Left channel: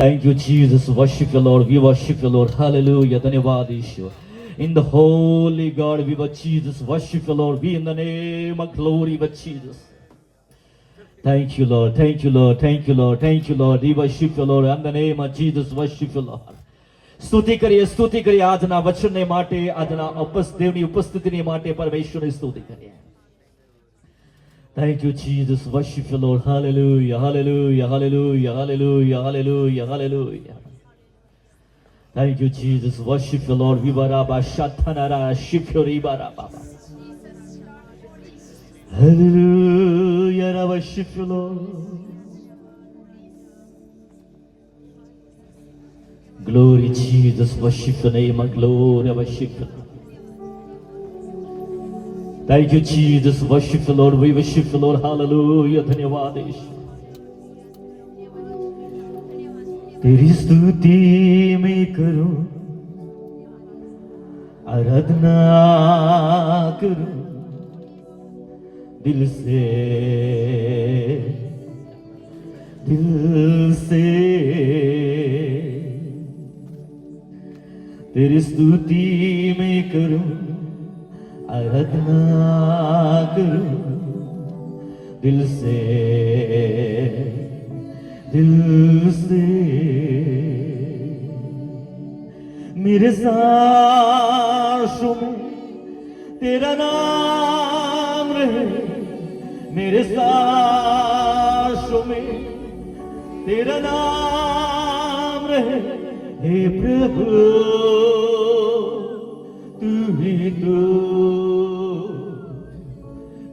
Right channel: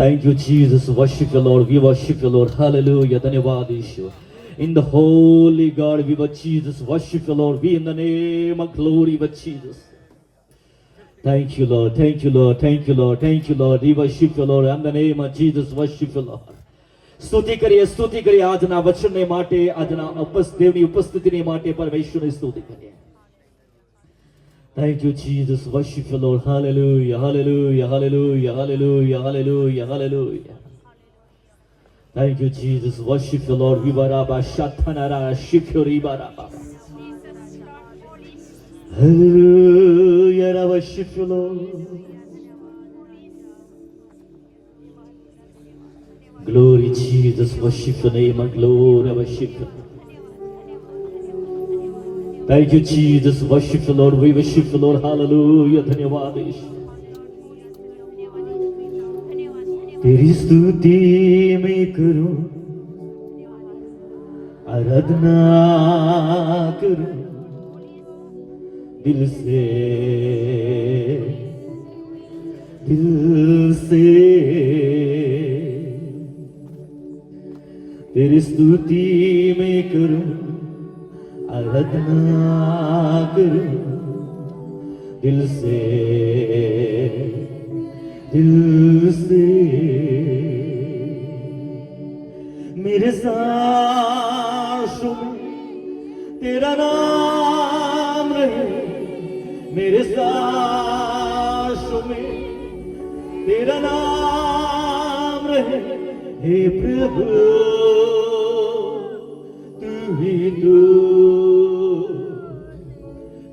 Thank you, Jesus. Worship you, Lord. We worship you, Lord. Hallelujah. धन्यवाद यीशु. In the holy God, we worship Jesus. Worship you, Lord. We in the name of glory with Jesus. Thank you, Lord. Thank you, Lord. Thank you, Lord. Thank you, Lord. We worship you, Lord. In the name of Jesus, worship you, Lord. સ્તુતિ કરીએ આજના વચનને માટે, આજના દેવની ઉપસ્થિતિની માટે પરમેશ્વરની સ્તુતિ કરીએ. Thank you, Jesus. Worship you, Lord. Hallelujah. Hallelujah. Hallelujah. Hallelujah. Hallelujah. Hallelujah. Thank you, Jesus. Worship you, Lord. Vibaraba Shatanara Shifyoribaraba. Hallelujah. I worship you, Lord. Glory, Jesus. Worship your name. Glory. I worship you. Thank you, Jesus. Worship the Lord. We worship the Lord. Hallelujah. धन्यवाद यीशु. तेरी स्तुति मैं करूं, आराधना करूं दिल से, दिल से. तेरी स्तुति मैं करूं, आराधना करूं दिल से, दिल से. मेरे सांसों में तेरा नाम रहे, मेरे सांसों में तेरा नाम रहे. हे प्रभु तू ही तो,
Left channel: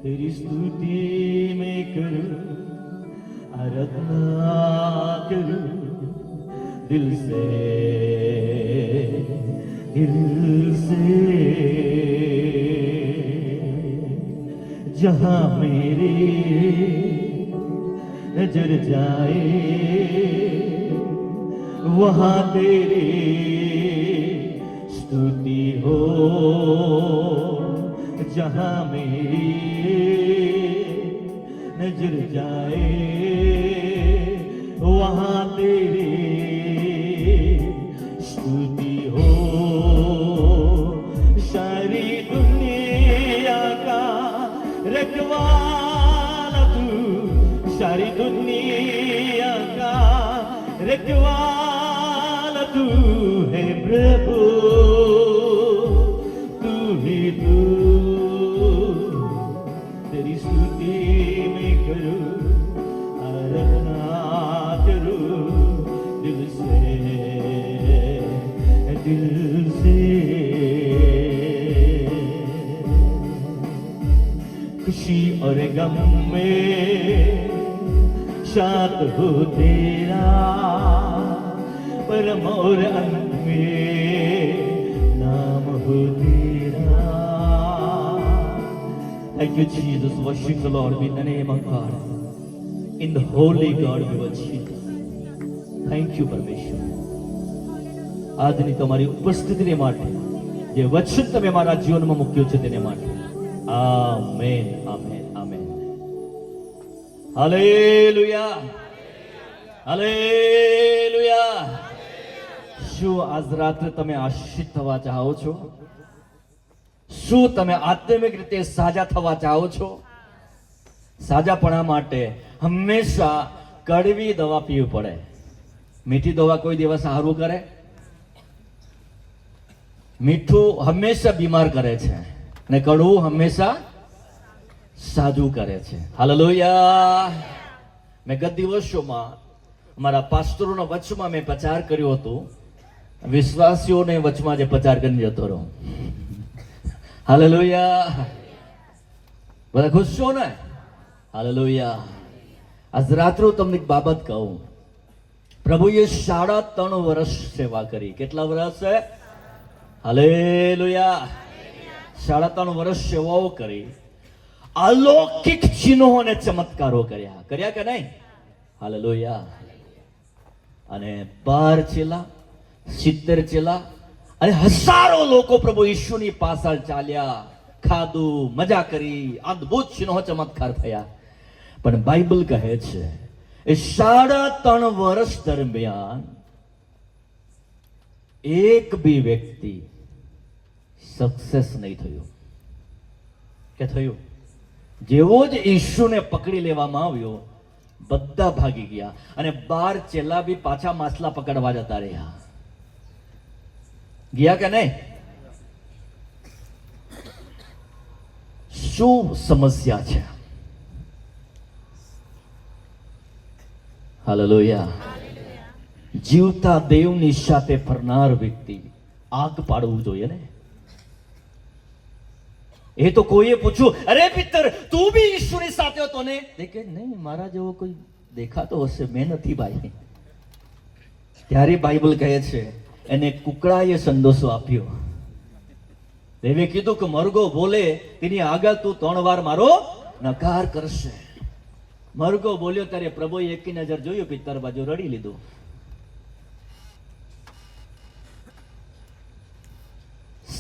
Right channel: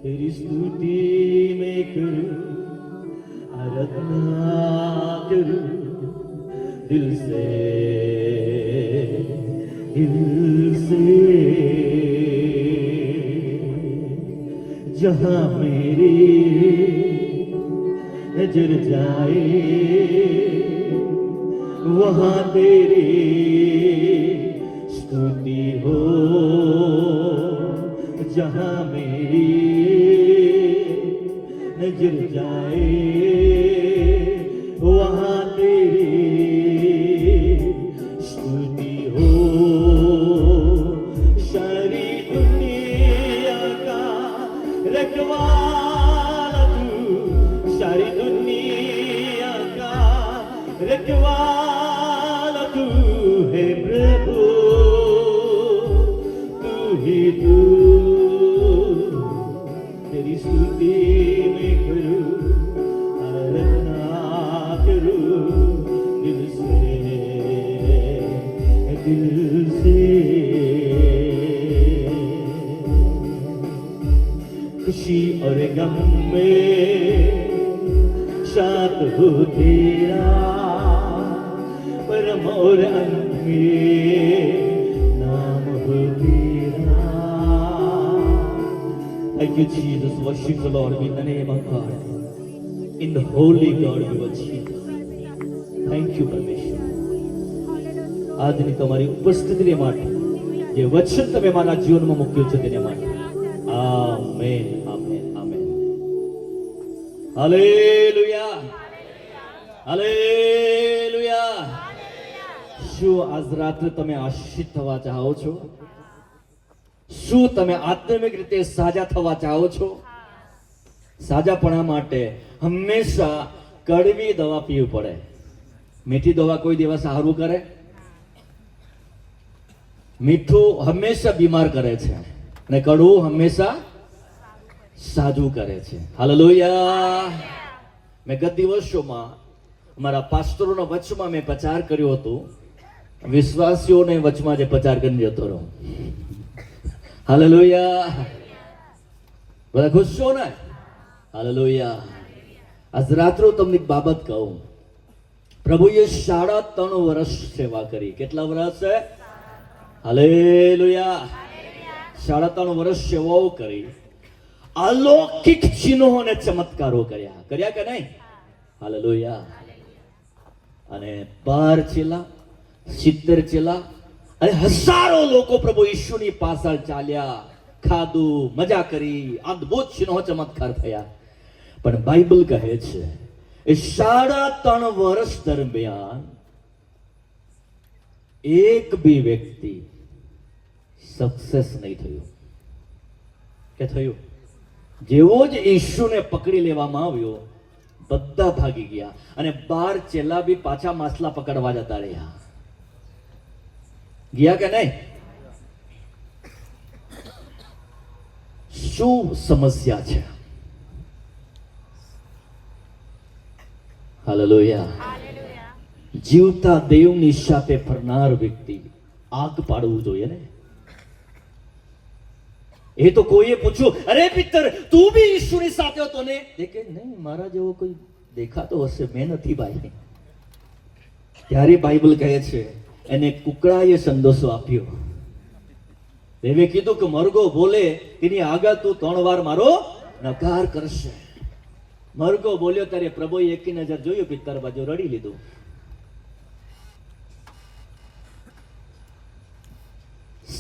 तेरी स्तुति मैं करूं, आराधना करूं दिल से, दिल से. जहां मेरी नजर जाए वहां तेरी स्तुति हो. जहां मेरी नजर जाए वहां तेरी स्तुति हो. सारी दुनिया का रखवाला तू, सारी दुनिया का रखवाला तू है प्रभु, तू ही तू. तेरी स्तुति मैं करूं, आराधना करूं दिल से, दिल से. खुशी और गम में साथ हो तेरा, परम और अंत में नाम हो तेरा. Thank you, Jesus. Worship the Lord in the name of God. In the holy God we worship. Thank you, પરમેશ્વર. આજની તમારી ઉપસ્થિતિને માટે, જે વચન તમે મારા જીવનમાં મૂક્યું છે તેને માટે. Amen, amen, amen. Hallelujah, hallelujah. શું આજ રાત્રે તમે આશીષિત થવા ચાહો છો? શું તમે આત્મિક રીતે સાજા થવા ચાહો છો? સાજાપણા માટે હંમેશા કડવી દવા પીવી પડે. મીઠી દવા કોઈ દિવસ સારું કરે? મીઠું હંમેશા બીમાર કરે છે ને કડવું હંમેશા સાજું કરે છે. હાલેલુયા. મેં ગત દિવસોમાં અમારા પાસ્ટરોના વચમાં મેં પ્રચાર કર્યો હતો. વિશ્વાસીઓને વચમાં જે પ્રચાર કરીને જતો રહો. હાલેલુયા. બધા ખુશ છો ને? હાલેલુયા. આજ રાત્રે તમને એક બાબત કહું. પ્રભુએ 3.5 વર્ષ સેવા કરી. કેટલા વર્ષ છે? હાલેલુયા. 3.5 વર્ષ સેવાઓ કરી. અલૌકિક ચિહ્નો અને ચમત્કારો કર્યા. કર્યા કે નહીં? હાલેલુયા. અને 12 ચેલા, 70 ચેલા અને હજારો લોકો પ્રભુ ઈસુની પાછળ ચાલ્યા, ખાધું, મજા કરી, અદ્ભુત ચિહ્નો ચમત્કાર થયા. પણ બાઇબલ કહે છે એ 3.5 વર્ષ દરમિયાન એક બી વ્યક્તિ સક્સેસ નહીં થયું. કે થયું? જેવો જ ઈશુને પકડી લેવામાં આવ્યો, બધા ભાગી ગયા અને 12 ચેલા બી પાછા માછલા પકડવા જતા રહ્યા. ગયા કે નહીં? શું સમસ્યા છે? હાલેલુયા. જીવતા દેવની સાથે ફરનાર વ્યક્તિ આગ પાડવું જોઈએ ને. એ તો કોઈએ પૂછ્યું, અરે પિત્તર તું બી ઈશ્વરની સાથે હતો ને? કે નહીં, મારા જેવો કોઈ દેખાતો હશે, મેં નથી ભાઈ. ત્યારે બાઇબલ કહે છે એને કુકડાએ સંદેશો આપ્યો. દેવે કીધું કે મરઘો બોલે તેની આગળ તું 3 વાર મારો નકાર કરશે. મરઘો બોલ્યો ત્યારે પ્રભુએ એકી નજર જોયું, પિત્તર બાજુ રડી લીધું.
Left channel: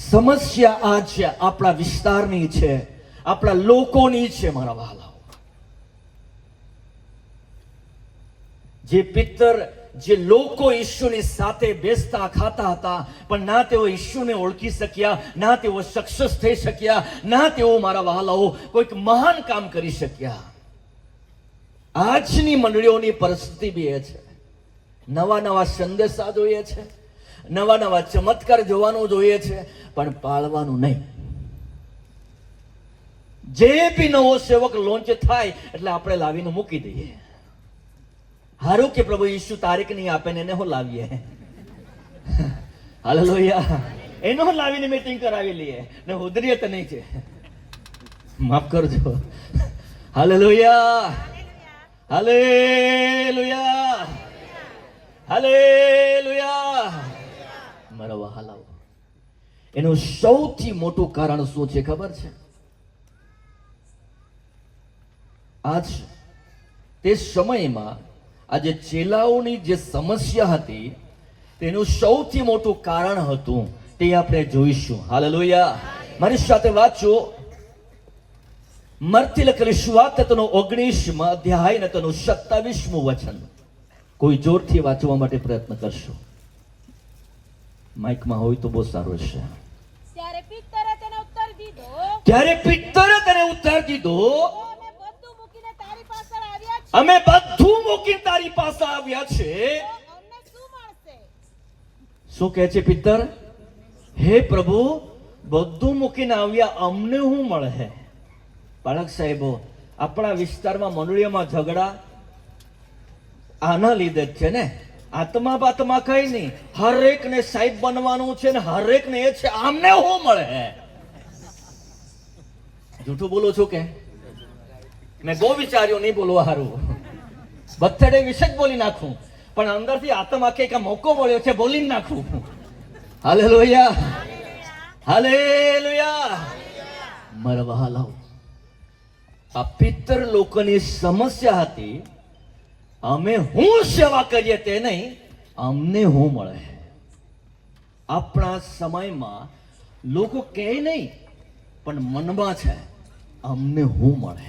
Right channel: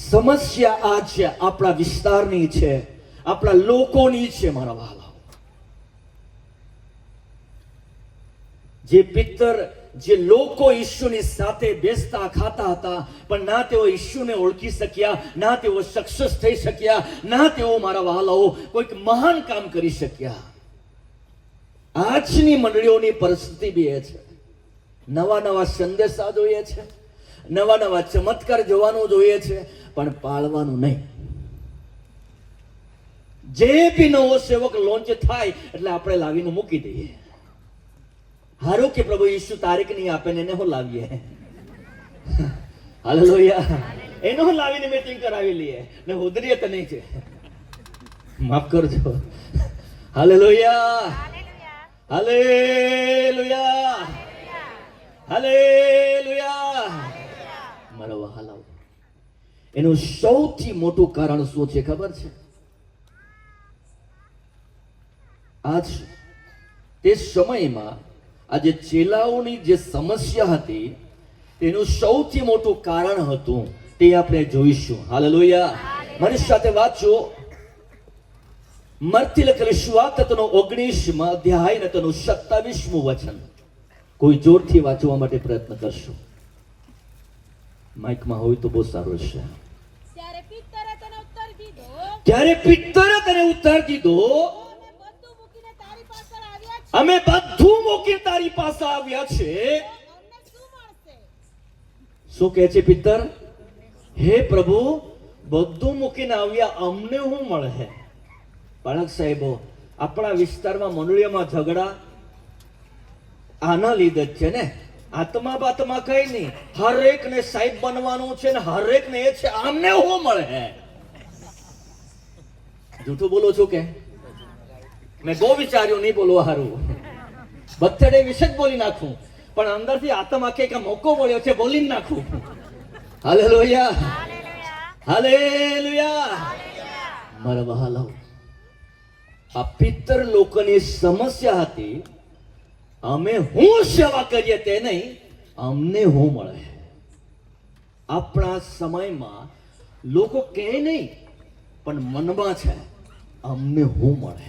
સમસ્યા આ છે, આપણા વિસ્તારની છે, આપણા લોકોની છે મારા વહાલાઓ. જે પિત્તર, જે લોકો ઈશ્વરની સાથે બેસતા ખાતા હતા, પણ ના તેઓ ઈશ્વરને ઓળખી શક્યા, ના તેઓ સક્સેસ થઈ શક્યા, ના તેઓ મારા વહાલાઓ કોઈક મહાન કામ કરી શક્યા. આજની મંડળીઓની પરિસ્થિતિ બી એ છે. નવા નવા સંદેશા જોઈએ છે, નવા નવા ચમત્કાર જોવાનું જોઈએ છે, પણ પાળવાનું નહીં. જે બી નવો સેવક લોન્ચ થાય એટલે આપણે લાવીને મૂકી દઈએ. હારું કે પ્રભુ ઈસુ તારીખ નહીં આપે ને એને હું લાવીએ. હાલેલુયા. એનો હું લાવીને મીટિંગ કરાવી લઈએ ને ઉધરીએ તો નહીં છે. માફ કરજો. હાલેલુયા. હાલેલુયા. હાલેલુયા. મારા વહાલાઓ, એનું સૌથી મોટું કારણ શું છે ખબર છે? આજ તે સમયમાં આજે ચેલાઓની જે સમસ્યા હતી તેનું સૌથી મોટું કારણ હતું, તે આપણે જોઈશું. હાલેલુયા. મારી સાથે વાંચો. મરથી લખેલી સુવાર્તા તેનો 19મા અધ્યાય ને તેનું 27મું વચન. કોઈ જોરથી વાંચવા માટે પ્રયત્ન કરશો? માઇકમાં હોય તો બહુ સારું છે. ત્યારે પિત્તરે તેને ઉત્તર દીધો, અમે બધું મૂકીને તારી પાસે આવ્યા છે. અમને શું મળશે? શું કહે છે પિત્તર? હે પ્રભુ, બધું મૂકીને આવ્યા, અમને શું મળે? બાળક સાહેબો, આપણા વિસ્તારમાં મંડળીઓમાં ઝઘડા આના લીધે જ છે ને. આત્મા બાતમાં કઈ નહીં, હરેક ને સાહેબ બનવાનું છે ને હરેક ને એ છે, આમને શું મળે? જૂઠું બોલું છું કે? મેં બહુ વિચાર્યું નહીં બોલવા હારું, બથડે વિશે જ બોલી નાખું, પણ અંદરથી આત્મા કે મોકો મળ્યો છે બોલી નાખું. હાલેલુયા. હાલેલુયા. મારા વહાલાઓ, આ પિત્તર લોકોની સમસ્યા હતી, અમે હું સેવા કરીએ તે નહીં, અમને હું મળે. આપણા સમયમાં લોકો કહે નહીં, પણ મનમાં છે અમને હું મળે.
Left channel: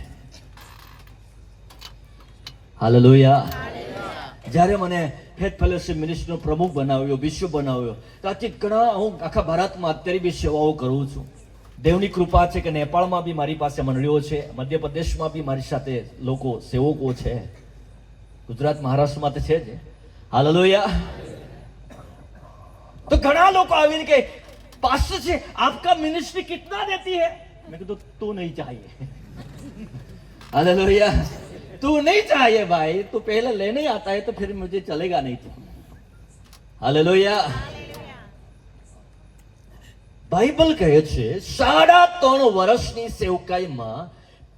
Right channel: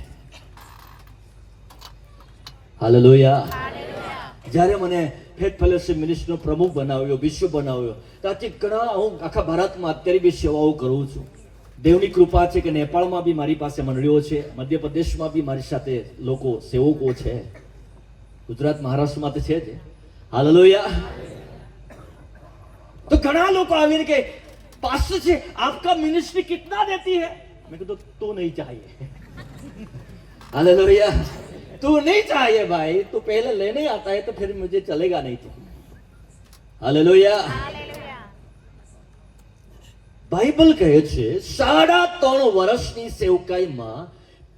હાલેલુયા. જ્યારે મને ફેથ ફેલોશિપ મિનિસ્ટ્રીનો પ્રમુખ બનાવ્યો, બિશપ બનાવ્યો, ત્યાંથી ઘણા હું આખા ભારતમાં અત્યારે બી સેવાઓ કરું છું. દેવની કૃપા છે કે નેપાળમાં બી મારી પાસે મંડળીઓ છે, મધ્યપ્રદેશમાં બી મારી સાથે લોકો સેવકો છે, ગુજરાત મહારાષ્ટ્રમાં તો છે જ. હાલેલુયા. તો ઘણા લોકો આવીને કે પાસ્ટર जी आपका मिनिस्ट्री कितना देती है? मैं कहता तो नहीं चाहिए. हालेलुया. तू नहीं चाहिए भाई, तू पहले लेने आता है तो फिर मुझे चलेगा नहीं. तो हालेलुया. બાઇબલ કહે છે 3.5 વર્ષની સેવકાઈમાં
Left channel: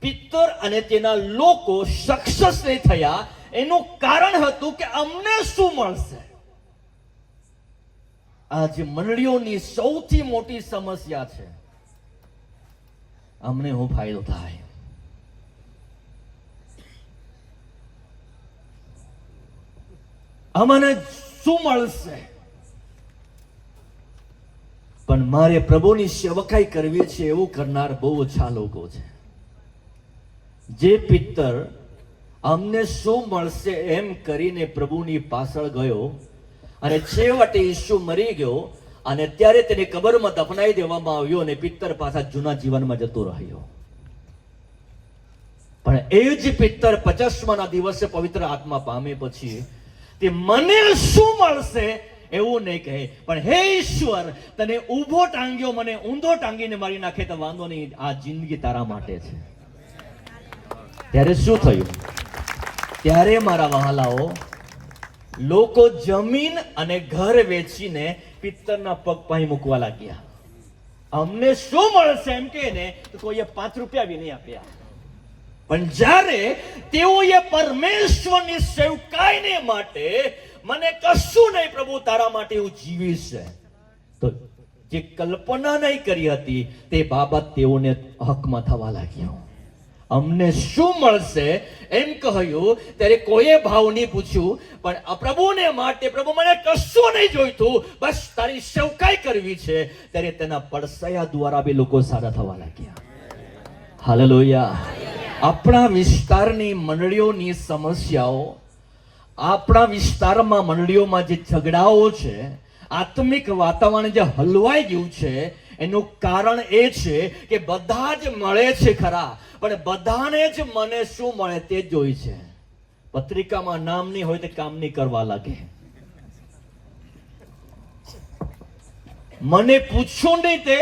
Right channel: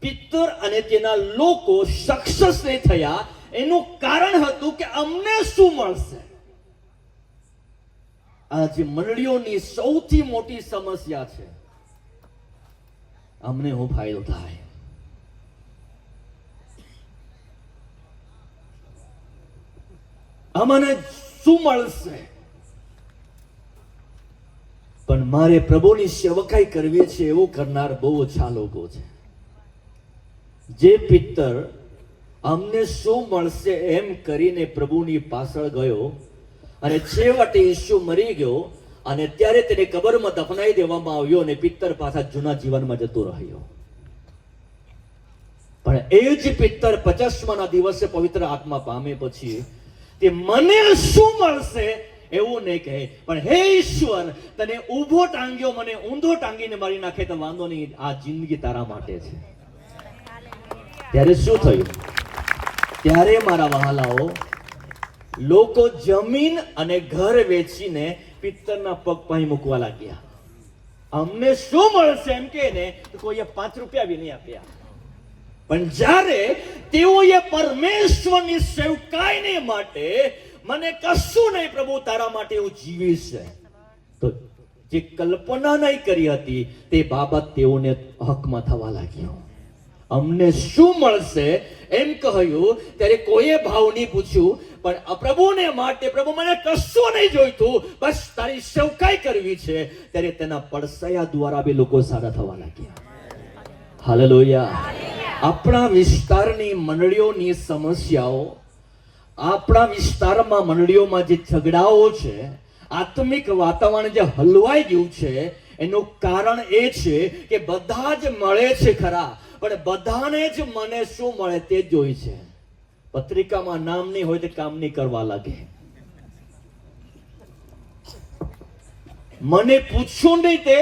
પિત્તર અને તેના લોકો સક્સેસ નહીં થયા. એનું કારણ હતું કે અમને શું મળશે? આજે મંડળીઓની સૌથી મોટી સમસ્યા છે, અમને શું ફાયદો થાય? અમને શું મળશે? પણ મારે પ્રભુની સેવકાઈ કરવી છે એવું કરનાર બહુ ઓછા લોકો છે. જે પિત્તર અમને શું મળશે એમ કરીને પ્રભુની પાછળ ગયો અને છેવટે ઈસુ મરી ગયો અને ત્યારે તેને કબરમાં દફનાઈ દેવામાં આવ્યો અને પિત્તર પાછા જૂના જીવનમાં જતો રહ્યો. પણ એ જ પિત્તર 50મા દિવસે પવિત્ર આત્મા પામે પછી તે મને શું મળશે એવું નહીં કહે, પણ હે ઈશ્વર, તને ઊભો ટાંગ્યો, મને ઊંધો ટાંગીને મારી નાખે તો વાંધો નહીં, આ જિંદગી તારા માટે છે. ત્યારે શું થયું? ત્યારે મારા વહાલાઓ, લોકો જમીન અને ઘર વેચીને પિત્તરના પગ પાસે મૂકવા લાગ્યા. અમને શું મળશે એમ કે ને તો કોઈએ 5 રૂપિયા બી નહીં આપ્યા. પણ જ્યારે તેઓએ પરમેશ્વરની સેવકાઈને માટે મને કશું નહીં પ્રભુ તારા માટે હું જીવીશ, તો જે કલ્પના નહીં કરી હતી તે બાબત તેઓને હકમાં થવા લાગ્યો. અમને શું મળશે એમ કહ્યું ત્યારે કોઈએ ભાવ નહીં પૂછ્યું, પણ પ્રભુને માટે, પ્રભુ મને કશું નહીં જોઈતું, બસ તારી સેવકાઈ કરવી છે, ત્યારે તેના પડસયા દ્વારા બી લોકો સારા થવા લાગ્યા. હાલેલુયા. આપણા વિસ્તારની મંડળીઓની સમસ્યાઓ, આપણા વિસ્તારમાં મંડળીઓમાં જે ઝઘડાઓ છે, આત્મિક વાતાવરણ જે હલવાઈ ગયું છે, એનું કારણ એ છે કે બધા જ મળે છે ખરા, પણ બધાને જ મને શું મળે તે જ જોઈ છે. પત્રિકામાં નામ નહીં હોય તો કામ નહીં કરવા લાગે. મને પૂછ્યું નહીં તે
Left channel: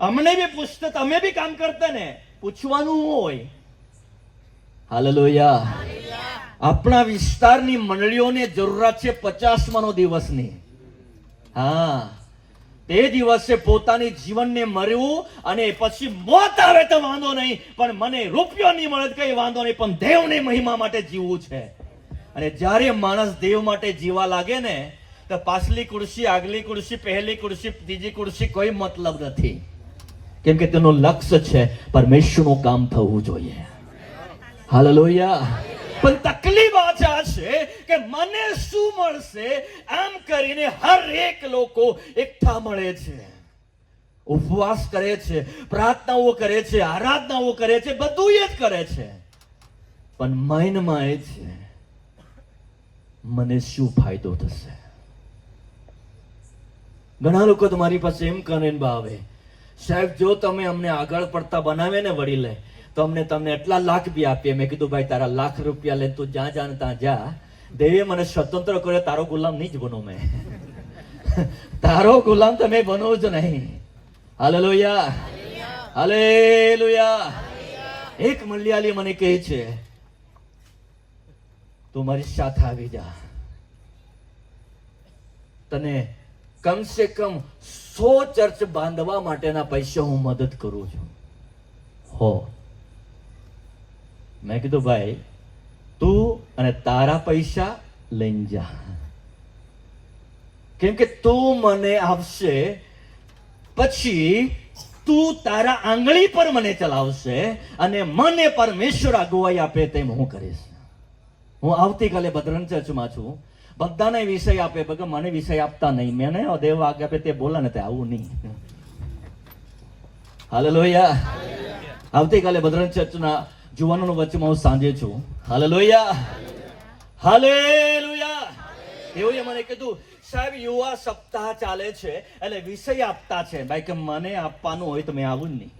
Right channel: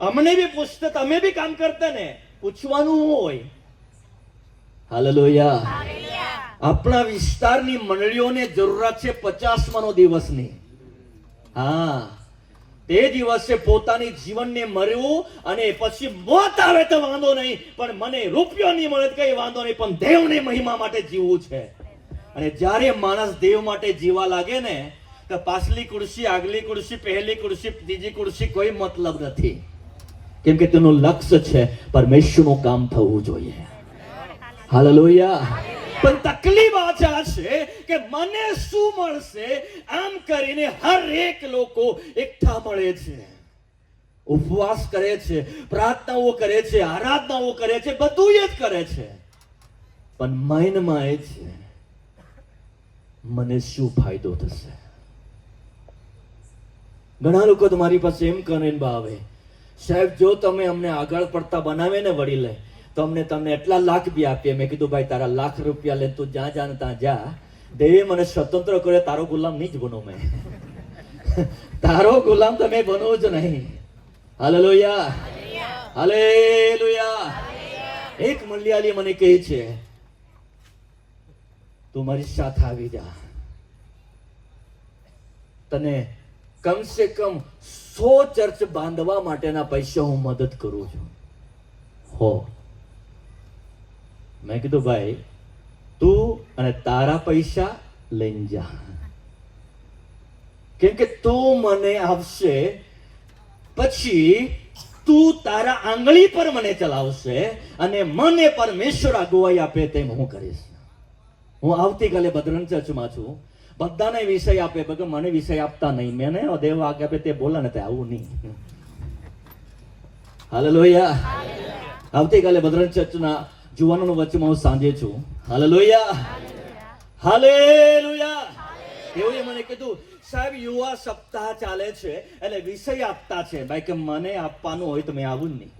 અમને બી પૂછતા, તમે બી કામ કરતા ને, પૂછવાનું હોય. હાલેલુયા. આપણા વિસ્તારની મંડળીઓને જરૂરત છે 50મા દિવસની. હા, તે દિવસે પોતાની જીવનને મરવું અને પછી મોત આવે તો વાંધો નહીં, પણ મને રૂપિયો નહીં મળે કઈ વાંધો નહીં, પણ દેવની મહિમા માટે જીવવું છે. અને જ્યારે માણસ દેવ માટે જીવા લાગે ને તો પાછલી ખુરશી, આગલી ખુરશી, પહેલી ખુરશી, ત્રીજી ખુરશી કોઈ મતલબ નથી, કેમ કે તેનું લક્ષ્ય છે પરમેશ્વરનું કામ થવું જોઈએ. હાલેલુયા. પણ તકલીફ આ છે કે મને શું મળશે આમ કરીને હરેક લોકો એકઠા મળે છે, ઉપવાસ કરે છે, પ્રાર્થનાઓ કરે છે, આરાધનાઓ કરે છે, બધું એ જ કરે છે, પણ માઇન્ડમાં એ છે મને શું ફાયદો થશે. ઘણા લોકો તમારી પાસે એમ કરીને ભાવે, સાહેબ જો તમે અમને આગળ પડતા બનાવે ને વડીલે તો અમને તમને એટલા લાખ બી આપીએ. મેં કીધું ભાઈ તારા લાખ રૂપિયા લે, તું જ્યાં જા ને ત્યાં જા, દેવે મને સ્વતંત્ર કર્યો, તારો ગુલામ નહીં જ બનો. મેં તારો ગુલામ તમે બનો જ નહીં. હાલેલુયા. હાલેલુયા. એક મલયાલી મને કહે છે તું મારી સાથે આવી જા, તને કમ સે કમ 100 ચર્ચ બાંધવા માટેના પૈસા હું મદદ કરું છું. હો, મેં કીધું ભાઈ તું અને તારા પૈસા લઈને જા, કેમ કે તું મને આપશે પછી તું તારા આંગળી પર મને ચલાવશે અને મને પરમેશ્વર અગુવાઈ આપે તેમ હું કરીશ. હું આવતીકાલે બદ્રન ચર્ચમાં છું, બધાને વિષય આપે, બગર મને વિષય આપતા નહીં. મેં ને દેવ આગે આપે તે બોલા ને તે આવું નહીં. હાલેલુયા. આવતીકાલે બદ્રન ચર્ચના જુવાનોનો વચ્ચેમાં હું સાંજે છું. હાલેલુયા. હાલેલુયા. એઓએ મને કીધું સાહેબ યુવા સપ્તાહ ચાલે છે એટલે વિષય આપતા છે. ભાઈ કે મને આપવાનું હોય તો મેં આવું નહીં.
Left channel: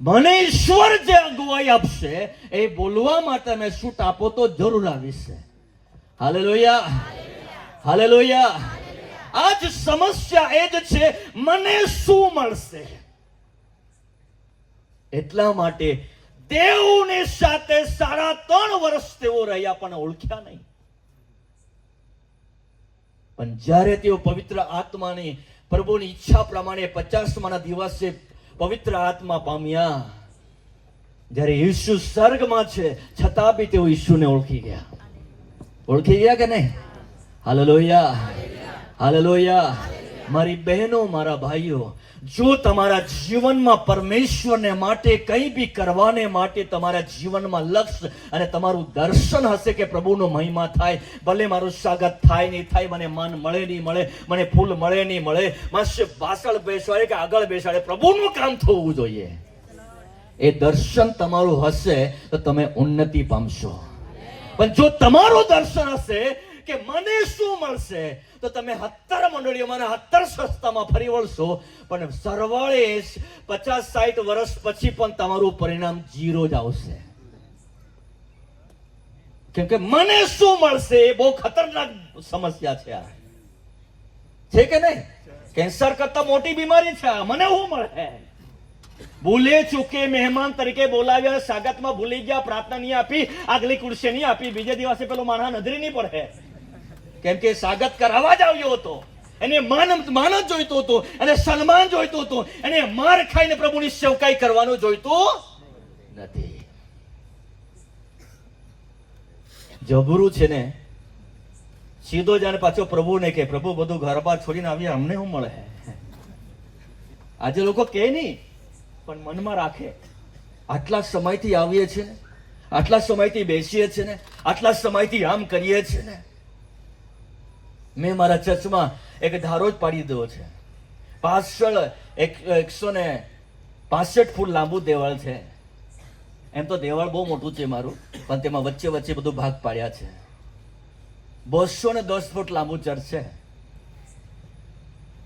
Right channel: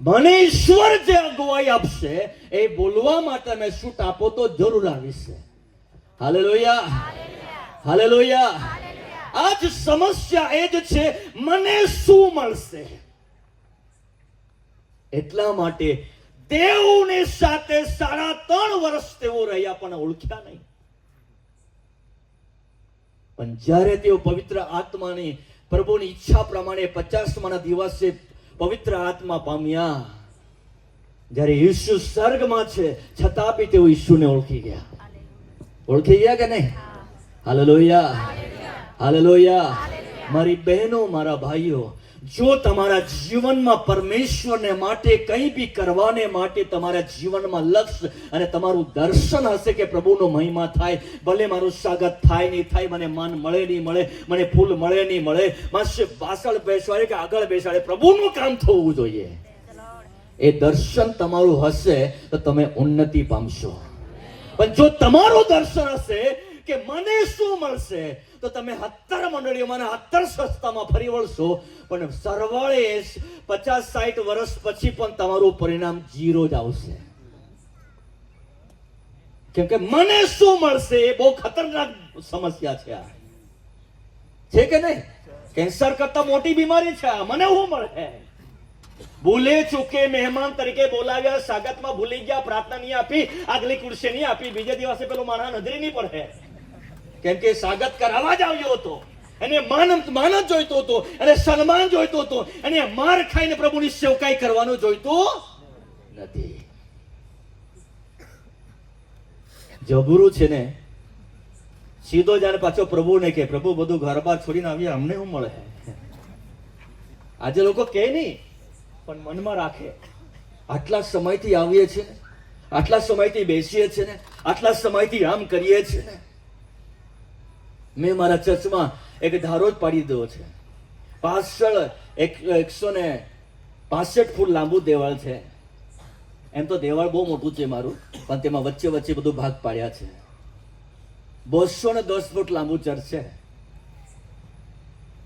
મને ઈશ્વર જે અગુવાઈ આપશે એ બોલવા માટે મેં છૂટ આપો તો જરૂર આવીશ. હાલેલુયા. હાલેલુયા. આજ સમસ્યા એ જ છે, મને શું મળશે. એટલા માટે દેવની સાથે 3.5 વર્ષ તેઓ રહ્યા પણ ઓળખ્યા નહીં. પણ જ્યારે તેઓ પવિત્ર આત્માની પ્રભુની ઈચ્છા પ્રમાણે 50મા દિવસે પવિત્ર આત્મા પામ્યા, જ્યારે ઈસુ સ્વર્ગમાં છે છતાં બી તેઓ ઈસુને ઓળખી ગયા. ઓળખી ગયા કે નહીં? હાલેલુયા. હાલેલુયા. મારી બહેનો, મારા ભાઈઓ, જો તમારા જીવનમાં પરમેશ્વરને માટે કંઈ બી કરવાને માટે તમારા જીવનમાં લક્ષ્ય અને તમારું દર્શન હશે કે પ્રભુનો મહિમા થાય, ભલે મારું સ્વાગત થાય નહીં થાય, મને માન મળે નહીં મળે, મને ફૂલ મળે નહીં મળે, માસે પાછળ બેસાડે કે આગળ બેસાડે, પ્રભુનું કામ થવું જોઈએ. એ દર્શન તમારું હશે તો તમે ઉન્નતિ પામશો. પણ જો તમારું દર્શન હશે કે મને શું મળશે, તો તમે 17 મંડળીઓમાં 17 સંસ્થામાં ફરી વળશો, પણ સરવાળે 50-60 વર્ષ પછી પણ તમારું પરિણામ 0 જ આવશે. કેમ કે મને શું મળશે એ બહુ ખતરનાક સમસ્યા છે. આ છે કે નહીં? કેન્સર કરતા મોટી બીમારી છે. મને શું મળે? ભૂલે ચૂકે મહેમાન તરીકે બોલાવ્યા, સ્વાગતમાં ભૂલી ગયા, પ્રાર્થના નહીં આપી, આગલી ખુરશી નહીં આપી, બીજે દિવસે પેલો માણસ નજરે નહીં પડે. કેમ કે સ્વાગત કરાવવા જ આવ્યો હતો. એને માન જ જોઈતો હતો, અને સન્માન જોઈતો હતો, અને માર ખાઈને પ્રભુની સેવકાઈ કરવાનું જોઈતું નથી. જબરું છે ને, સીધો જાણે પાછો પ્રભુને કે પ્રભુ બધું ઘર બાર છોડીને આવ્યા, અમને શું મળે? આજે લોકો કે નહીં, પણ મનમાં રાખે. આટલા સમયથી આવીએ છીએ ને, આટલા સમયથી બેસીએ છીએ ને, આટલા સમયથી આમ કરીએ છીએ ને. મેં મારા ચર્ચમાં એક ધારો જ પાડી દીધો છે. પાછળ 165 ફૂટ લાંબુ દેવાળ છે. એમ તો દેવાળ બહુ મોટું છે મારું, પણ તેમાં વચ્ચે વચ્ચે બધું ભાગ પાડ્યા છે. 210 ફૂટ લાંબુ ચર્ચ છે.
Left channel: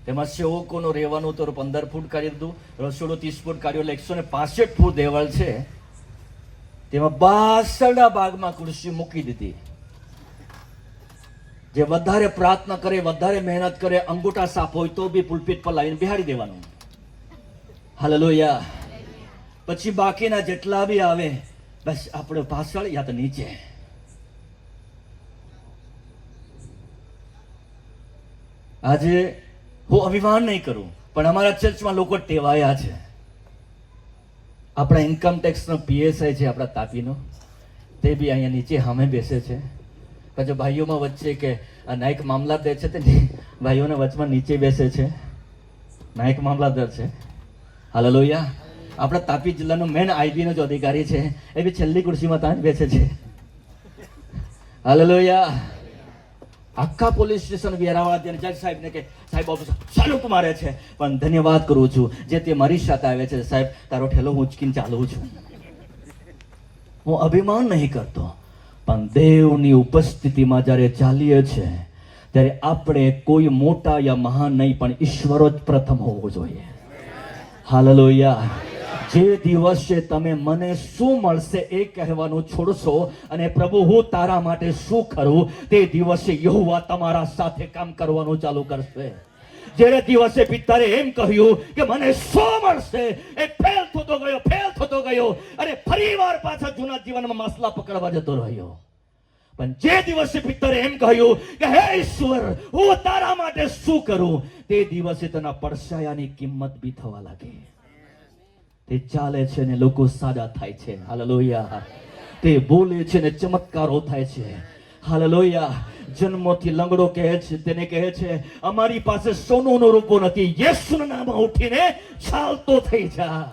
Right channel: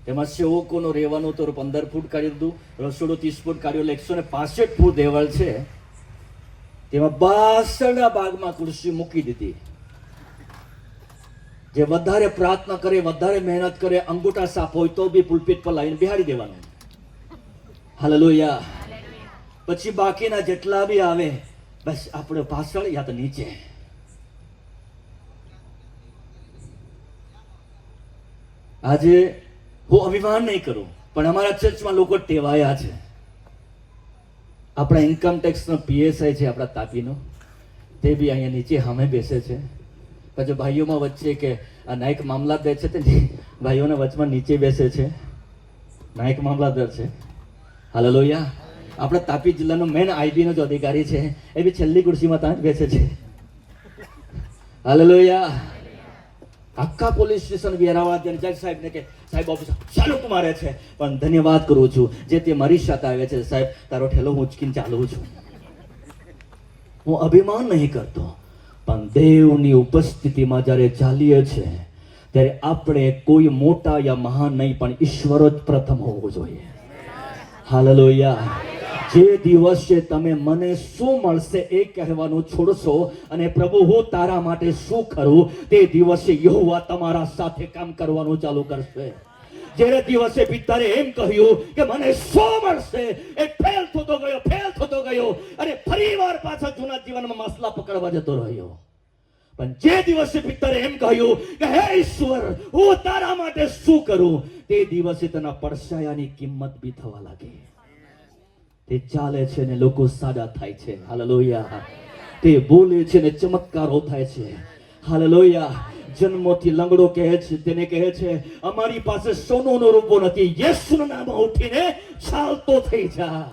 તેમાં સેવકોનું રહેવાનું તો 15 ફૂટ કાઢી દીધું, રસોડું 30 ફૂટ કાઢ્યું, એટલે 165 ફૂટ દેવાળ છે. તેમાં પાછળના ભાગમાં ખુરશી મૂકી દીધી. જે વધારે પ્રાર્થના કરે, વધારે મહેનત કરે, અંગૂઠા સાફ હોય તો બી પુલપીટ પર લાવીને બેહાડી દેવાનું. હાલેલુયા. પછી બાકીના જેટલા બી આવે, બસ આપણે પાછળ યા તો નીચે. આજે હું અભિમાન નહીં કરું, પણ અમારા ચર્ચમાં લોકો ટેવાયા છે. આપણા ઇન્કમ ટેક્સનો પીએસઆઈ છે આપણા તાપીનો, તે બી અહીંયા નીચે સામે બેસે છે. પછી ભાઈઓમાં વચ્ચે કે નાયક મામલાદાર છે, તે ભાઈઓના વચમાં નીચે બેસે છે. નાયક મામલાદાર છે. હાલેલુયા. આપણા તાપી જિલ્લાનો મેન આઈબી નો જો અધિકારી છે, એ બી છેલ્લી ખુરશીમાં ત્યાં જ બેસે છે. હાલેલુયા. આખા પોલીસ સ્ટેશન વેરાવાળા ત્યાં જજ સાહેબને કે સાહેબ ઓફિસ ચાલુ મારે છે, પણ ધન્યવાદ કરું છું જે તે મારી સાથે આવે છે. સાહેબ તારો ઠેલો હું ઉચકીને ચાલુ છું. હું અભિમાન નહીં કરતો, પણ દેવની ઉપસ્થિતિમાં જ્યારે ચાલીએ છે ત્યારે આપણે કોઈ મોટા યા મહાન નહીં, પણ ઈશ્વર જ પ્રથમ હોવો જોઈએ. હાલેલુયા. જે દિવસે તમે મને શું મળશે એ કહેવાનું છોડશો અને પ્રભુ હું તારા માટે શું કરું, તે દિવસે યહોવા તમારા સાથે કામ કરવાનું ચાલુ કરશે. જે દિવસે પિતાએ એમ કહ્યું કે મને શું મળશે, એ ફેલ થતો ગયો અને ફરીવાર પાછા જૂના જીવનમાં માસલા પકડવા જતો રહ્યો. પણ જે દિવસે પિતાએ એમ કહ્યું કે હે ઈશ્વર હું તારા માટે શું કરું, તે દિવસે તેના પડછાયાની કિંમત બી થવા લાગે. તે ચાલે છે ને લોકો સાજા થાય છે. હાલેલુયા. તે બોલે છે ને ચમત્કારો થાય છે. હાલેલુયા. જન્મથી લંગડો કહે છે, તેને કહે છે અમારી પાસે સોનુનો રૂપો નથી, યેસુના નામમાં ઉઠીને ચાલતો થઈ જા.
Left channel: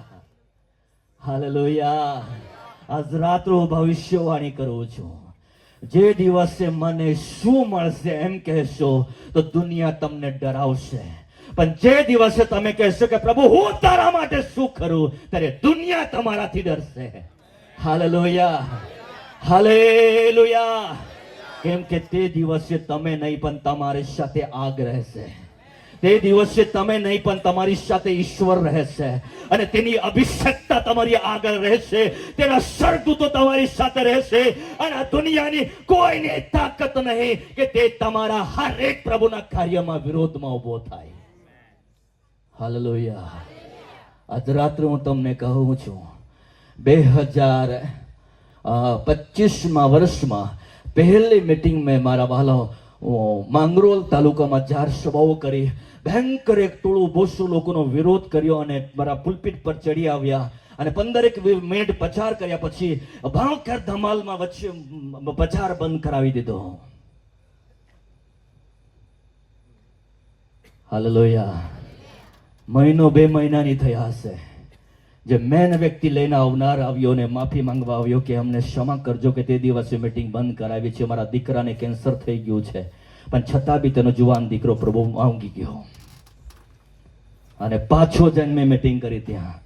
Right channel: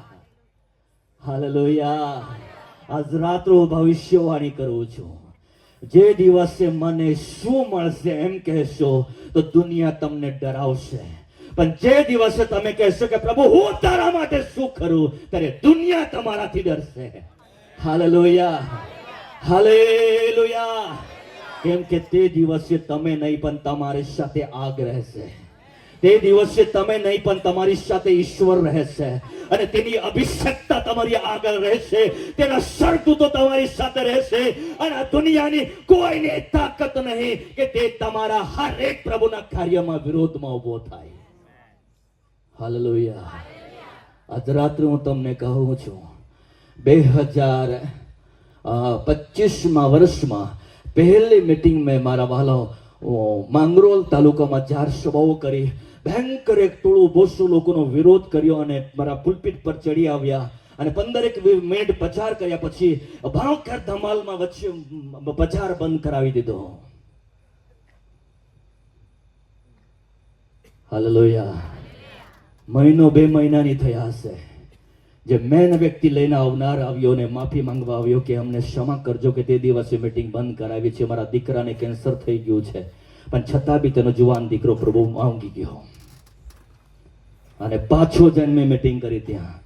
હાલેલુયા. આજ રાત્રે ભવિષ્યવાણી કરું છું, જે દિવસે મને શું મળશે એમ કહેશો તો દુનિયા તમને ડરાવશે, પણ જે દિવસે તમે કહેશો કે પ્રભુ હું તારા માટે શું કરું, ત્યારે દુનિયા તમારાથી ડરશે. હાલેલુયા. હાલેલુયા. કેમ કે તે દિવસે તમે નહીં પણ તમારી સાથે આગ રહેશે. તે દિવસે તમે નહીં પણ તમારી સાથે ઈશ્વર રહેશે, અને તેની અભિષેકતા તમારી આગળ રહેશે, તેના સરદૂતો તમારી સાથે રહેશે, અને આ દુનિયાની કોઈની તાકાત નહીં કે તે તમારા હરેક પ્રભુના કાર્યમાં વિરોધમાં ઉભો થાય. હાલેલુયા. આજ રાત્રે હું તમને કહું છું, 2025માં વર્ષમાં પહેલી મીટિંગ મેં મારા વાલો માંગરોળ તાલુકામાં 4 સભાઓ કરી. ભયંકર એક ટોળું 200 લોકોનો વિરોધ કર્યો અને મારા પુલપીટ પર ચડી આવ્યા અને 15 મિનિટ પ્રચાર કર્યા પછી ભયંકર ધમાલમાં વચ્ચે પ્રચાર બંધ કરાવી દીધો. હાલેલુયા. મહિનો 2 મહિનાની થયા હશે. જે મેન વ્યક્તિ લઈને આવનાર આવ્યો ને માફી માંગવા આવ્યો કે અમને ક્ષમા કરજો કે તે દિવસે મીટિંગ બંધ કરાવી છે, મારા દીકરાને કેન્સર થઈ ગયું છે, પણ છતાં બી તેનો જુવાન દીકરો પ્રભુ માંગી ગયો અને પાછો જઈને મીટિંગ કરી. ત્યાં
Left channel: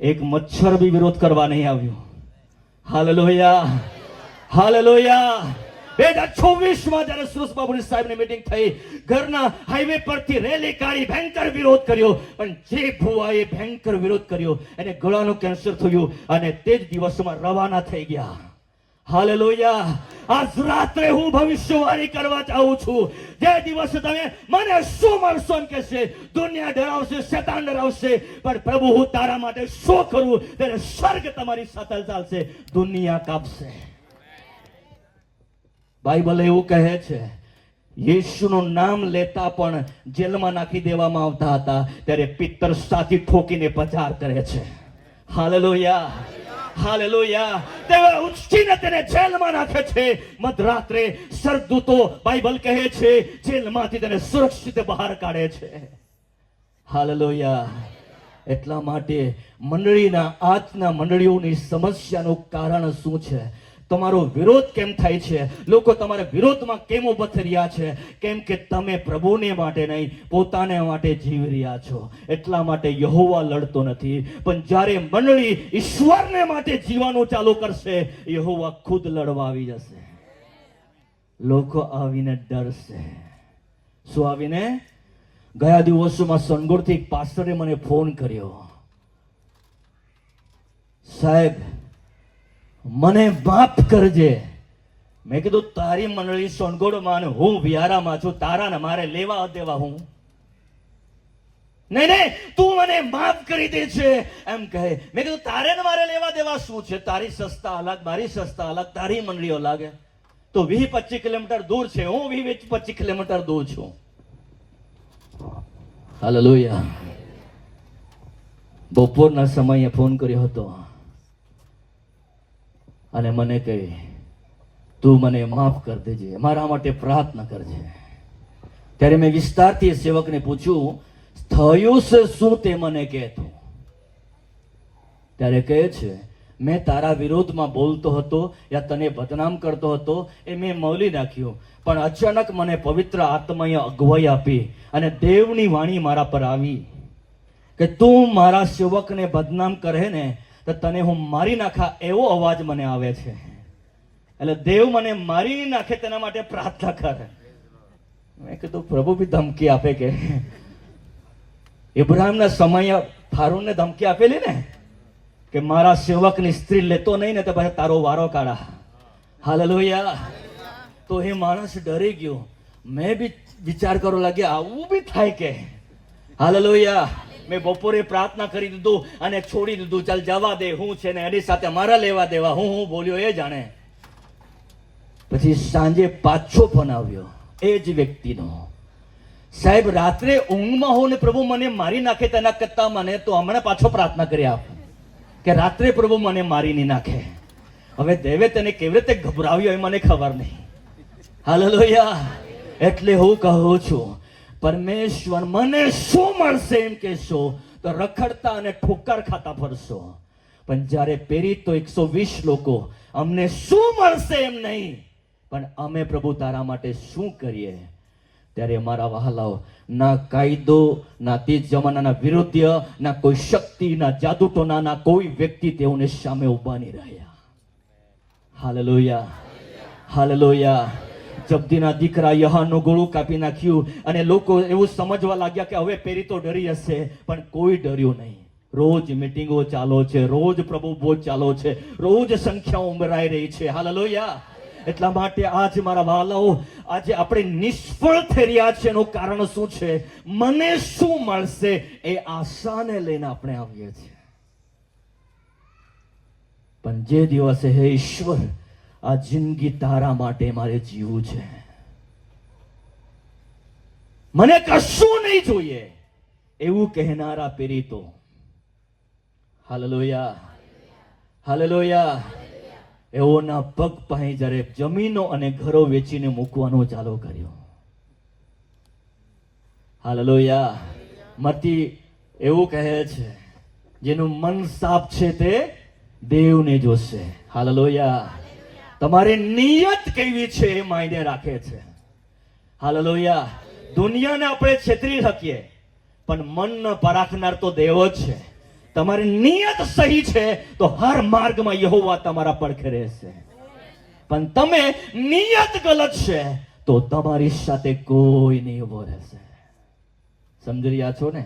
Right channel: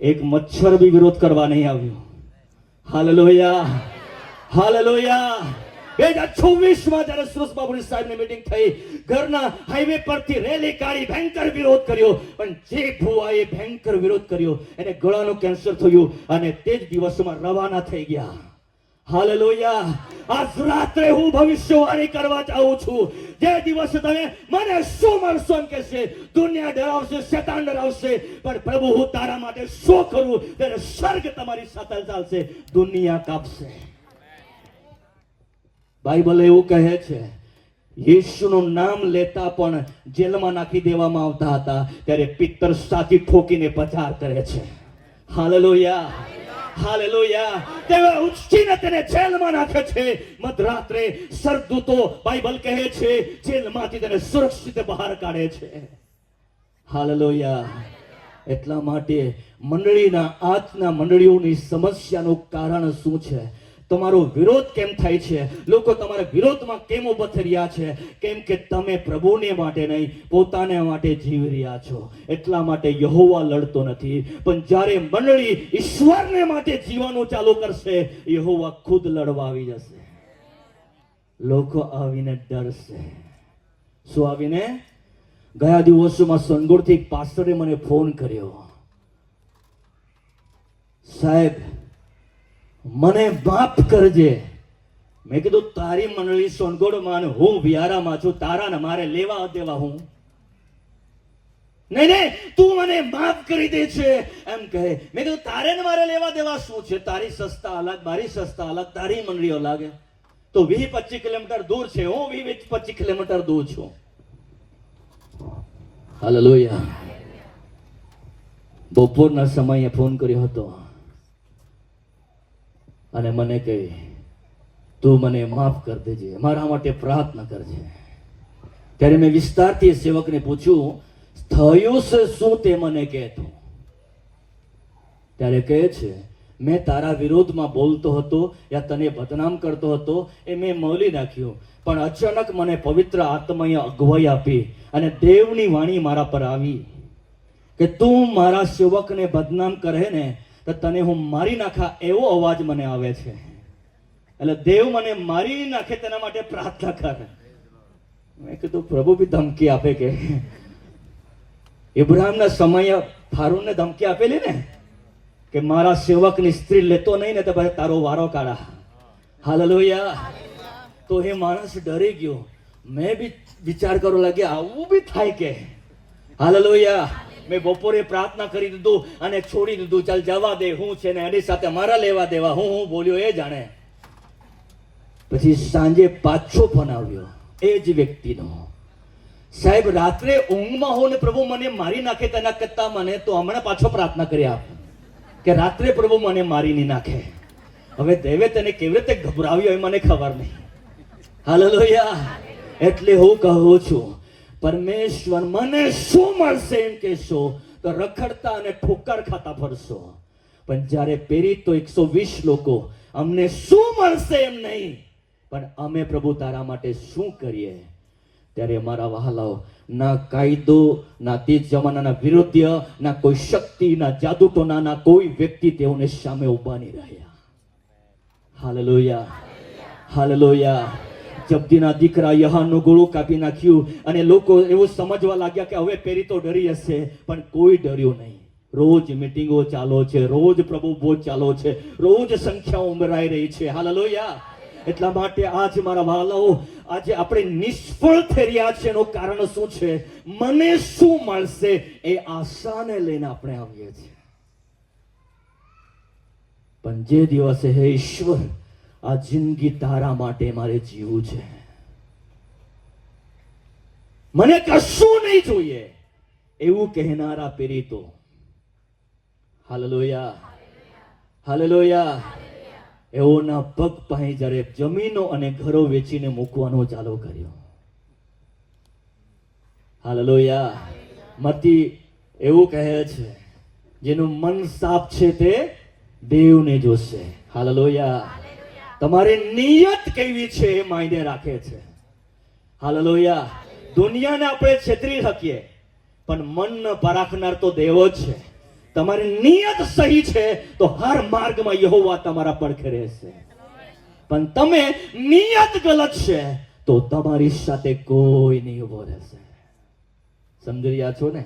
એક મચ્છર બી વિરોધ કરવા નહીં આવ્યો. હાલેલુયા. હાલેલુયા. 2024 જ્યારે સુરેશ બાબુની સાહેબની મીટિંગ થઈ, ઘરના હાઈવે પરથી રેલી કાઢી ભયંકર વિરોધ કર્યો, પણ જે ભુવાએ ભયંકર વિરોધ કર્યો એને ગળાનું કેન્સર થયું અને તે જ દિવસોમાં રવાના થઈ ગયા. હાલેલુયા. આજ રાત્રે હું ભવિષ્યવાણી કરવા ચાહું છું. જે દિવસે તમે મને શું મળશો એમ કહેશે, દુનિયા ડરાવશે, શેતાન ડરાવશે, પણ પ્રભુ હું તારા માટે શું કરું, ત્યારે સ્વર્ગ તમારી સાથે ચાલશે, દુનિયા કાપશે. બાઇબલ એવું કહે છે, યેશુનું નામ લેતા પણ જેલમાં નાખી દેવામાં આવતા હતા, ત્યારે પિત્તર સાથી ઠોકીને પચાર કરે છે. હાલેલુયા. હાલેલુયા. તેઓ ઉચકીને તેને જેલમાં નાખે છે. મધરાત્રે સરદૂતો બાઇબલ કહે છે જેલમાંથી તેને સુરક્ષિત બહાર કાઢે છે. હાલેલુયા. એટલા માટે મંડળીના આજના મંડળીઓની સમસ્યાનું કારણ શું છે? તમારો વિરોધ કેમ થાય છે? લોકો તમારા વિરોધમાં કેમ ઉભા થઈ રહ્યા છે? કેમ કે તમે પ્રભુને માટે નહીં, પોતાને માટે જીવી રહ્યા છો. એટલા માટે યહોવા લડતો નથી, પણ જ્યારે મંડળી ઈશ્વરને માટે જીવવાનું ચાલુ કરશે, યહોવા ખુદ લડવા આવી જશે. લોકો આવીને ડરશે. શું આવીને? ગયા દિવસોમાં સોનગઢથી એક પાસ્ટરે મને ફોન કર્યો, સાહેબ મને માફ કરજે. મેં કીધું તારી મંડળી સોનગઢમાં ને હું વિહારામાં છું, તારા ને મારે લેવા દેવા હું? નહીં નહીં, તું મને માફ કરી દે છે એમ કહે. મેં કીધું તારે ને મારે લેવા દેવા શું છે? તારી સંસ્થા અલગ, મારી સંસ્થા અલગ, તારી મંડળી અલગ. તો 20-25 કિલોમીટર દૂર છે, હું 20-25 કિલોમીટર દૂર છું. હાલેલુયા. બપોરના સમયે ફોન કર્યો હતો અને મને કહે તું મને માફ કરી દેજે, મારા માટે પ્રાર્થના કરજે. ત્યારે મેં વિસ્તારથી સેવકને પૂછ્યું થયું છે શું તે મને કહેતો. ત્યારે કહે છે મેં તારા વિરોધમાં બોલતો હતો યા તને બદનામ કરતો હતો એ મેં મૌલી નાખ્યો, પણ અચાનક મને પવિત્ર આત્માએ અગવાઈ આપી અને દેવની વાણી મારા પર આવી કે તું મારા સેવકને બદનામ કરે ને તો તને હું મારી નાખા, એવો અવાજ મને આવે છે. એટલે દેવ મને મારી નાખે તેના માટે પ્રાર્થના કરે. મેં કીધું પ્રભુ બી ધમકી આપે કે ઇબ્રાહિમના સમયે ફારૂનને ધમકી આપેલી ને કે મારા સેવકની સ્ત્રી લેતો નહીં ને તો પછી તારો વારો કાઢા. હાલેલુયા. તો એ માણસ ડરી ગયો. મેં બી વિચાર કરવા લાગ્યા આવું બી થાય કે? હાલેલુયા. મેં બપોરે પ્રાર્થના કરી દીધું અને છોડી દીધું, ચાલ જવા દે, હું છે ને એની સાથે મારા લેવા દેવા, હું બોલ્યો એ જાણે. પછી સાંજે પાછો ફોન આવ્યો એ જ વ્યક્તિનો, સાહેબ રાત્રે ઊંઘમાં હું ને પ્રભુ મને મારી નાખે તેના કરતા મને તો હમણાં પાછો પ્રાર્થના કરી આપ કે રાત્રે પ્રભુ મને મારી નહીં નાખે. હવે દેવે તેને કેવી રીતે ગભરાવ્યો એ મને ખબર નહીં. હાલેલુયા. એટલે હું કહું છું પરમેશ્વર મને શું મળશે એમ કહેશો તો રખડતા અને ઠોકર ખાતા ફરશો, પણ જ્યારે પેરી તો 120 લોકો અમને શું મળશે એમ નહીં, પણ અમે પ્રભુ તારા માટે શું કરીએ, ત્યારે મારા વહાલાઓ ના કાયદો, ના તે જમાનાના વિરુદ્ધ, ના કોઈ શક્તિ, ના જાદુટોના, ના કોઈ વ્યક્તિ તેઓને સામે ઉભા નહીં રહ્યા. હાલેલુયા. હાલેલુયા. જબ્દીના દીકરા યહાનનું ગળું કાપી નાખ્યું અને લોકો એવું સમજવા લાગ્યા કે હવે પેરી તો ડરી હશે, પણ કોઈ ડર્યું નહીં. રોજ મીટિંગો ચાલો છે, રોજ પ્રભુ ભોજ ચાલો છે, રોજ સંખ્યાઓ ઉમરાઈ રહી છે. હાલેલુયા. એટલા માટે આજે મારા વાલાઓ આજે આપણે નિષ્ફળ થઈ રહ્યા છે એનું કારણ શું છે? મને શું મળશે એ આશાને લઈને આપણે આવીએ છીએ. પણ જે દિવસે હે ઈશ્વર આ જિંદગી તારા માટે મારે જીવવું છે, મને કશું નહીં જોઈએ એવું કહેનારા પેરી તો હાલેલુયા. હાલેલુયા. એઓના પગ પાસે જ્યારે જમીનો અને ઘરો વેચીને મૂકવાનો ચાલુ કર્યો. હાલેલુયા. મતી એવું કહે છે જેનું મન સાફ છે તે દેવને જોશે. હાલેલુયા. તમારી નિયત કેવી છે એ માયને રાખે છે. હાલેલુયા. દુનિયાને આપણે છેતરી શકીએ પણ મન પરાખનાર તો દેવ જ છે. તમારી નિયત સહી છે તો હર માર્ગમાં યહોવા તમારા પડખે રહેશે. પણ તમે નિયત ગલત છે તો તમારી સાથે કોઈ નહીં ઉભો રહેશે. સમજી રહ્યા છો ને?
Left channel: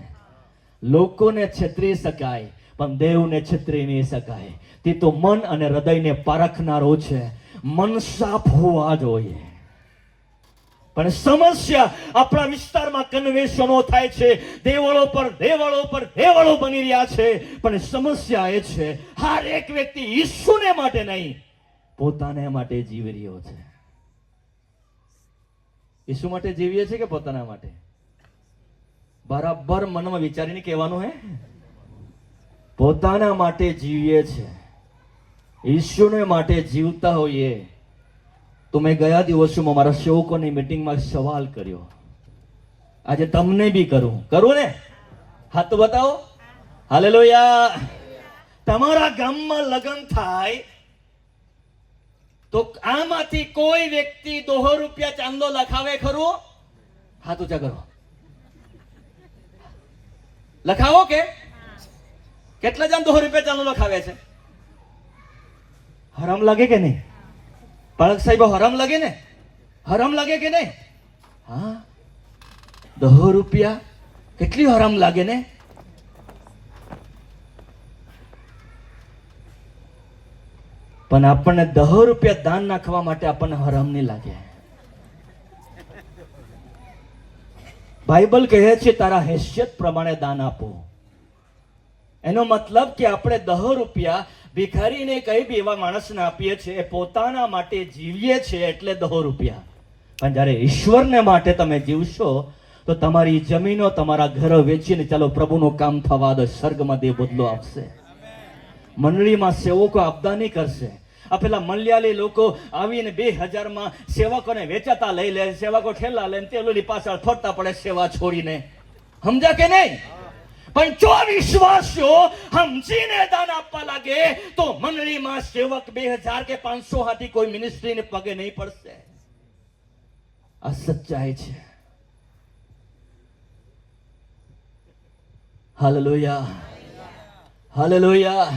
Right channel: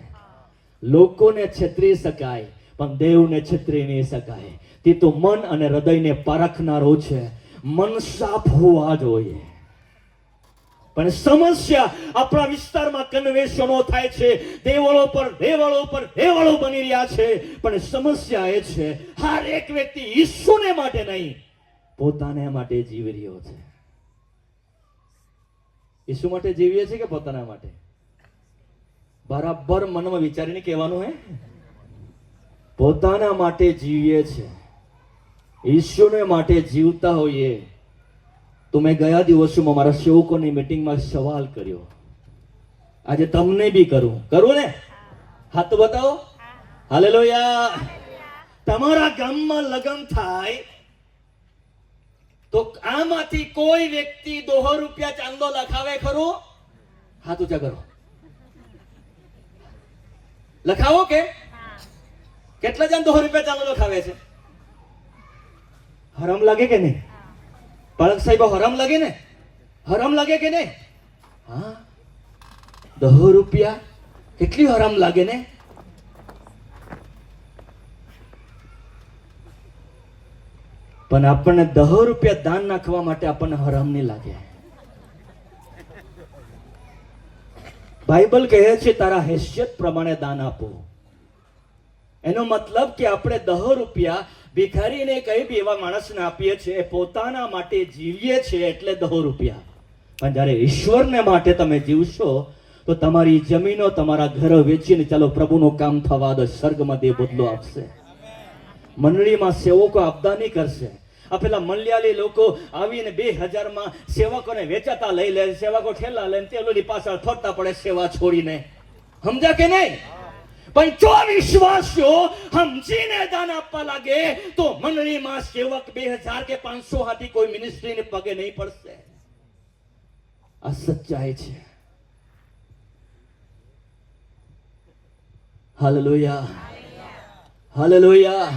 લોકોને છેતરી શકાય પણ દેવને છેતરી નહીં શકાય. તે તો મન અને હૃદયને પારખનારો છે. મન સાફ હોવા જોઈએ. પણ સમસ્યા આપણા વિસ્તારમાં કન્વેશનો થાય છે, દેવળો પર બની રહ્યા છે. પણ સમસ્યા એ છે હર એક વ્યક્તિ ઈસુને માટે નહીં, પોતાને માટે જીવી રહ્યો છે. ઈસુ માટે જીવીએ છે કે પોતાના માટે? બરાબર મનમાં વિચારીને કહેવાનું હે. પોતાના માટે જીવીએ છે. ઈશ્વરને માટે જીવતા હોઈએ તો મેં ગયા દિવસોમાં મારા સેવકોની મીટિંગમાં સવાલ કર્યો. આજે તમને બી કરું ને? હાથ તો બતાવો. હાલેલુયા. તમારા ગામમાં લગ્ન થાય તો આમાંથી કોઈ વ્યક્તિ 200 રૂપિયા ચાંદો લખાવે ખરું? હાથ ઊંચા કરો. લખાવો કે? કેટલા જણ 200 રૂપિયા ચાંદો લખાવે છે? હરામ લાગે કે નહીં? પાળક સાહેબ, હરામ લાગે ને? હરામ લાગે કે નહીં? હા, 200 રૂપિયા કેટલી હરામ લાગે ને? પણ આપણને 200 રૂપિયા દાન નાખવા માટે આપણને હરામ નહીં લાગે. બાઇબલ કહે છે તારા હેસિયત પ્રમાણે દાન આપો. એનો મતલબ કે આપણે 200 રૂપિયા ભિખારીને કઈ બી એવા માણસને આપીએ છીએ, પોતાના માટે જીવીએ છીએ એટલે 200 રૂપિયા. પણ જ્યારે ઈશ્વરને માટે તમે જીવશો તો તમારી જમીનો, તમારા ઘરો વેચીને ચાલો પ્રભુનું કામ થવા દો. સ્વર્ગમાં દેવ બદલો આપશે. મંડળીમાં સેવકો આપદા નહીં કરશે. આ પેલા મલયાલી લોકો આવીને 2000 માં સેવકોને વેચાતા લઈ લે, સેવકો ઠેલા લઈને તેલોની પાછળ ફરતા પડે સેવા છોડીને. સમજ્યા કે નહીં? પણ જો વિશ્વાસીઓ સમજીને દાન આપવા લાગે તો મંડળીમાં સેવક 2000 કે 500 હાથી કોઈ મિનિસ્ટ્રીને પગે નહીં પડશે. આ સચ્ચાઈ છે. Hallelujah, hallelujah.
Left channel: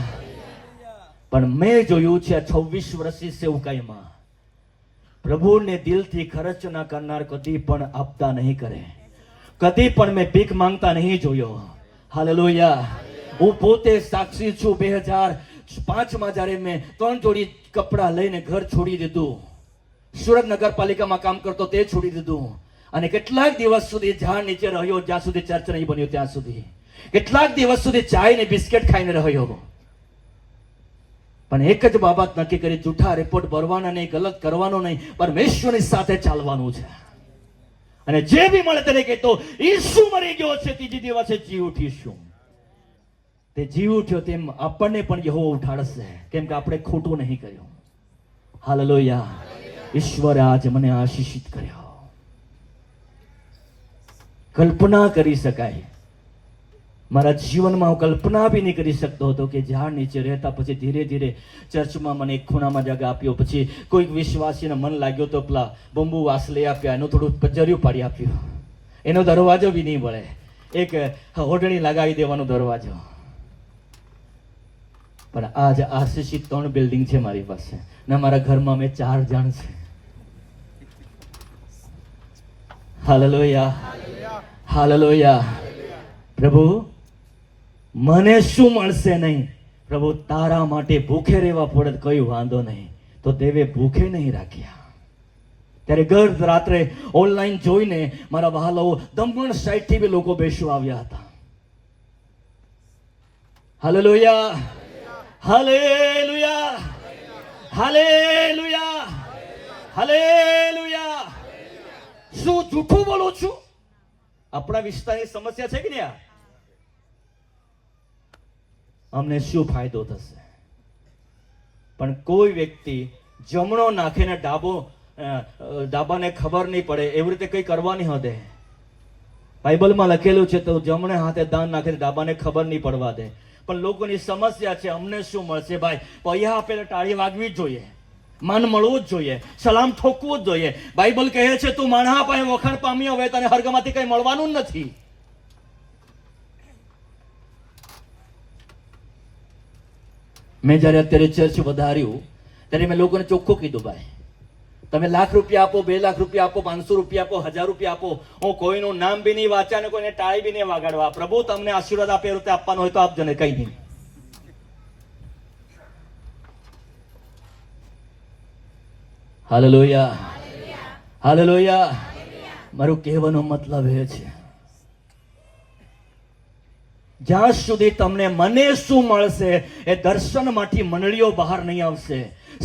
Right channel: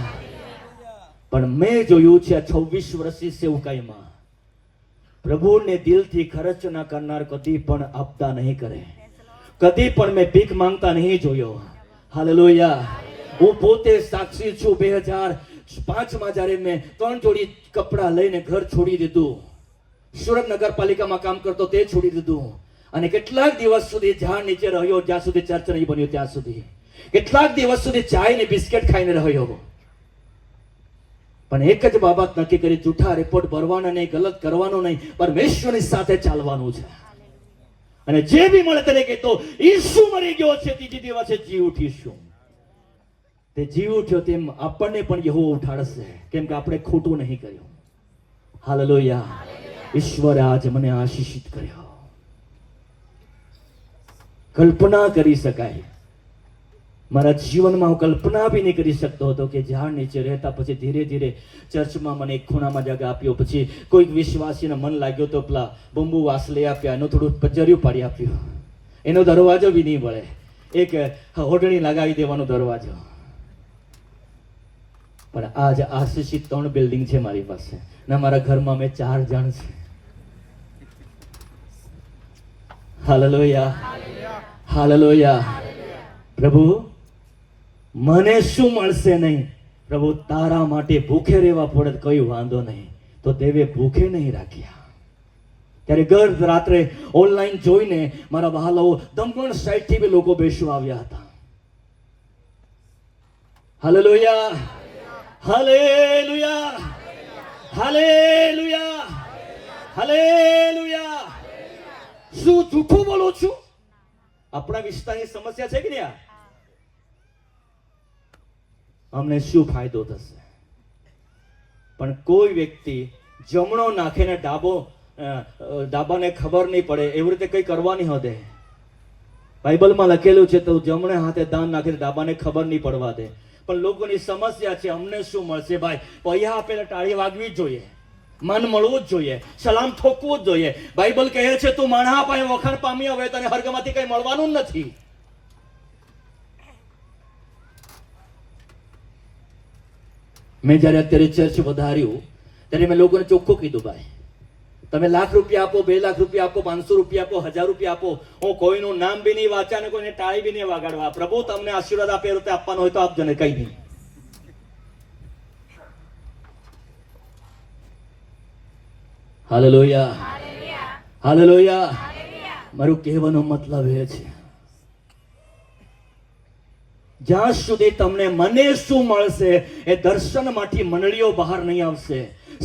પણ મેં જોયું છે 26 વર્ષની સેવકાઈમાં પ્રભુને દિલથી ખર્ચ ના કરનાર કદી પણ આપતા નહીં કરે. કદી પણ મેં ભીખ માંગતા નહીં જોયો. હાલેલુયા. હું પોતે સાક્ષી છું. 2005 જ્યારે મેં 3 જોડી કપડા લઈને ઘર છોડી દીધું. સુરત નગરપાલિકામાં કામ કરતો તે છોડી દીધું અને કેટલાક દિવસ સુધી ઝાડ નીચે રહ્યો જ્યાં સુધી ચર્ચ નહીં બન્યો ત્યાં સુધી. કેટલાક દિવસ સુધી ચાય ને બિસ્કિટ ખાઈને રહ્યો. પણ એક જ બાબત નક્કી કરી, જૂઠા રિપોર્ટ ભરવાના નહીં, ગલત કરવાનું નહીં, પરમેશ્વરની સાથે ચાલવાનું છે. અને જે બી મળે તેને કહેતો ઈસુ મરી ગયો છે, ત્રીજી દિવસે જી ઉઠીશું. તે જી ઉઠ્યો તેમ આપણને પણ યહોવા ઉઠાડશે, કેમ કે આપણે ખોટું નહીં કર્યું. હાલેલુયા. ઈશ્વરે આજે મને આશીષિત કર્યો. કલ્પના કરી શકાય મારા જીવનમાં હું કલ્પના બી નહીં કરી શકતો હતો કે ઝાડ નીચે રહેતા પછી ધીરે ધીરે ચર્ચમાં મને એક ખૂણામાં જગા આપ્યો. પછી કોઈક વિશ્વાસીને મન લાગ્યો તો પેલા બંબુ વાસ લઈ આપ્યા, એનું થોડું પજર્યું પાડી આપ્યું. એનો દરવાજો બી નહીં મળે, એક હોડણી લગાવી દેવાનો દરવાજો. પણ આજ આશીષિત 3 બિલ્ડિંગ છે મારી પાસે ને મારા ઘરમાં મેં 4 જણ છે. Hallelujah, hallelujah. પ્રભુ મને શું મળશે નહીં? પ્રભુ તારા માટે ભૂખે રહેવા પડે કઈ વાંધો નહીં. તો દેવે ભૂખે નહીં રાખ્યા. ત્યારે ગર રાત્રે ઓનલાઈન જોઈને મારા વહાલાઓ દમણ સાઈડ થી બી લોકો બેસવા આવ્યા હતા. Hallelujah, hallelujah, hallelujah, hallelujah. શું જૂઠું બોલું છું? આપણા વિસ્તારની સમસ્યા છે કે નહીં? અમને શું ફાયદો થશે? પણ કોઈ વ્યક્તિ જમણો નાખીને ડાબાને ખબર નહીં પડે એવી રીતે કઈ કરવા નહીં હોતે. બાઇબલમાં લખેલું છે તો જમણે હાથે દાન નાખીને ડાબાને ખબર નહીં પડવા દે. પણ લોકોની સમસ્યા છે અમને શું મળશે? ભાઈ પૈયા આપેલા ટાળી વાગવી જ જોઈએ, માન મળવું જ જોઈએ, સલામ ઠોકવું જ જોઈએ. બાઇબલ કહે છે તું માણસા પાસે વખાણ પામ્યો હવે તને હર્ગમાંથી કઈ મળવાનું નથી. મેં જયારે અત્યારે ચર્ચ વધાર્યું ત્યારે મેં લોકોને ચોખ્ખું કીધું, ભાઈ તમે લાખ રૂપિયા આપો, 2 લાખ રૂપિયા આપો, 500 રૂપિયા આપો, 1000 રૂપિયા આપો, હું કોઈનું નામ બી નહીં વાંચ્યા અને કોઈને ટાળી બી નહીં વાગાડવા. પ્રભુ તમને આશીર્વાદ આપે રીતે આપવાનો હોય તો આપજો ને, કઈ નહીં. Hallelujah, hallelujah. મારું કહેવાનો મતલબ એ છે, જ્યાં સુધી તમને મને શું મળશે એ દર્શનમાંથી મંડળીઓ બહાર નહીં આવશે,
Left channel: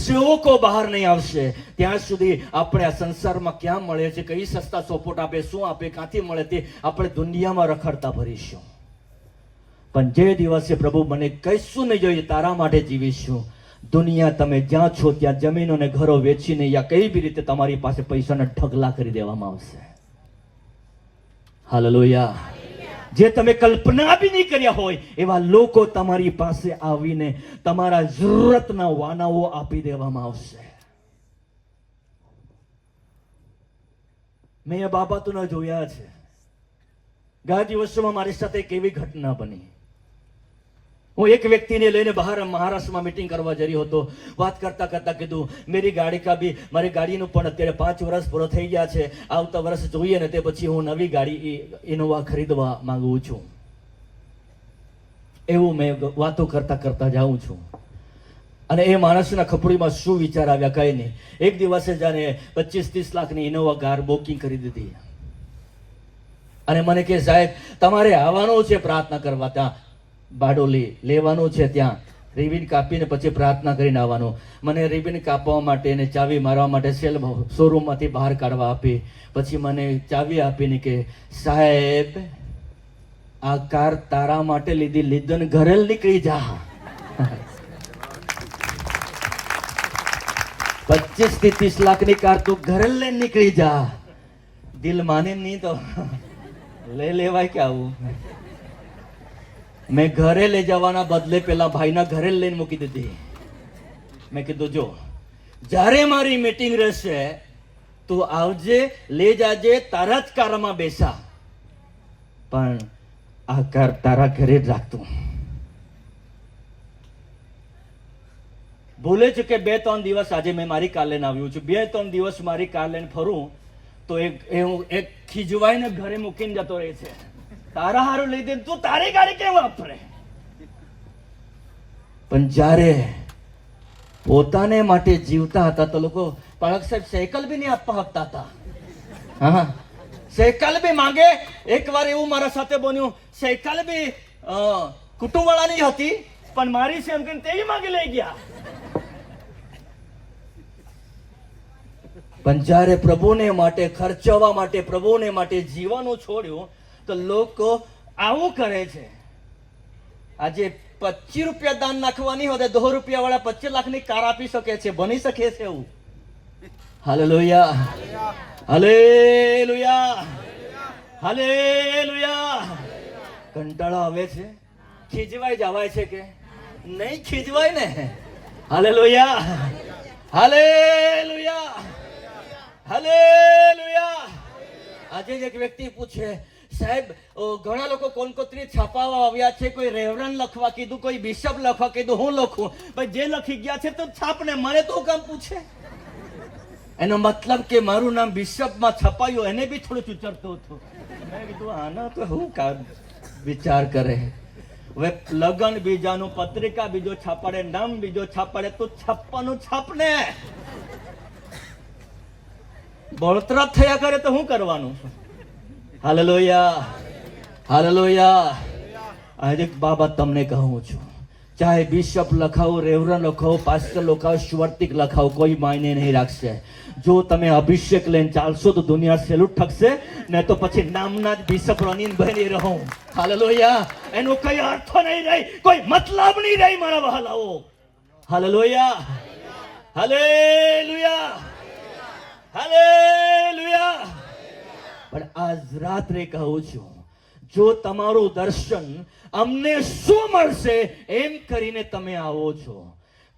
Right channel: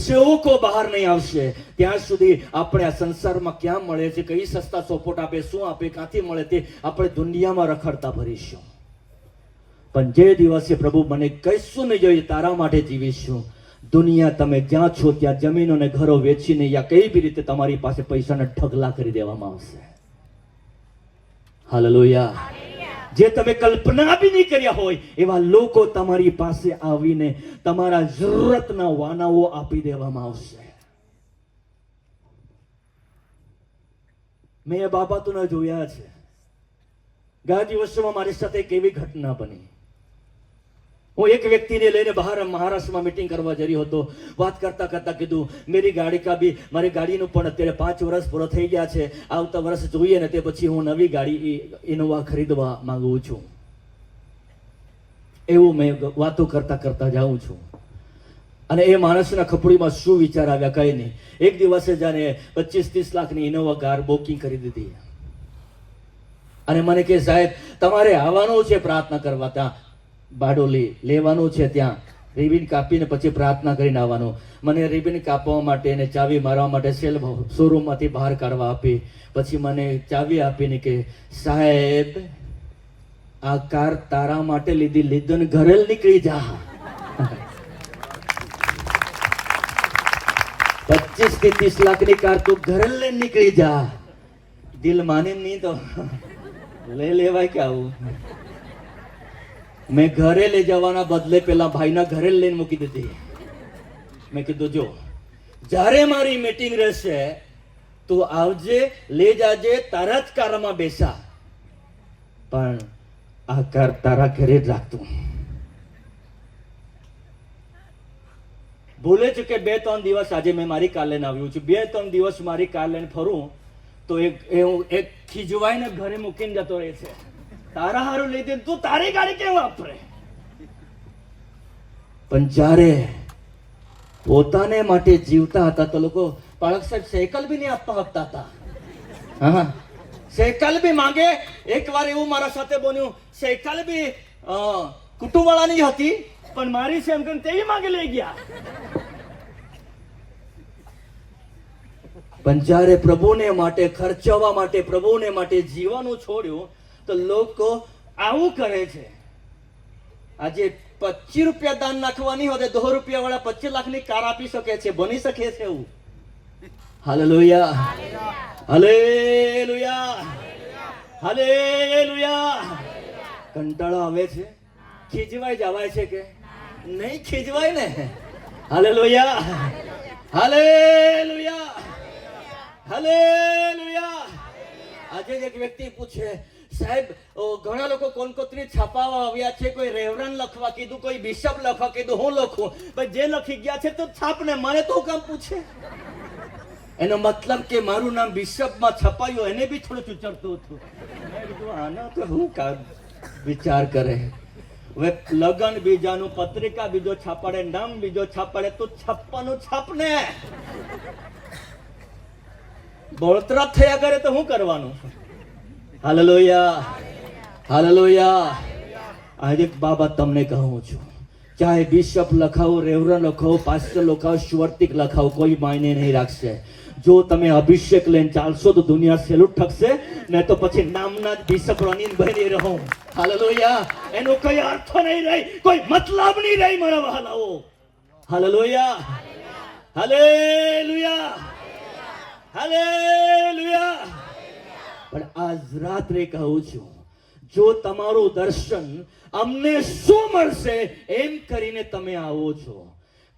સેવકો બહાર નહીં આવશે, ત્યાં સુધી આપણે આ સંસારમાં ક્યાં મળે છે, કઈ સસ્તા સોપોટ આપે, શું આપે, ક્યાંથી મળે તે આપણે દુનિયામાં રખડતા ભરીશું. પણ જે દિવસે પ્રભુ મને કહીશું નહીં જોઈએ તારા માટે જીવીશું, દુનિયા તમે જ્યાં છો ત્યાં જમીનો ને ઘરો વેચીને યા કઈ બી રીતે તમારી પાસે પૈસાના ઢગલા કરી દેવામાં આવશે. હાલેલુયા. જે તમે કલ્પના બી નહીં કર્યા હોય એવા લોકો તમારી પાસે આવીને તમારા જરૂરતના વાનાઓ આપી દેવામાં આવશે. મેં એ બાબતોને જોયા છે. ગયા દિવસોમાં મારી સાથે એક એવી ઘટના બની. હું એક વ્યક્તિને લઈને બહાર મહારાષ્ટ્રમાં મીટિંગ કરવા જઈ રહ્યો હતો. વાત કરતા કરતા કીધું મેરી ગાડી કા બી, મારી ગાડીનું પણ અત્યારે 5 વર્ષ પૂરો થઈ ગયા છે, આવતા વર્ષ જોઈએ ને તે પછી હું નવી ગાડી ઇનોવા ખરીદવા માંગુ છું. એવું મેં વાતો કરતા કરતા જાઉં છું. અને એ માણસના ખપડીમાં શું વિચાર આવ્યા કઈ નહીં. એક દિવસે જાણે 25-30 લાખની ઇનોવા કાર બુકિંગ કરી દીધી અને મને કે સાહેબ તમારે આવવાનું છે પ્રાર્થના કરવા, ત્યાં બારડોલી લેવાનું છે, ત્યાં રિબિન કાપીને પછી પ્રાર્થના કરીને આવવાનું. મને રિબિન કાપવા માટે અને ચાવી મારવા માટે શોરૂમમાંથી બહાર કાઢવા આપી. પછી મને ચાવી આપીને કે સાહેબ આ કાર તારા માટે લીધો ને ઘરે નીકળી જા. 25 થી 30 લાખની કાર તું ઘરે લઈને નીકળી જા. દિલ માને નહીં તો લઈ લેવાય કે આવું. મેં ઘરે લઈ જવાના બદલે પેલા ભાઈના ઘરે લઈને મૂકી દીધી. મેં કીધું જો જ્યારે મારી મીટિંગ રહેશે તું આવજે, લઈ જાજે, તારા જ કારમાં બેસા, પણ આ કાર તારા ઘરે જ રાખતું. ભૂલે છે કે 2-3 દિવસ આજે મેં મારી કાર લઈને આવ્યું છું. 2-3 દિવસ મારી કાર લઈને ફરું તો એક ખીજવાઈને ઘરે મૂકીને જતો રહે છે. તારા હારું લઈ દે તું તારી ગાડી કેમ વાપરે? પણ જ્યારે પોતાને માટે જીવતા હતા તો લોકો પાળક સાહેબ સાયકલ બી નહીં આપવા આપતા હતા. હા, સાયકલ બી માંગે. એક વાર એવું મારા સાથે બન્યું, સાયકલ બી કુટુંબવાળાની હતી પણ મારી છે એમ કરીને તેવી માંગી લઈ ગયા. પણ જ્યારે પ્રભુને માટે ખર્ચવા માટે, પ્રભુને માટે જીવવાનું છોડ્યું તો લોકો આવું કરે છે. આજે 25 રૂપિયા દાન નાખવાની હોય 2 રૂપિયા વાળા 25 લાખની કાર આપી શકે છે, બની શકે છે એવું. Hallelujah, hallelujah, hallelujah. કંટાળો આવે છે, ખીજવાઈ જવાય છે કે નહીં ખીજવાય ને? Hallelujah, hallelujah, hallelujah. આજે એક વ્યક્તિ પૂછે સાહેબ ઘણા લોકો કોલકોત્રી છાપાવા આવ્યા છે, કોઈ રેવરન લખવા કીધું, કોઈ બિશપ લખવા કીધું, હું લખું? ભાઈ જે લખી ગયા છે તો છાપ ને, મને તો કામ પૂછે? એનો મતલબ કે મારું નામ બિશપમાં છપાયું એને બી થોડું ચૂચરતું હતું. મેં કીધું આના તો હું કામ વિચાર કરે. હવે લગન બીજાનું, પત્રિકા બીજો છાપાડે, નામ બીજો છાપાડે, તો છપ્પાનું છાપને. બળતરા થયા કરે તો શું કરવાનું? Hallelujah, hallelujah. આજે એક બાબત તમને કહું છું, ચાહે બિશપ લખાવો, રેવરન લખાવો, પાસ્ટર લખાવો, સુવર્તિક લખાવો, કોઈ માયને નહીં રાખશે. જો તમે અભિષેક લઈને ચાલશો તો દુનિયા સેલ્યુટ ઠકશે, ને તો પછી નામના જ બિશપ રનીને બની રહો. હાલેલુયા. એનો કઈ અર્થ નહીં રહી, કોઈ મતલબ નહીં રહી મારા વહાલાઓ. Hallelujah, hallelujah, hallelujah. પણ આજ રાત્રે કહું છું, જો તમારું દર્શન અમને શું મળશે એમ કરીને તમે આવો છો.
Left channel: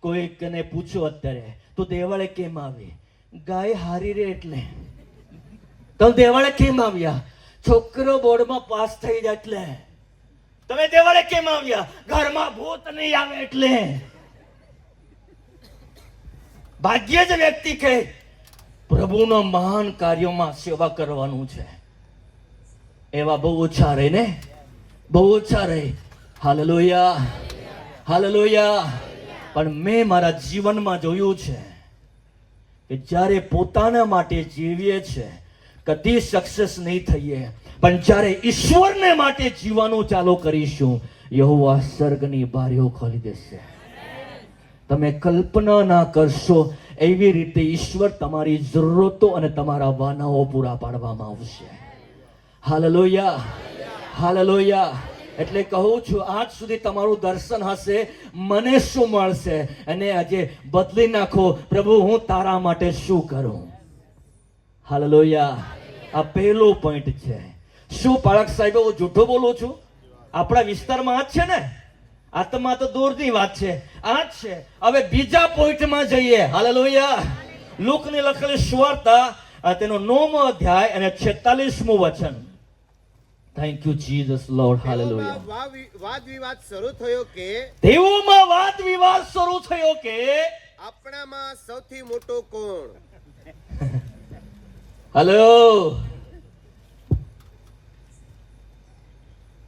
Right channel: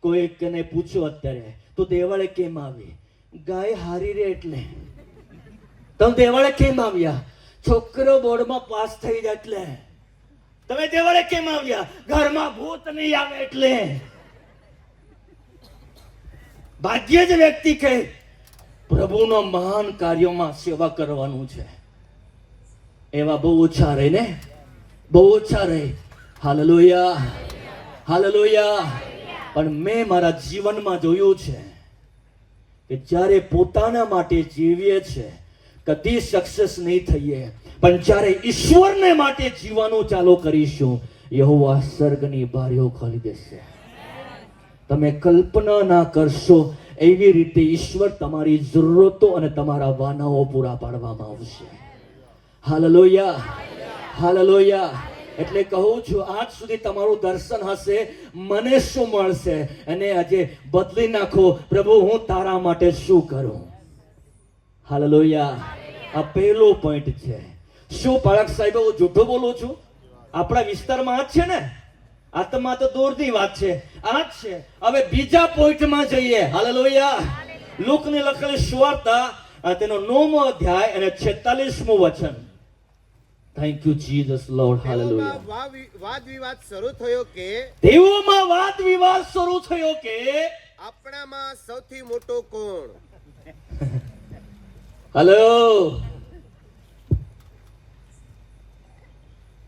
કોઈકને પૂછો અત્યારે તો દેવાળે કેમ આવી? ગાય હારી રે એટલે. તમે દેવાળે કેમ આવ્યા? છોકરો બોર્ડમાં પાસ થઈ જાય એટલે. તમે દેવાળે કેમ આવ્યા? ઘરમાં ભૂત નહીં આવે એટલે. ભાગ્ય જ વ્યક્તિ કહે પ્રભુના મહાન કાર્યોમાં સેવા કરવાનું છે. એવા બહુ ઓછા રહે ને, બહુ ઓછા રહે. Hallelujah, hallelujah. પણ મેં મારા જીવનમાં જોયું છે કે જ્યારે પોતાના માટે જીવીએ છે કદી સક્સેસ નહીં થઈએ, પણ જ્યારે ઈશ્વરને માટે જીવવાનું ચાલુ કરીશું, યહોવા સ્વર્ગની બારીઓ ખોલી દેશે. તમે કલ્પના ના કરશો એવી રીતે ઈશ્વર તમારી જરૂરતો અને તમારા વાનાઓ પૂરા પાડવામાં આવશે. Hallelujah, hallelujah. એટલે કહું છું, આજ સુધી તમારું દર્શન હશે, મને શું મળશે, અને આજે બદલી નાખો, પ્રભુ હું તારા માટે શું કરું. હાલેલુયા. આ પહેલો પોઈન્ટ છે. શું પાળક સાહેબ હું જૂઠું બોલું છું? આપણા વિસ્તારમાં આ જ છે ને, આત્મા તો દૂરની વાત છે, આ જ છે. હવે બીજા પોઈન્ટમાં જઈએ. હાલેલુયા. લુકની લખેલી સુવાર્તા તેનો 9મો અધ્યાય અને 46મું વચન. Thank you Jesus lord. Hallelujah. વાદ વિવાદ શરૂ થયો કે તેઓમાં વાદ વિવાદ શરૂ થયો કે આપણામાં સૌથી મોટો કોણ? હલો,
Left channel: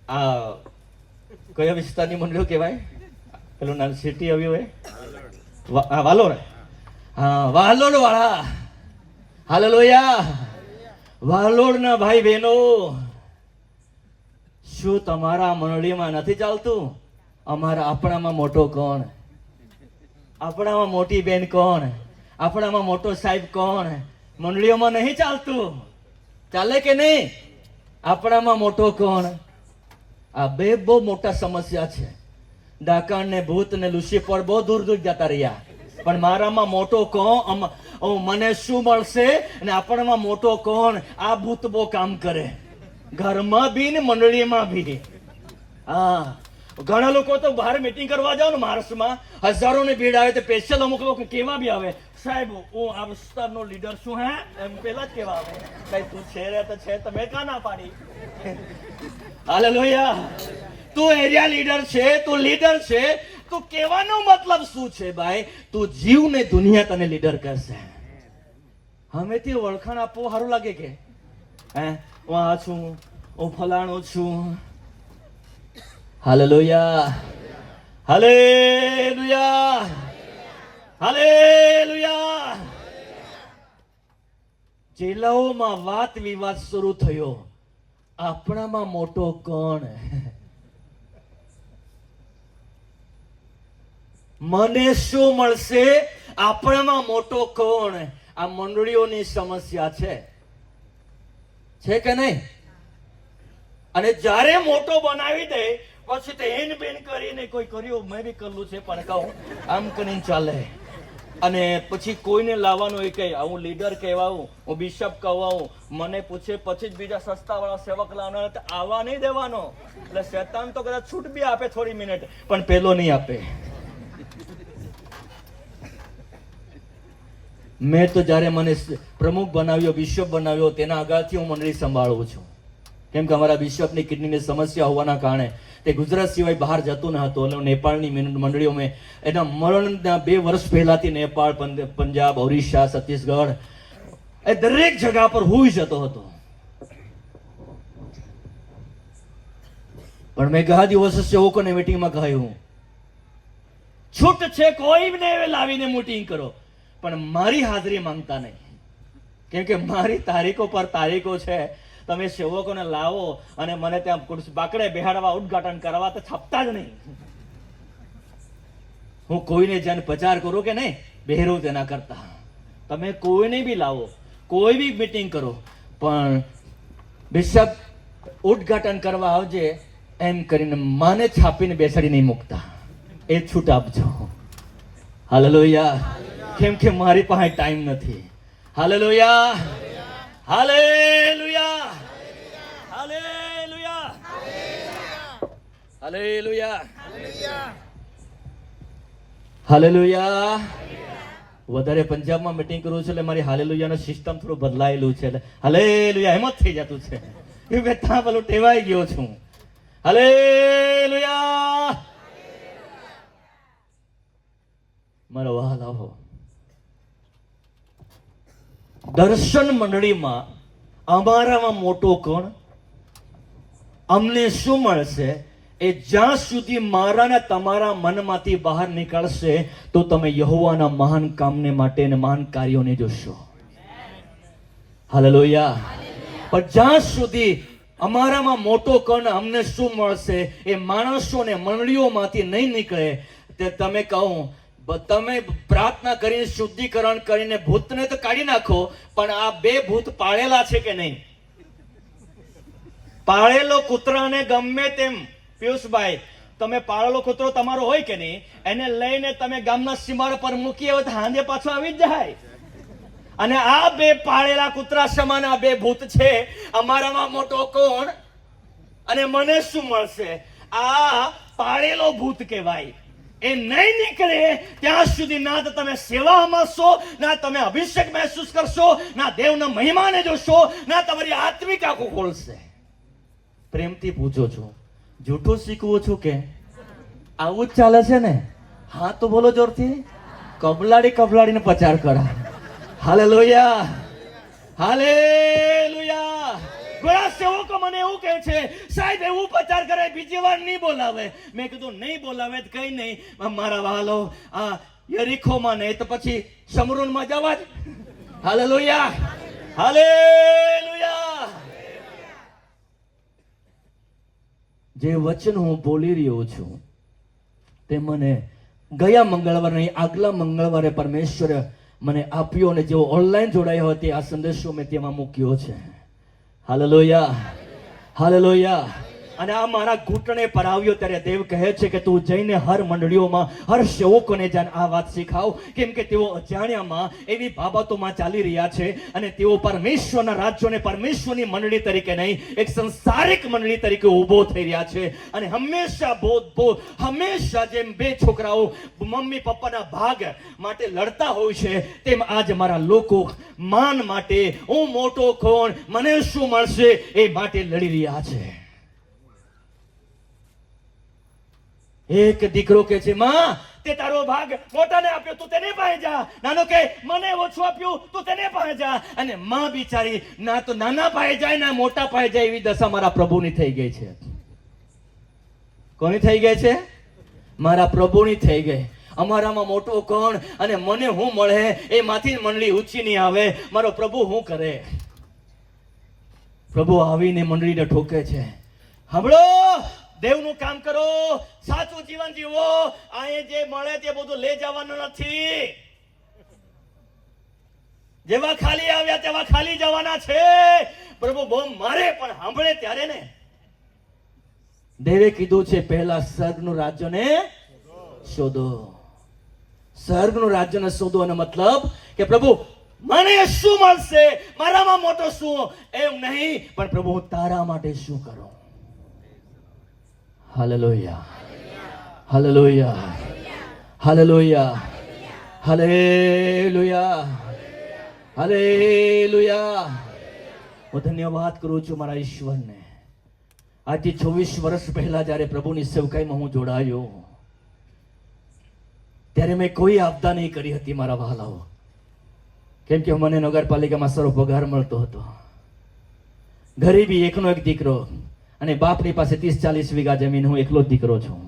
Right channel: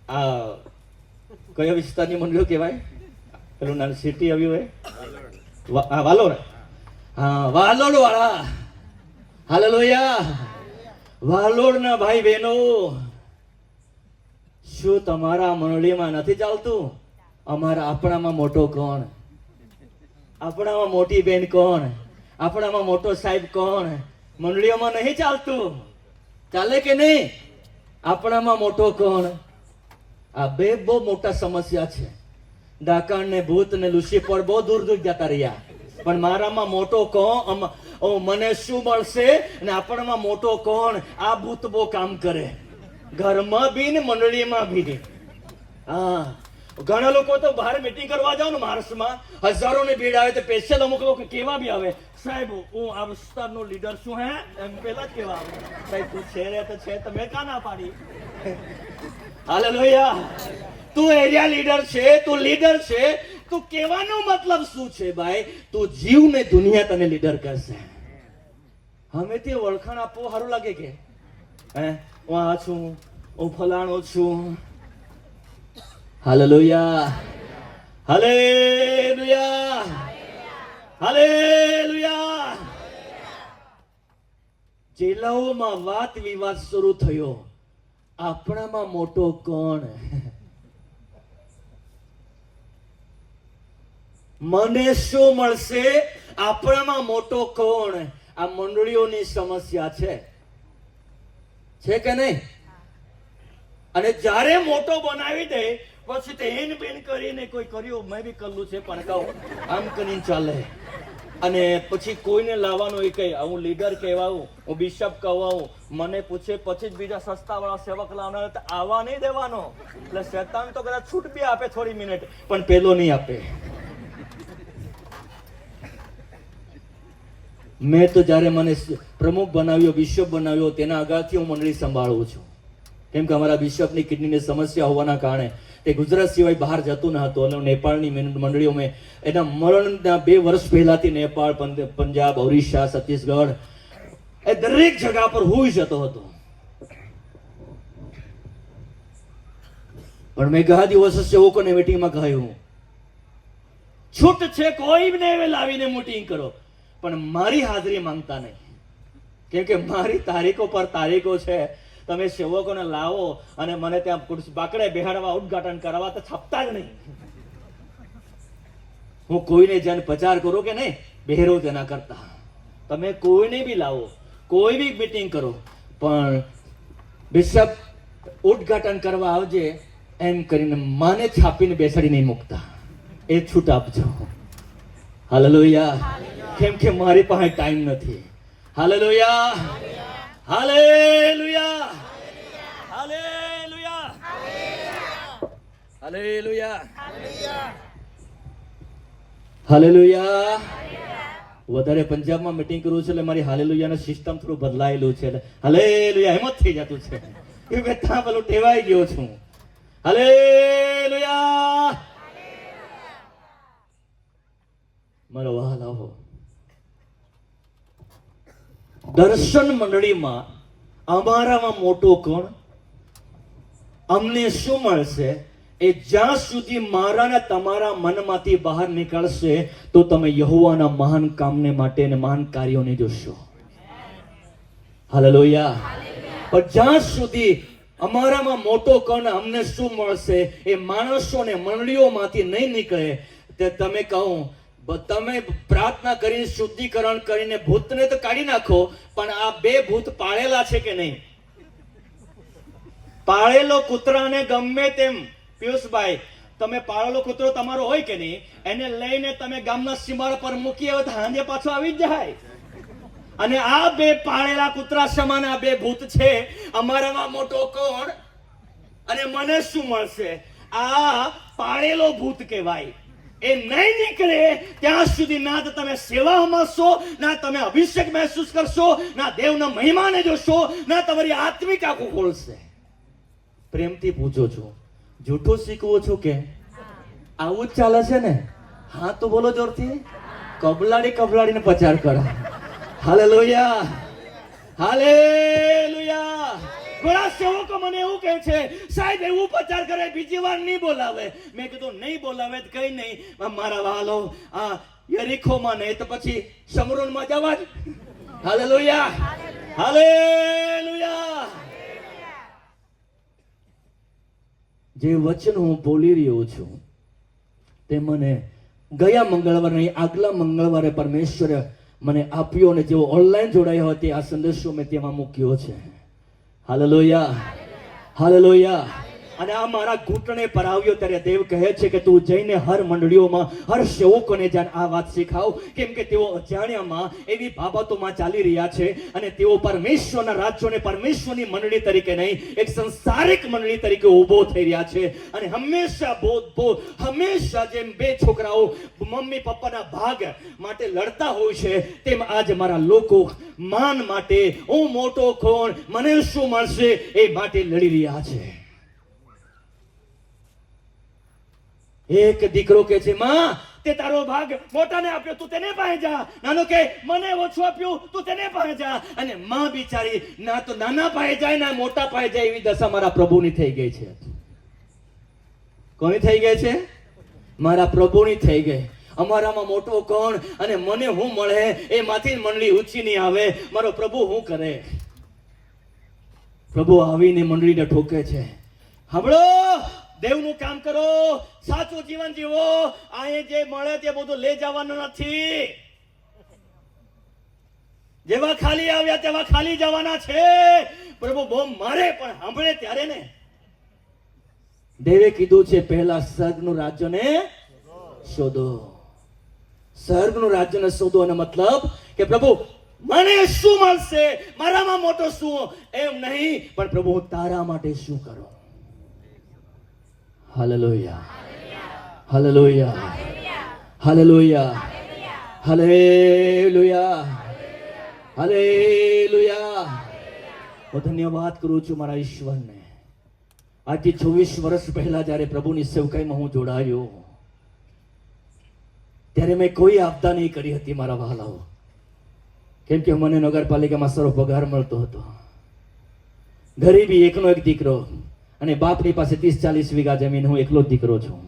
આ કયા વિસ્તારની મંડળીઓ કહેવાય? પેલું નાનું સિટી આવ્યું હોય, વાલોડ. હા, વાલોડ વાળા. હાલેલુયા. વાલોડના ભાઈ બહેનો, શું તમારા મંડળીમાં નથી ચાલતું? આપણામાં મોટો કોણ? આપણામાં મોટી બેન કોણ? આપણામાં મોટો સાહેબ કોણ? મંડળીઓમાં નહીં ચાલતું? ચાલે કે નહીં? આપણામાં મોટો કોણ? આ બે બહુ મોટા સમસ્યા છે. ડાકણ ને ભૂત ને લુસીફર બહુ દૂર દૂર જતા રહ્યા, પણ મારામાં મોટો કોણ? મને શું મળશે? અને આપણામાં મોટો કોણ? આ ભૂત બહુ કામ કરે, ઘરમાં બી ને મંડળીમાં બી. હા, ઘણા લોકો તો બહાર મીટિંગ કરવા જાવ ને માર્ચમાં, હજારોની ભીડ આવે તો સ્પેશિયલ અમુક લોકો કેવા બી આવે, સાહેબ હું આ વિસ્તારનો લીડર છું, હે એમ પેલા જ કેવા આવે. ભાઈ તું છે રે તો છે, તમે કા ના પાડી? હાલેલુયા. તું એરિયા લીડર છે, તું લીડર છે, તું કહેવાનો મતલબ શું છે ભાઈ? તું જીવ ને દુનિયા તને લીડર કરશે. હમેથી ઓળખાણ આપવું સારું લાગે કે હે હું આ છું, હું ફલાણો છું. Hallelujah, hallelujah, hallelujah. જિલ્લાઓમાં વાત વિવાદ શરૂ થયો. આપણામાં મોટો કોણ? મને શું મળશે? આપણામાં મોટો કોણ? આ મંડળીઓની સમસ્યા છે કે નહીં? અને જ્યારે મોટો બનાવી દે પછી તે હેન બેન કરીને કોઈ કર્યું, મેં બી કરલું છે પણ કહું આમ કરીને ચાલે. અને પછી કોઈને લાવવાનું એ કઈ હું લીડર કહેવાઉં, હું બિશપ કહેવાઉં, મને પૂછે પછી જ બીજા સસ્તા વાળા સેવક લાવવાનો, આવવા નહીં દેવાનો. એટલે શેતાન તો કદાચ છૂટ બી આપે થોડી મિનિટ, પણ પેલો નહીં આપે. મેં તો જ્યારે મને પ્રમુખ બનાવ્યો, બિશપ બનાવ્યો, તેના આગળથી હું મંડળી સંભાળું છું. કેમ કે અમારા બિશપની કિડનીની સમસ્યા હોવાના કારણે તે ગુજરાત સિવાય બહાર જતું ન હતું. અને નેપાળની મંડળીઓ મેં એના મરણના 2 વર્ષ પહેલાથી નેપાળ, પંજાબ, ઓરિસ્સા, છત્તીસગઢ એ દરેક જગા પર હું જતો હતો. પણ મેં ઘણા દિવસો સેવકોને મીટિંગમાં કહ્યું, છૂટ છે કોઈને લાવીને મીટિંગ કરો, પણ મારી હાજરી માંગતા નહીં. કેમ કે મારી તારીખો પર તારીખો છે. તમે સેવકોને લાવો અને મને ત્યાં બાકડે બેહાડવા, ઉદ્ઘાટન કરવા તો છપતા જ નહીં. હું કોઈને જન પ્રચાર કરું કે નહીં, બેહરો તેના કરતા તમે કોઈને બી લાવો, કોઈ બી મીટિંગ કરો, પણ બિશપ ઉદ્ઘાટન કરવા આવજે એમ કરીને માને છાપીને બેસાડી નહીં મૂકતા. એ છૂટ આપજો. હાલેલુયા. કેમ કે મારી પાસે ટાઈમ નથી. Hallelujah, hallelujah, hallelujah, hallelujah, hallelujah. વધારે પંજાબમાં મીટિંગ કરું છું એટલે મારી હાલેલુયાનું સિસ્ટમ થોડું બદલાયેલું છે. એટલે હાલેલુયા એમ જ થઈ જતું છે. એ મેં ત્યાં પેલું ટેવાઈ ગયો છું. હાલેલુયા. મારો વહાલ આવો. દર્શન મંડળીમાં અમારામાં મોટો કોણ, અમને શું મળશે, એ જ્યાં સુધી મારા ને તમારા મનમાંથી બહાર નીકળશે તો તમે યહોવાના મહાન કામને માટે અને મહાન કાર્યોને જોશો. હાલેલુયા. પણ જ્યાં સુધી અમારામાં મોટો કોણ, અમને શું મળશે, એ માણસો ને મંડળીઓમાંથી નહીં નીકળે, તે તમે કહો તમે પ્રાર્થના કરીને શુદ્ધિકરણ કરીને ભૂતને તો કાઢી નાખો, પણ આ બે ભૂત પાળેલા છે કે નહીં? પાળેલો કૂતરાને ગમે તેમ, પિયુષભાઈ, તમે પાળેલો કૂતરો તમારો હોય કે નહીં, એને લઈને તમે ગામના સીમાડા પર મૂકી આવે તો હાંજે પાછો આવી જ જાય. અને આ બે પાળેલા કૂતરા સમાન આ બે ભૂત છે. અમારામાં મોટો કોણ અને મને શું મળશે? આ પાળેલો ભૂત કહેવાય. એ નહીં નીકળે ત્યાં સુધી ના તો તમે સેવામાં છો, ના તમે અભિષેક મહેસૂસ કરશો, ના દેવના મહિમાને જોશો, ના તમારી આત્મિક આંખો ખોલશે. પ્રેમથી પૂછો છો, જૂઠું શીખવું છું કે આવું જ ચાલે છે ને? હા તો બોલો જોરથી. કબલાડીને પ્રચાર કરા. Hallelujah, hallelujah. ઘણા સેવકો મને એવું કહે છે, સાહેબ એવું પ્રચાર કરે બીજી વાર નહીં બોલાવે. મેં કીધું નહીં બોલાવે તો કઈ નહીં, મારા વાલો આ યરીખોમાં નહીં તો પછી શમરોનમાં જવા જ. Hallelujah, hallelujah. જે વચન હું બોલી રહ્યો છું તે મને ગયા મંગળવારે નહીં, આગલા મંગળવારે પરમેશ્વરે મને આપ્યો, અને જેઓ ઓનલાઈન જોડાયા હોય તે આ સંદેશો મેં તેમાં મૂક્યો છે. Hallelujah, hallelujah. અને આ મારા ઘૂંટણે પર આવ્યો ત્યારે દેવ કહે છે કે તું જઈને હર મંડળીઓમાં હર સેવકોને જાણ આ વાત શીખાવ, કેમ કે તેઓ અજાણ્યામાં એવી બાબતોમાં ચાલી રહ્યા છે અને તેઓ પરમેશ્વરના રાજ્યોને પરમેશ્વરની મંડળી તરીકે નહીં, એક સંસારિક મંડળી તરીકે ઊભો થઈ રહ્યા છે. અને હંમેશા જેમ બે છોકરાઓ મમ્મી પપ્પાના ભાગ માટે લડતા હોય છે, તેમ આજ મારા લોકો માન માટે, હું મોટો કોણ, મને શું મળશે, એ માટે લડી રહ્યા છે. એક દીકરો કે છે, માં તે તારો ભાગ મોટાને આપ્યો, તું તેને પાસે જા. નાનો કે મને ઓછું આપ્યું, તું તેને પાસે જા. અને માં બિચારી ના તો નાના પાસે જાય ના મોટા પાસે જાય, એવી દશા મારા પ્રભુની થઈ ગઈ છે. કોની થઈ ગઈ છે? મારા પ્રભુની થઈ ગઈ. અમારામાં મોટો કોણ અને મને હું મળે, એમાંથી મંડળી ઊંચી નહીં આવે. મારો પ્રભુ શું કરે? પ્રભુ આવીને મંડળીને ઠોકે છે. સાંભળો, દેવનું કામ કરો, સાચું જીવન જીવો. અહીં જે મળે તે બધું લઈ જવાનું નથી. જેવા ખાલી આવ્યા તેવા ખાલી જવાના છે. પ્રભુ બહુ મારે પણ સાંભળે ત્યારે ને. દેવે કીધું છે પહેલા સ્વર્ગનું રાજ્યને શોધો. સ્વર્ગનું રાજ્યને શોધો એનો મતલબ કે પ્રભુ મને શું મળશે, મારામાં મોટો શું, એમ નહીં, પણ પ્રભુ તારા માટે શું કરું. Hallelujah, hallelujah, hallelujah, hallelujah, hallelujah. હું ધન્યવાદ કરું છું મારા ઈશ્વરને. આજથી 26 વર્ષ પહેલા જ્યારે પ્રભુની સેવકાઈમાં હું જોડાયો ત્યારે મેં કોઈ આપતા નહીં કરી હતી મારા વહાલાઓ, કેમ કે મને નગરપાલિકામાં સારો પગાર મળતો હતો. ગરીબી, એકનો એક દીકરો, અને બાપની પાસે 30-40 વીઘા જમીન, હું એકલો જ દીકરો છું.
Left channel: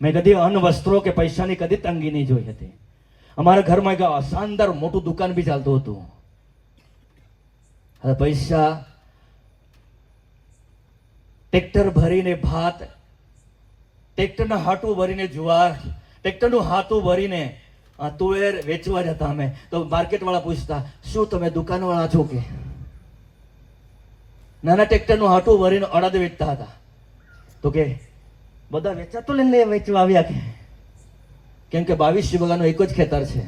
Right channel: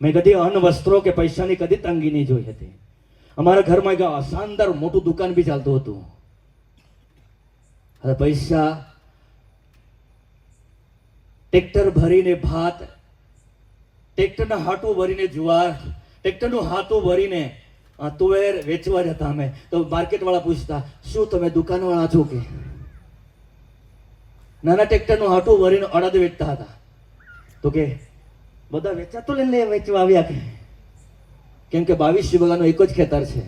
મેં કદી અન્ન વસ્ત્રો કે પૈસાની કદી તંગી નહીં જોઈ હતી. અમારા ઘરમાં એક શાનદાર મોટું દુકાન બી ચાલતું હતું. હવે પૈસા ટ્રેક્ટર ભરીને ભાત, ટ્રેક્ટરના હાટું ભરીને જુવાર, ટ્રેક્ટરનું હાથું ભરીને તુવેર વેચવા જતા. અમે તો માર્કેટ વાળા પૂછતા, શું તમે દુકાન વાળા છો કે? નાના ટ્રેક્ટરનું હાટું ભરીને અડદ વેચતા હતા. તો કે બધા વેચાતું લઈને વેચવા આવ્યા કે? કેમ કે 22 વીઘાનું એક જ ખેતર છે.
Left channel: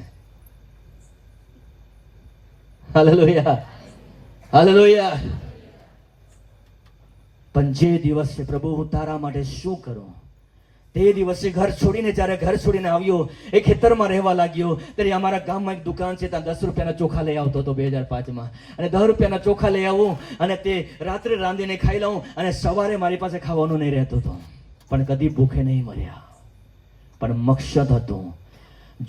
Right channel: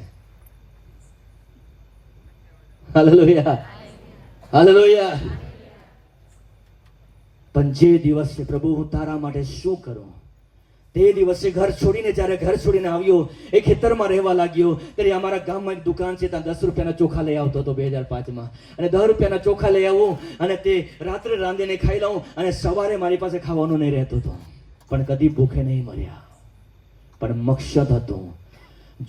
Hallelujah, hallelujah. પણ જે દિવસે પ્રભુ હું તારા માટે શું કરું, તે દિવસે ઘર છોડીને, જ્યારે ઘર છોડીને આવ્યો, એ ખેતરમાં રહેવા લાગ્યો, ત્યારે અમારા ગામમાં એક દુકાન છે, ત્યાં 10 રૂપિયાના ચોખા લઈ આવતો હતો 2005માં. અને 10 રૂપિયાના ચોખા લઈ આવું અને તે રાત્રે રાંધીને ખાઈ લઉં, અને સવારે મારી પાસે ખાવાનું નહીં રહેતું હતું. પણ કદી ભૂખે નહીં મર્યા. પણ મકસદ હતું,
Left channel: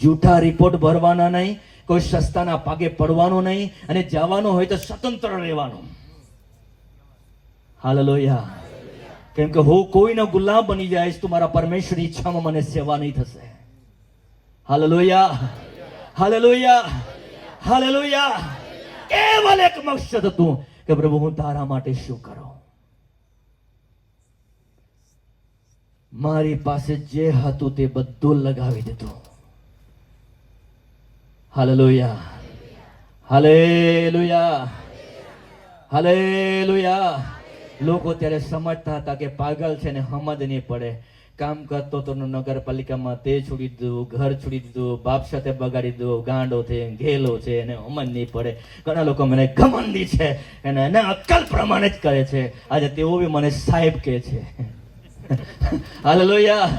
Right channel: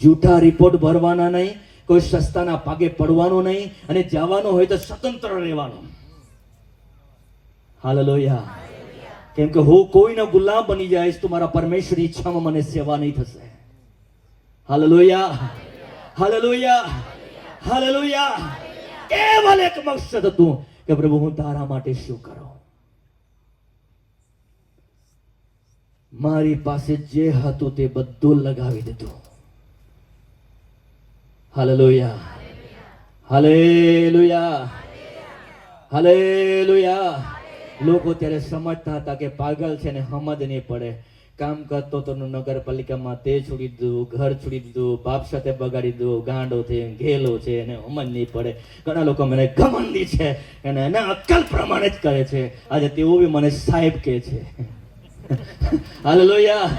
જૂઠા રિપોર્ટ ભરવાના નહીં, કોઈ સસ્તાના પાગે પડવાનું નહીં, અને જવાનું હોય તો સ્વતંત્ર રહેવાનું. હાલેલુયા. કેમ કે હું કોઈનો ગુલામ બની જઈશ તો મારા પરમેશ્વરની ઈચ્છામાં મને સેવા નહીં થશે. Hallelujah, hallelujah, hallelujah. કેવલ એક મકસદ હતું કે પ્રભુ હું તારા માટે શું કરું. મારી પાસે જે હતું તે બધું લગાવી દીધું. Hallelujah, hallelujah, hallelujah. લોકો ત્યારે સમજતા હતા કે પાગલ છે ને સમજ નહીં પડે. કામ કરતો તો નગરપાલિકામાં તે છોડી દીધું, ઘર છોડી દીધું, બાપ સાથે બગાડી દીધું, ગાંડો છે, ઘેલો છે, એને સમજ નહીં પડે. ઘણા લોકો મને ઘમંડી છે અને એને અક્કલ પ્રમાણે જ કરે છે. આજે તેઓ બી મને સાહેબ કહે છે. હાલેલુયા.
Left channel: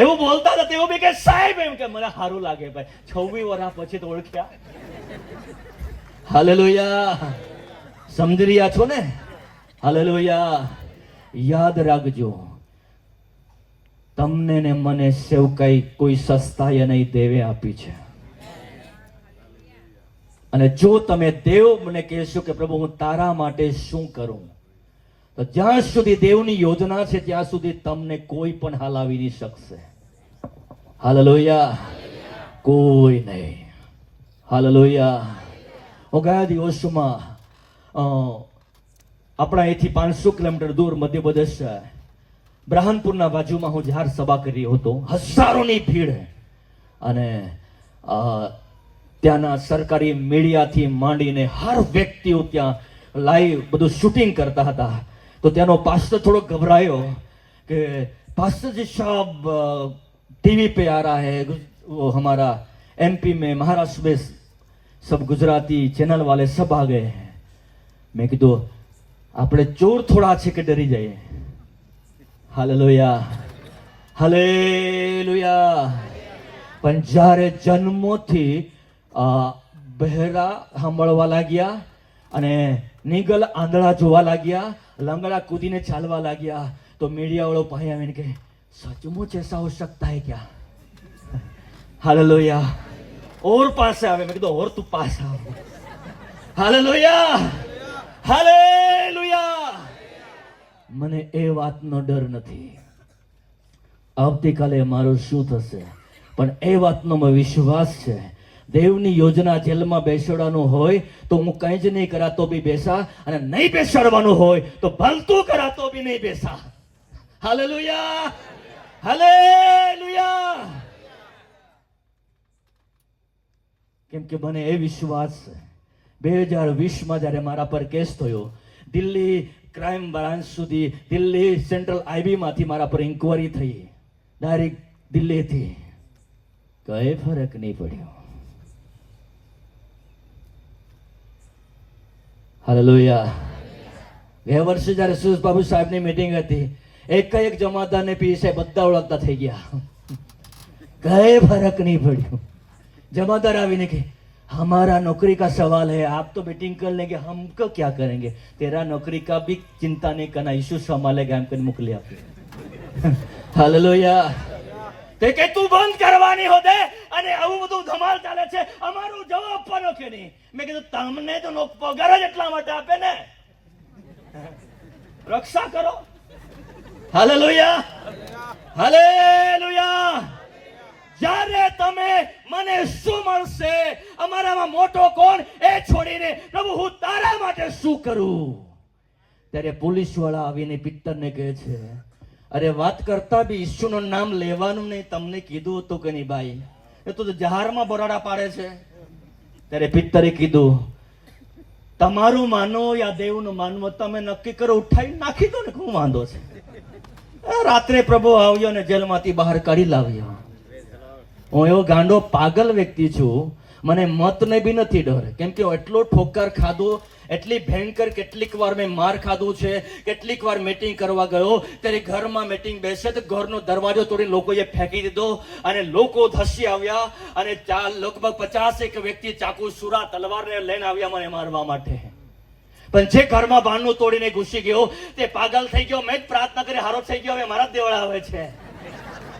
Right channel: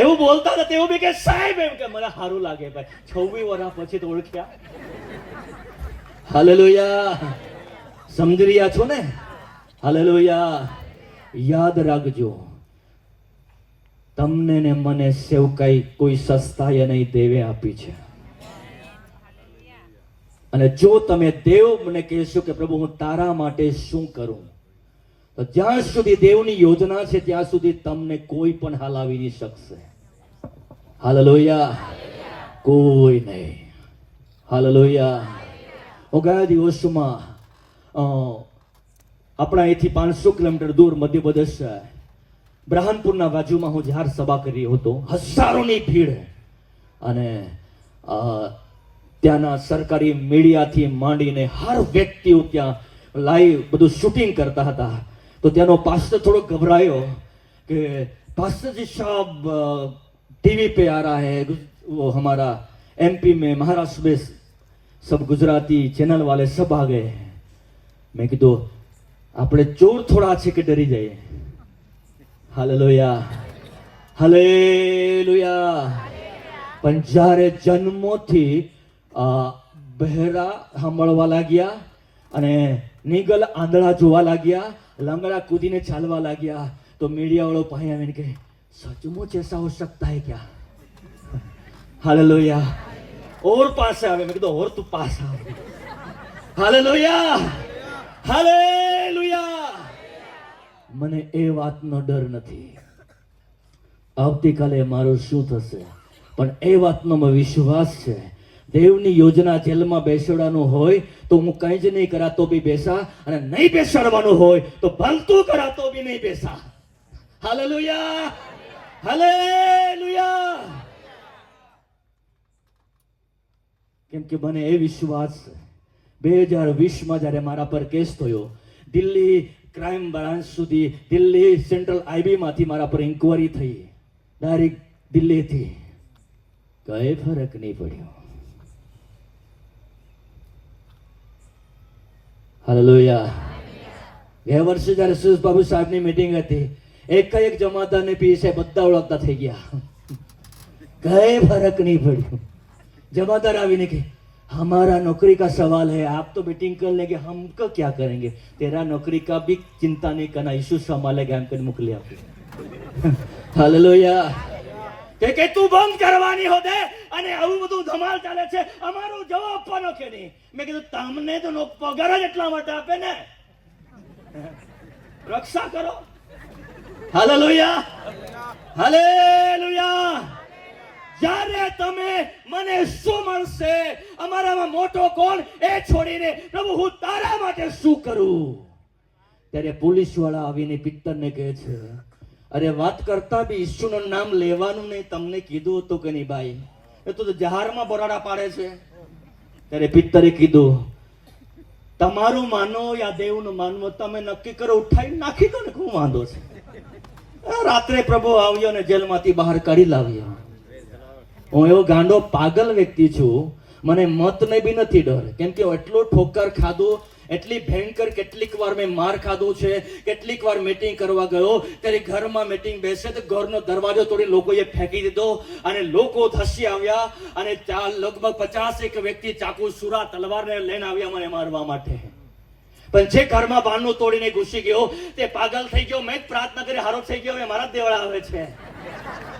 એવું બોલતા હતા તેઓ બી કે સાહેબ, એમ કે મને સારું લાગે ભાઈ. 26 વર્ષ પછી તો ઓળખ્યા. હાલેલુયા. સમજી રહ્યા છો ને? હાલેલુયા. યાદ રાખજો, તમને ને મને સેવકાઈ કોઈ સસ્તાએ નહીં દેવે આપી છે. અને જો તમે દેવ મને કહેશો કે પ્રભુ હું તારા માટે શું કરું, તો જ્યાં સુધી દેવની યોજના છે ત્યાં સુધી તમને કોઈ પણ હલાવી નહીં શકશે. હાલેલુયા. કોઈ નહીં. હાલેલુયા. હું ગયા દિવસોમાં આપણા અહીંથી 500 કિલોમીટર દૂર મધ્યપ્રદેશ બ્રહ્મપુરના બાજુમાં હું જાહેર સભા કરી રહ્યો હતો. હજારોની ભીડ. અને ત્યાંના સરકારી મીડિયાથી માંડીને હર વ્યક્તિઓ ત્યાં લાઈવ બધું શૂટિંગ કરતા હતા. તો ત્યાંનો પાસ્ટર થોડો घबरायो कि पास्टर जी साहब टीवी पे आ रहा है, वो हमारा एमपी में महाराष्ट्र में सब गुजराती चैनल वाले सब आ गए हैं. मैं कीधुं આપણે ચોર થોડા છે કે ડરી જઈએ. Hallelujah, hallelujah. પણ જ્યારે જન્મોથી બહેરા સાંભળવા લાગ્યા અને નીગલ આંધળા જોવા લાગ્યા, લંગડા કૂદીને ચાલવા લાગ્યા, તો મીડિયા વાળો પાસે આવીને કે સચमुच ऐसा हो सकता है क्या? हालेलुया. और पास આવે. મેં કીધું ઓર તું પાસ આવે. Hallelujah, hallelujah. મને એ વાતનો ડર નથી આવતીકાલે મારું શું થશે, પણ એ વાતનો મને વિશ્વાસ છે. દેવની યોજના જેલમાં બેસાડવાનું હોય તો હું કંઈ જ નહીં કરાતો બી બેસા, અને નહીં બેસાડવાનું હોય તો ભલતું કરાતો બી નહીં બેસા. Hallelujah, hallelujah. કેમ કે મને એ વિશ્વાસ છે 2020માં જ્યારે મારા પર કેસ થયો, દિલ્હી ક્રાઇમ બ્રાન્ચ સુધી, દિલ્હી સેન્ટ્રલ આઈબી માંથી મારા પર ઇન્કવાયરી થઈ, ડાયરેક્ટ દિલ્હીથી. કઈ ફરક નહીં પડ્યો. હાલેલુયા. ગયા વર્ષે જ્યારે સુરેશ બાબુ સાહેબની મીટિંગ હતી, એક જમાદારને પી સાહેબ બધા ઓળખતા થઈ ગયા. કઈ ફરક નહીં પડ્યો. जमादार आवीने के हमारा नौकरी का सवाल है, आप तो मीटिंग कर लेंगे, हमको क्या करेंगे, तेरा नौकरी का भी चिंता नहीं करना, यीशु संभालेगा, हम कहीं मोकली आपे. हालेलुया. તે કે તું બંધ કરવાની હો દે, અને આવું બધું ધમાલ ચાલે છે, અમારો જવાબ આપવાનો કે નહીં. મેં કીધું તમને તો પગાર જ એટલા માટે આપે ને, રક્ષા કરો. Hallelujah, hallelujah. જ્યારે તમે મને શું મળશે, અમારામાં મોટો કોણ એ છોડીને પ્રભુ હું તારા માટે શું કરું, ત્યારે પોલીસ વાળા આવીને પિત્તરને કહે છે, અરે વાત કરતા બી ઈસુનું નામ લેવાનું નહીં, તમને કીધું હતું કે નહીં ભાઈ, એ તો જહારમાં બોરાડા પાડે છે. ત્યારે પિત્તરે કીધું તમારું માનો યા દેવનું માનવો તમે નક્કી કરો, ઉઠાવી નાખી દો ને, શું વાંધો છે. રાત્રે પ્રભુ આવ્યો અને જેલમાંથી બહાર કાઢી લાવ્યો. હું એવો ગાંડો પાગલ વ્યક્તિ છું, મને મતને બી નથી ડર, કેમ કે એટલો ઠોકર ખાધું, એટલી ભયંકર કેટલીક વાર મેં માર ખાધું છે. કેટલીક વાર મીટિંગ કરવા ગયો ત્યારે ઘરમાં મીટિંગ બેસે તો ઘરનો દરવાજો તોડી લોકોએ ફેંકી દીધો, અને લોકો ધસી આવ્યા, અને લગભગ 50 વ્યક્તિ ચાકુ સુરા તલવારને લઈને આવ્યા મને મારવા માટે. પણ જે ઘરમાં બારણું તોડીને ઘૂસી ગયો તે પાગલ થઈ ગયો. મેં જ પ્રાર્થના કરી હારો થઈ ગયો, હવે મારા દેવડા આવે છે.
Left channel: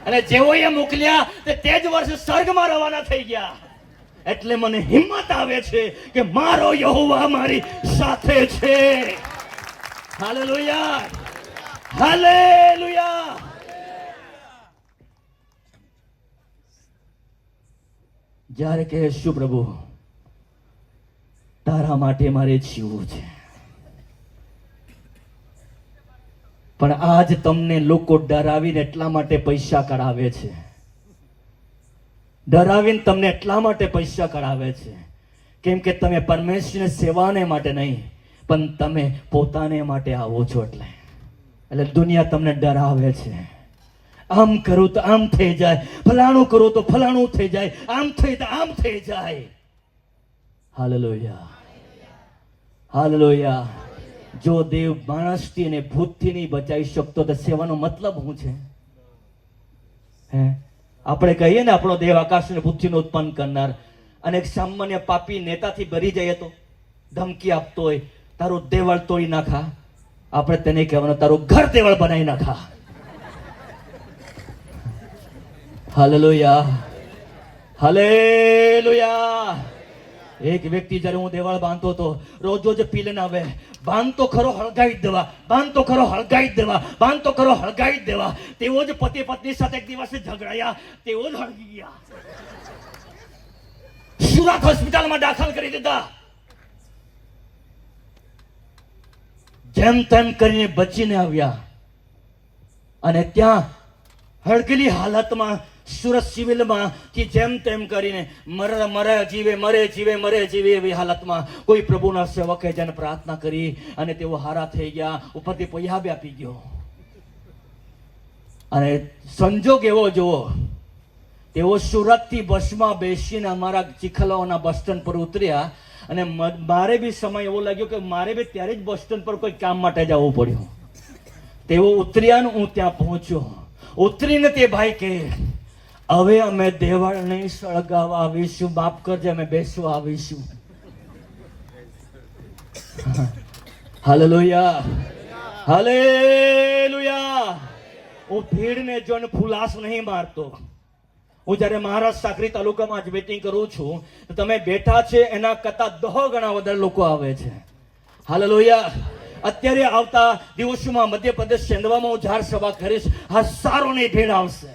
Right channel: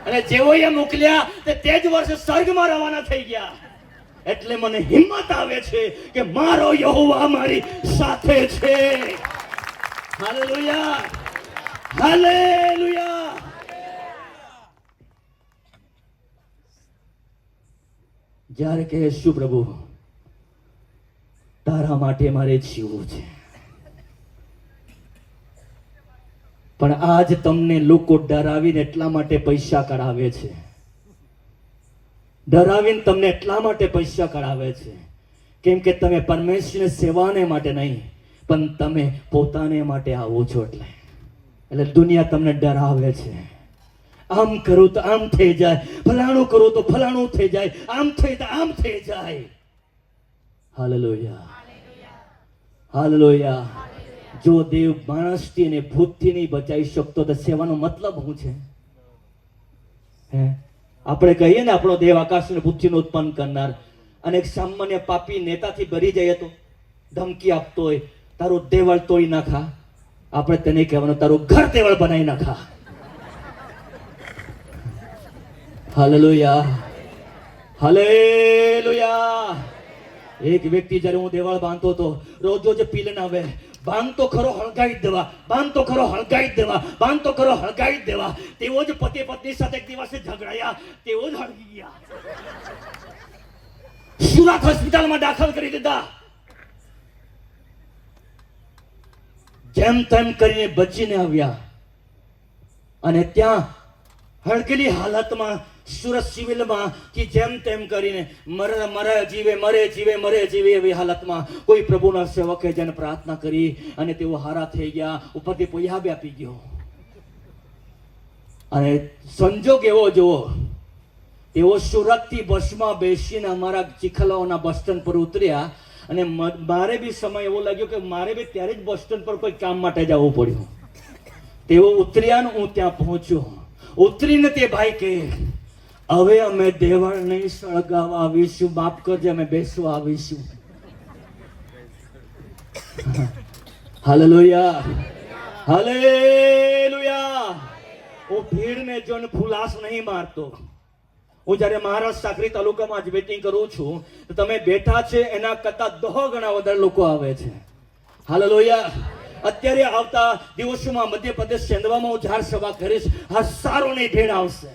અને જેવો એ મોકલ્યા તે જ વર્ષે સ્વર્ગમાં રવાના થઈ ગયા. એટલે મને હિંમત આવે છે કે મારો યહોવા મારી સાથે છે. Hallelujah, hallelujah. જ્યારે કહેશું પ્રભુ તારા માટે મારે જીવવું છે, પણ આજ તમને લોકો ડરાવીને એટલા માટે પૈસા કઢાવે છે, ડરાવીને તમને એટલા માટે પૈસા કઢાવે છે કેમ કે તમે પરમેશ્વરની સેવાને માટે નહીં પણ તમે પોતાને માટે આવો છો. એટલે દુનિયા તમને ડરાવે છે. આમ કરું તો આમ થઈ જાય, ફલાણું કરું તો ફલાણું થઈ જાય, આમ થઈ તો આમ થઈ જાય. Hallelujah, hallelujah. જો દેવ માણસથી અને ભૂતથી નહીં બચાવી શકતો તો સેવાનો મતલબ શું છે? હે, આપણે કહીએ ને આપણો દેવ આકાશ અને પૃથ્વીનું ઉત્પન્ન કરનાર, અને એક સામાન્ય પાપી નેતાથી ભરી જાય તો ધમકી આપતો હોય તારું દેવળ તોડી નાખા, આપણે તેને કહેવાનું તારું ઘર દેવળ બનાવી નાખા. Hallelujah, hallelujah. એક વ્યક્તિ જ્યારે હું દેવાળ બાંધતો હતો, રોજ રોજ પી લઈને આવે, બાંધતો ખરો હળગાવી દેવા, બાંધતો ખરો હળગાવી દેવા, બાંધતો ખરો હળગાવી દેવા. તેઓ જ પતિ પત્ની સાથે એક દિવસે ઝઘડાયા, તેઓ જ હળગી ગયા, સુરત હોસ્પિટલમાં દાખલ કરી દીધા. જેમ તેમ કરીને બચીને આવ્યા અને ત્યાં હળગેલી હાલતમાં સુરત સિવિલમાં કે જેમ તેમ કરીને મરે જીવે મરે જીવે મરે જીવે એવી હાલતમાં કોઈ પ્રભુના સેવકે જેને પ્રાર્થના કરી અને તેઓ હારા થઈ ગયા. ઉપરથી પૈસા આપી ગયો અને સંજોગ એવો જુઓ, તેઓ સુરતથી બસમાં બેસીને અમારા ચીખલાઓના બસ સ્ટેન્ડ પર ઉતર્યા અને મારે બી સમય એવો લાગ્યો કે મારે બી ત્યારે જ બસ સ્ટેન્ડ પર કોઈ કામ માટે જવું પડ્યું. તેઓ ઉતર્યા ને હું ત્યાં પહોંચ્યો. ઉતરીને તે ભાઈ કે હવે અમે દેવાળ નહીં સળગાવવા આવીશું, માફ કરજે, અમે બેસવા આવીશું. Hallelujah, hallelujah. હું ભીડને જોઈને ફુલાસ નહીં મારતો. હું જ્યારે મહારાષ્ટ્ર સાકરી તાલુકામાં જ મીટિંગ કરું છું તો તમે બેઠા છે એના કરતા 10 ગણા વધારે લોકો આવે છે. હાલેલુયા. અત્યારે આવતા દિવસોમાં મધ્યપ્રદેશ ચંદવામાં હું જાહેર સભા કરીશ, હજારોની ભીડ આવશે.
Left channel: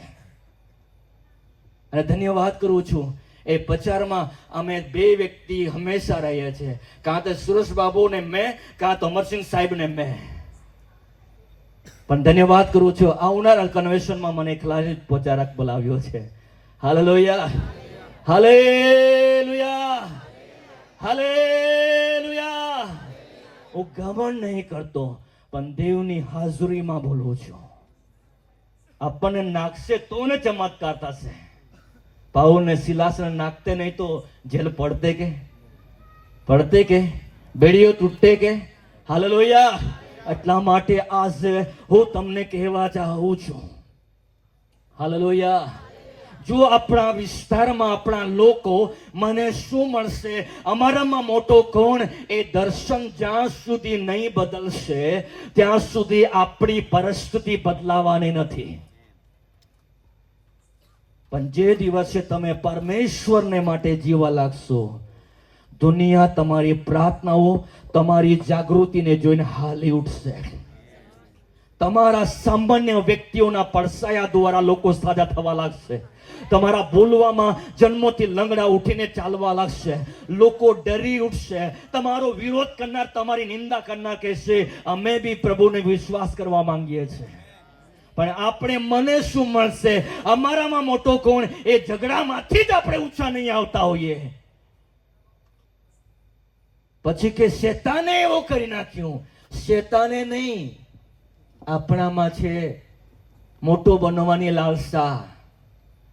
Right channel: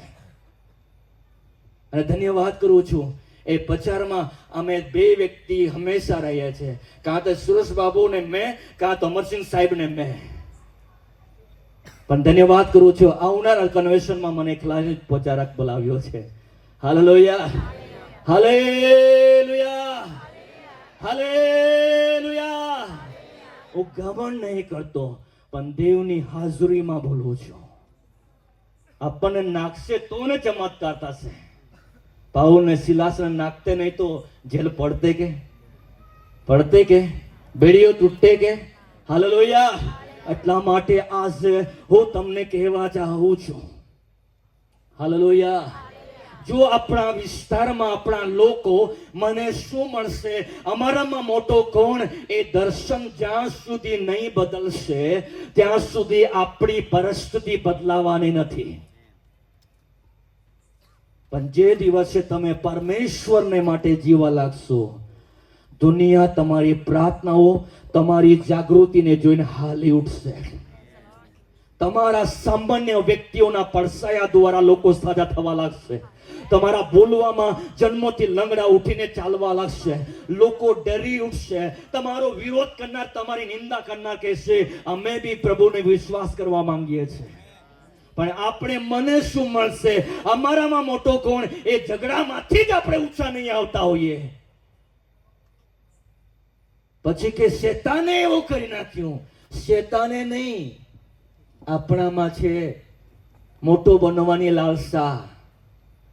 અને ધન્યવાદ કરું છું, એ પ્રચારમાં અમે 2 વ્યક્તિ હંમેશા રહીએ છીએ, કાં તો સુરેશ બાબુ ને મેં, કાં તો અમરસિંહ સાહેબ ને મેં. પણ ધન્યવાદ કરું છું, આવનારા કન્વેન્શનમાં મને એકલા જ પ્રચારક બોલાવ્યો છે. Hallelujah, hallelujah, hallelujah. હું ઘમંડ નહીં કરતો પણ દેવની હાજરીમાં બોલું છું. આપણને નાખશે તો ને ચમત્કાર થશે. પાઉલ ને સિલાસને નાખતે નહીં તો જેલ પડતે કે બેડીઓ તૂટતે કે. હાલેલુયા. એટલા માટે આજે હું તમને કહેવા ચાહું છું, હાલેલુયા. જો આપણા વિસ્તારમાં આપણા લોકો મને શું મળશે, અમારામાં મોટો કોણ, એ દર્શન જ્યાં સુધી નહીં બદલશે ત્યાં સુધી આપણી પરિસ્થિતિ બદલાવાની નથી. પણ જે દિવસે તમે પરમેશ્વરને માટે જીવવા લાગશો, દુનિયા તમારી પ્રાર્થનાઓ, તમારી જાગૃતિને જોઈને હાલી ઉઠશે. તમારા સામાન્ય વ્યક્તિઓના પડસાયા દ્વારા લોકો સાજા થવા લાગશે. તમારા બોલવામાં જન્મથી લંગડા ઉઠીને ચાલવા લાગશે. લોકો ડરી ઉઠશે. તમારો વિરોધ કરનાર, તમારી નિંદા કરનાર કહેશે અમે બી પ્રભુને વિશ્વાસ કરવા માંગીએ છીએ. પણ આપણે મને શું મળશે, અમારામાં મોટો કોણ, એ ઝઘડામાંથી જ આપણે ઊંચા નહીં આવતા હોઈએ. પછી કે શેતાને એવું કરી નાખ્યું. શેતાને નહીં, આપણામાં છે મોટો બનવાની લાલસા,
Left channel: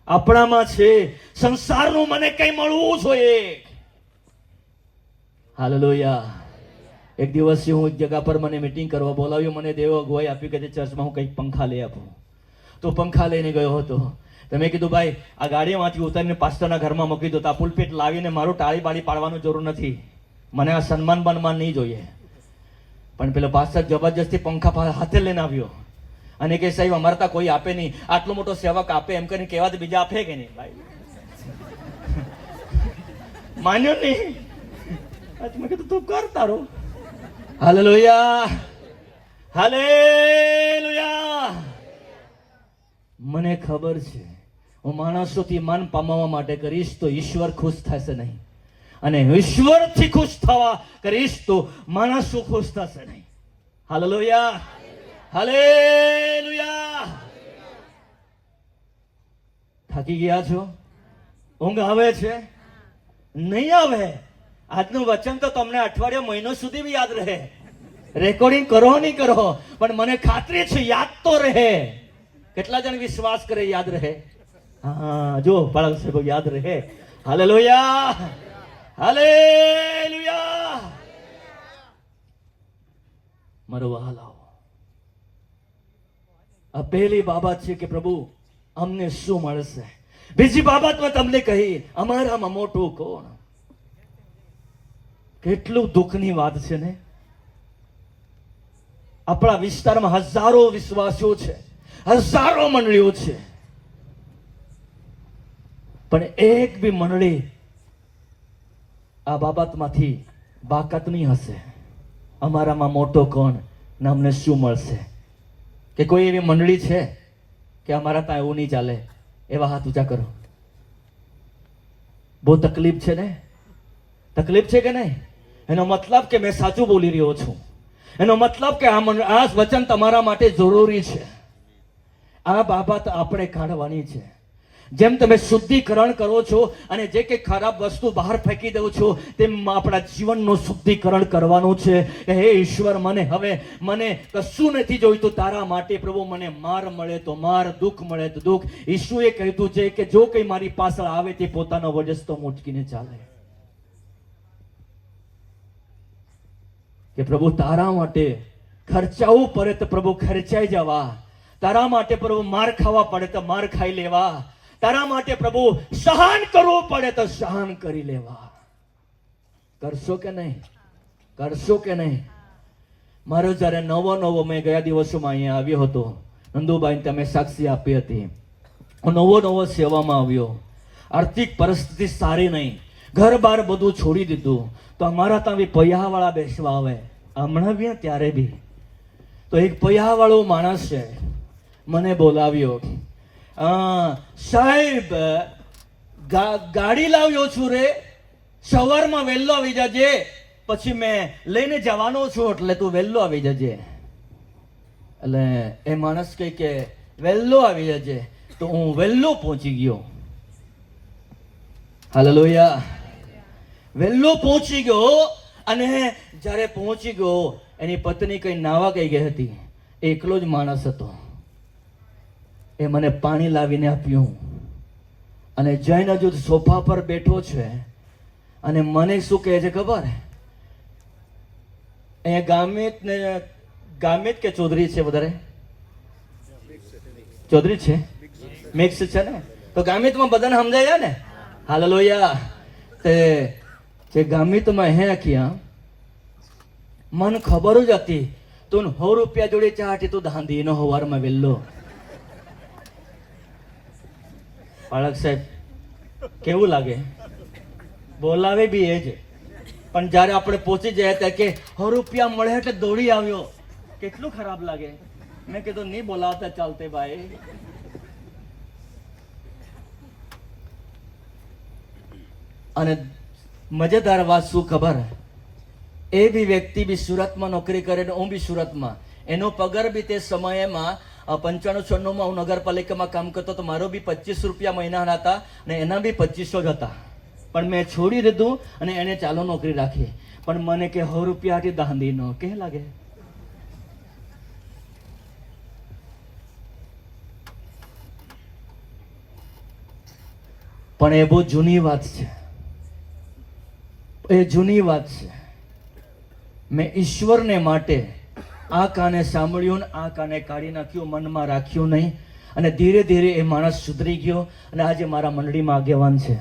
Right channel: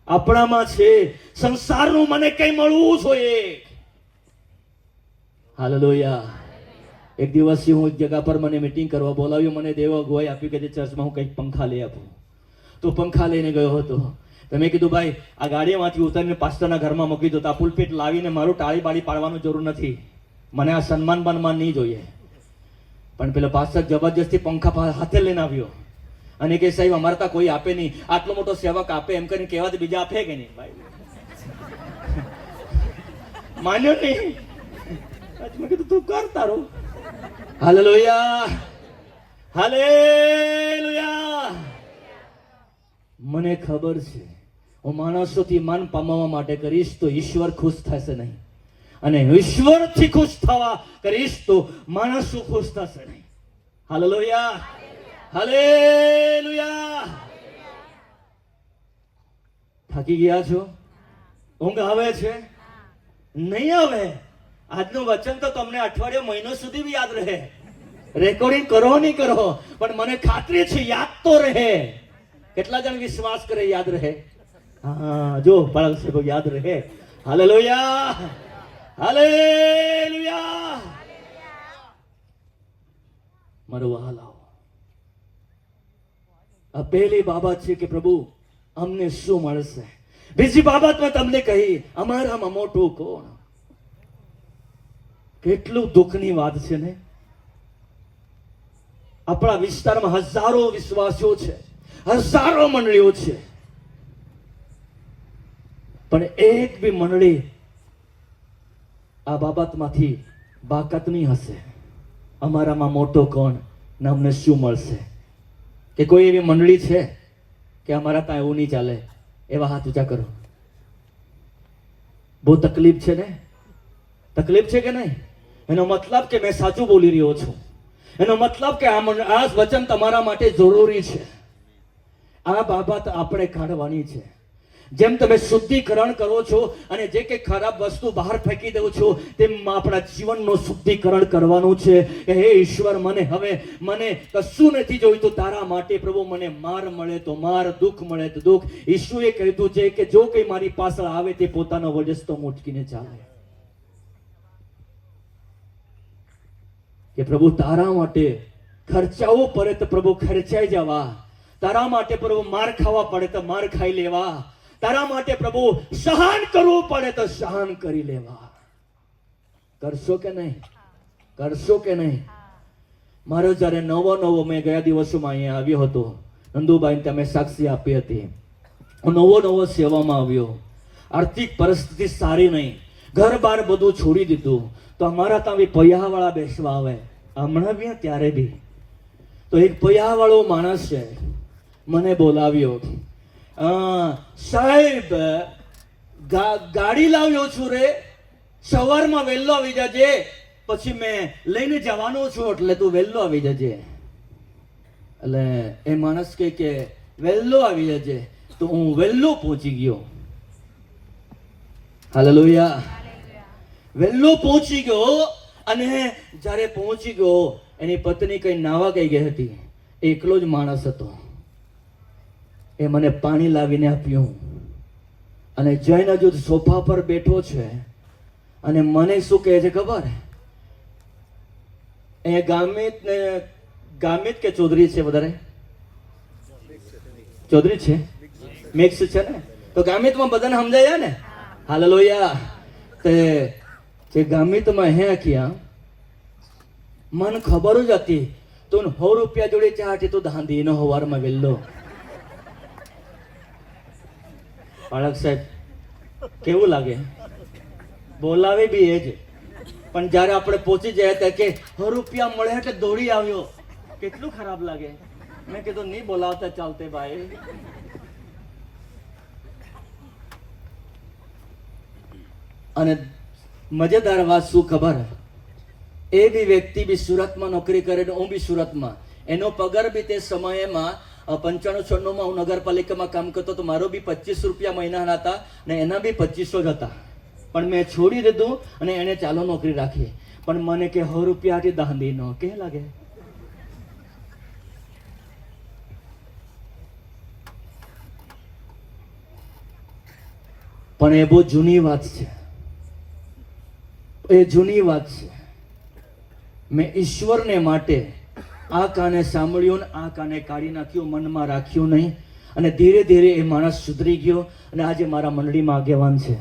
આપણામાં છે સંસારનું મને કઈ મળવું જોઈએ. હાલેલુયા. એક દિવસ હું એક જગ્યા પર મને મીટિંગ કરવા બોલાવ્યો. મને દેવો ગોય આપી કે ચર્ચમાં હું કંઈક પંખા લઈ આપું. તો પંખા લઈને ગયો હતો. તો મેં કીધું ભાઈ આ ગાડીમાંથી ઉતારીને પાસ્ટરના ઘરમાં મૂકી દો. આ પુલપીટ લાવીને મારું ટાળી બાળી પાડવાનું જરૂર નથી. મને આ સન્માન બનમાન નહીં જોઈએ. પણ પેલો પાસ્ટર જબરજસ્તી પંખા હાથે લઈને આવ્યો અને કે સાહેબ અમારે ત્યાં કોઈ આપે નહીં, આટલો મોટો સેવક આપે એમ કરીને કહેવાથી બીજા આપે કે નહીં ભાઈ. માન્યો નહીં. આજ મેં કીધું તું કર તારું. Hallelujah, hallelujah. મને ખબર છે હું માણસોથી માન પામવા માટે કરીશ તો ઈશ્વર ખુશ થશે નહીં, અને ઈશ્વરથી ખુશ થવા કરીશ તો માણસો ખુશ થશે નહીં. Hallelujah, hallelujah. થાકી ગયા છો? ઊંઘ આવે છે? નહીં આવે. આજનું વચન તો તમને અઠવાડિયા મહિનો સુધી બી યાદ રહે. રેકોર્ડિંગ કરો નહીં કરો, પણ મને ખાતરી છે યાદ તો રહે. કેટલા જણ વિશ્વાસ કરે યાદ રહે? હા, જો બાળક સાહેબ યાદ રહે. Hallelujah, hallelujah. મારો વહાલાઓ, આ પહેલી બાબત છે કે પ્રભુ અમને શું મળશે. બીજી બાબતમાં તમને કહી અમારામાં મોટું કોણ. કેટલું દુઃખની વાત છે ને. આપણા વિસ્તારમાં હજારો વિશ્વાસીઓ છે, હજારો મંડળીઓ છે, પણ એક બી મંડળી આ બાબતમાંથી બાકાત નહીં હશે. અમારામાં મોટો કોણ ને અમને શું મળશે. કે કોઈ એવી મંડળી છે કે અમારા ત્યાં એવું નહીં ચાલે? એવા હાથ ઊંચા કરો. બહુ તકલીફ છે ને? તકલીફ છે કે નહીં? એનો મતલબ કે મેં સાચું બોલી રહ્યો છું. એનો મતલબ કે આ વચન તમારા માટે જરૂરી છે. આ બાબત આપણે કાઢવાની છે. જેમ તમે શુદ્ધિકરણ કરો છો અને જે કે ખરાબ વસ્તુ બહાર ફેંકી દો છો, તેમ આપણા જીવનનું શુદ્ધિકરણ કરવાનું છે. કે હે ઈશ્વર, મને કશું નથી જોઈતું તારા માટે. પ્રભુ મને માર મળે તો માર, દુઃખ મળે તો દુઃખ. ઈશુએ કહ્યું છે કે જો કઈ મારી પાસે આવે તે પોતાનો વજસ્તો મૂંચકીને ચાલે. કે પ્રભુ તારા માટે ખર્ચાવું પડે તો પ્રભુ ખર્ચાઈ જવા. તારા માટે પ્રભુ માર ખાવા પડે તો માર ખાઈ લેવા. તારા માટે પ્રભુ સહન કરવું પડે તો સહન કરી લેવા. કરશો કે નહીં? કરશો કે નહીં? મારો જ્યારે નવો મેં ગયા દિવસોમાં અહીંયા આવ્યો હતો, નંદુભાઈ તમે સાક્ષી આપી હતી. હું નવો સેવામાં આવ્યો. આર્થિક પરિસ્થિતિ સારી નહીં, ઘર બાર બધું છોડી દીધું. તો અમારા ત્યાં બી પૈયાવાળા બેસવા આવે. હમણાં બી ત્યારે બી તો એક પૈયાવાળો માણસ છે, મને બોલાવ્યો. સાહેબ ગાડી લાવ્યો છું રે, સવારમાં વહેલો આવી જજે, પછી મેં લઈને જવાનો છું, એટલે તું વહેલો આવી જજે. એટલે એ માણસ કહે કે વહેલો આવી જજે. તો હું વહેલો પહોંચી ગયો. હાલેલુયા. વહેલો પહોંચી ગયો. અને જ્યારે પહોંચી ગયો, એની પત્ની કઈ નાવા કઈ ગઈ હતી. એકલો જ માણસ હતો. એ મને પાણી લાવીને આપ્યું અને જઈને હજુ સોફા પર બેઠો છે. અને મને શું કહે છે ખબર? એ ગામિત કે ચૌધરી છે? વધારે ચૌધરી છે, મિક્સ છે ને. તો ગામિતમાં બધાને સમજાયા ને? હાલેલુયા. તે જે ગામિતમાં હે ક્યાં મને ખબર જ હતી તું 100 રૂપિયા જોડે ચાટી તું ધાંધી એનો હવારમાં વહેલો. બાળક સાહેબ કેવું લાગે? બોલાવે બી એ જ, પણ જ્યારે આપણે પહોંચી જાય તો કે 100 રૂપિયા મળે એટલે દોડી આવ્યો. કેટલું ખરાબ લાગે. મેં કીધું નહીં બોલાવતા ચાલતે ભાઈ. અને મજેદાર વાત શું ખબર? એ બી વ્યક્તિ બી સુરતમાં નોકરી કરે, હું બી સુરતમાં. એનો પગાર બી તે સમયમાં 95-96 હું નગરપાલિકામાં કામ કરતો તો મારો બી 25 રૂપિયા મહિનાના હતા ને એના બી 2500 જ હતા. પણ મેં છોડી દીધું અને એને ચાલો નોકરી રાખી. પણ મને કે 100 રૂપિયા દાંધી નો કે લાગે. પણ એ બહુ જૂની વાત છે. એ જૂની વાત છે. મેં ઈશ્વરને માટે આ કાને સાંભળ્યું ને આ કાને કાઢી નાખ્યું, મનમાં રાખ્યું નહીં. અને ધીરે ધીરે એ માણસ સુધરી ગયો અને આજે મારા મંડળીમાં આગેવાન છે.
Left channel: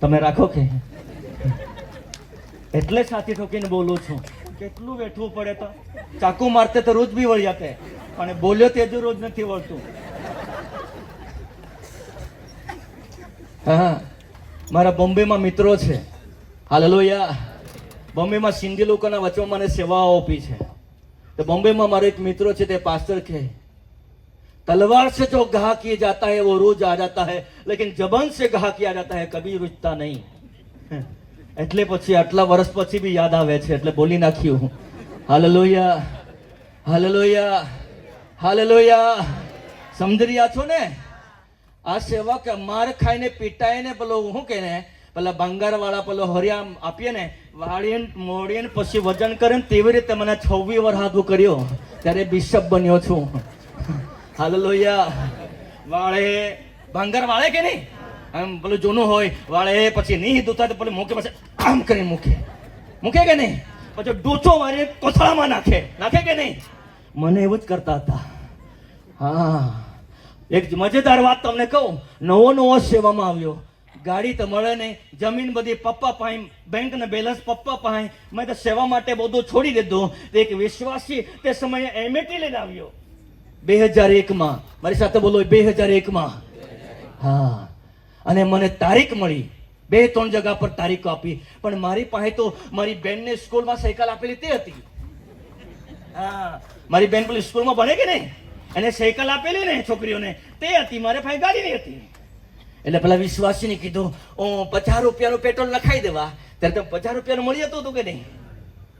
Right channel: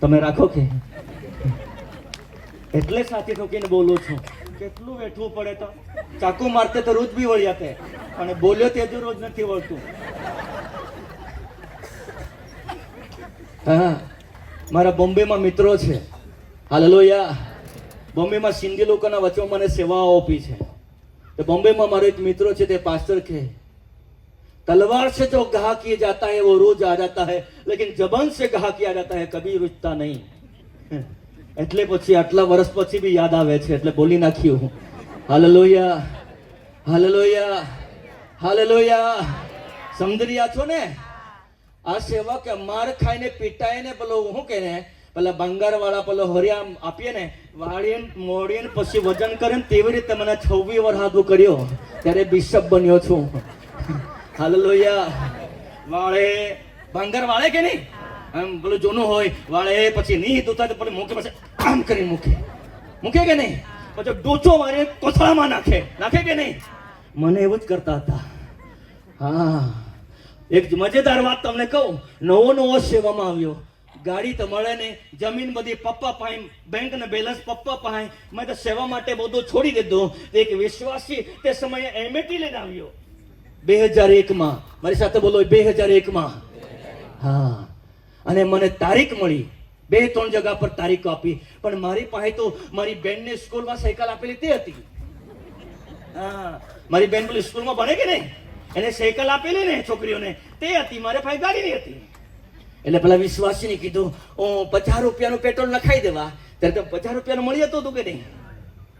તમે રાખો કે? એટલે સાથી ઠોકીને બોલું છું. કેટલું બેઠવું પડે તો ચાકુ મારતે તો રોજ બી વળી જતે, પણ બોલ્યો તે જો રોજ નથી વળતું. હા, મારા બોમ્બેમાં મિત્રો છે, હાલેલુયા. બોમ્બેમાં સિંધી લોકોના વચમાં મને સેવાઓ આપી છે. तो बॉम्बे में हमारे एक मित्र છે તે पास्टर के तलवार से जो घा किया जाता है वो रोज आ जाता है, लेकिन जबन से घा किया जाता है कभी रुकता नहीं. એટલે પછી આટલા વર્ષ પછી બી યાદ આવે છે એટલે બોલી નાખ્યું. Hallelujah, hallelujah, hallelujah. સમજી રહ્યા છો ને? આ સેવા કે માર ખાઈને પીટાય ને પેલો શું કે ને પેલા બંગાર વાળા પેલો હરિયા આપીએ ને વાળીને મોડીને પછી વજન કરે ને તેવી રીતે મને 26 વર્ષ હાથું કર્યો ત્યારે બિશપ બન્યો છું. હાલેલુયા. વાળે બંગાર વાળે કે નહીં આમ પેલું જૂનું હોય વાળે પછી નહીં દુતા પેલું મૂકે પછી આમ કરીને મૂકે કે નહીં પછી ડોચો મારે કોથળામાં નાખે કે નહીં. મને એવું જ કરતા હતા. હા, એક મજેદાર વાત તમને કહું. નવો સેવામાં આવ્યો, ગાડી તો મળે નહીં, જમીન બધી પપ્પા પાસે, બેંક ને બેલેન્સ પપ્પા પાસે. મેં તો સેવા માટે બધું છોડી દીધું. એક વિશ્વાસી તે સમયે એમએટી લઈને આવ્યો 2001 મારી સાથે બોલો 2001 હા. અને મને તારીખ મળી, 2-3 જગ્યા પર તારીખ આપી, પણ મારી પાસે તો મારી બેનને સ્કૂલમાં સાયકલ આપેલી તે હતી. હા, મારી બેન પેલી સ્કૂલમાં ભણે કે નહીં એને સાયકલ આપેલી ને છોકરીઓને તે હતી, મારે પાસે ગાડી નહીં હતી. એટલે પેલા વિશ્વાસીને કીધું 50 રૂપિયાનું પેટ્રોલ લખાઈ દેવા. ત્યારે તો 50 રૂપિયાનું મળી જતું હતું કે નહીં?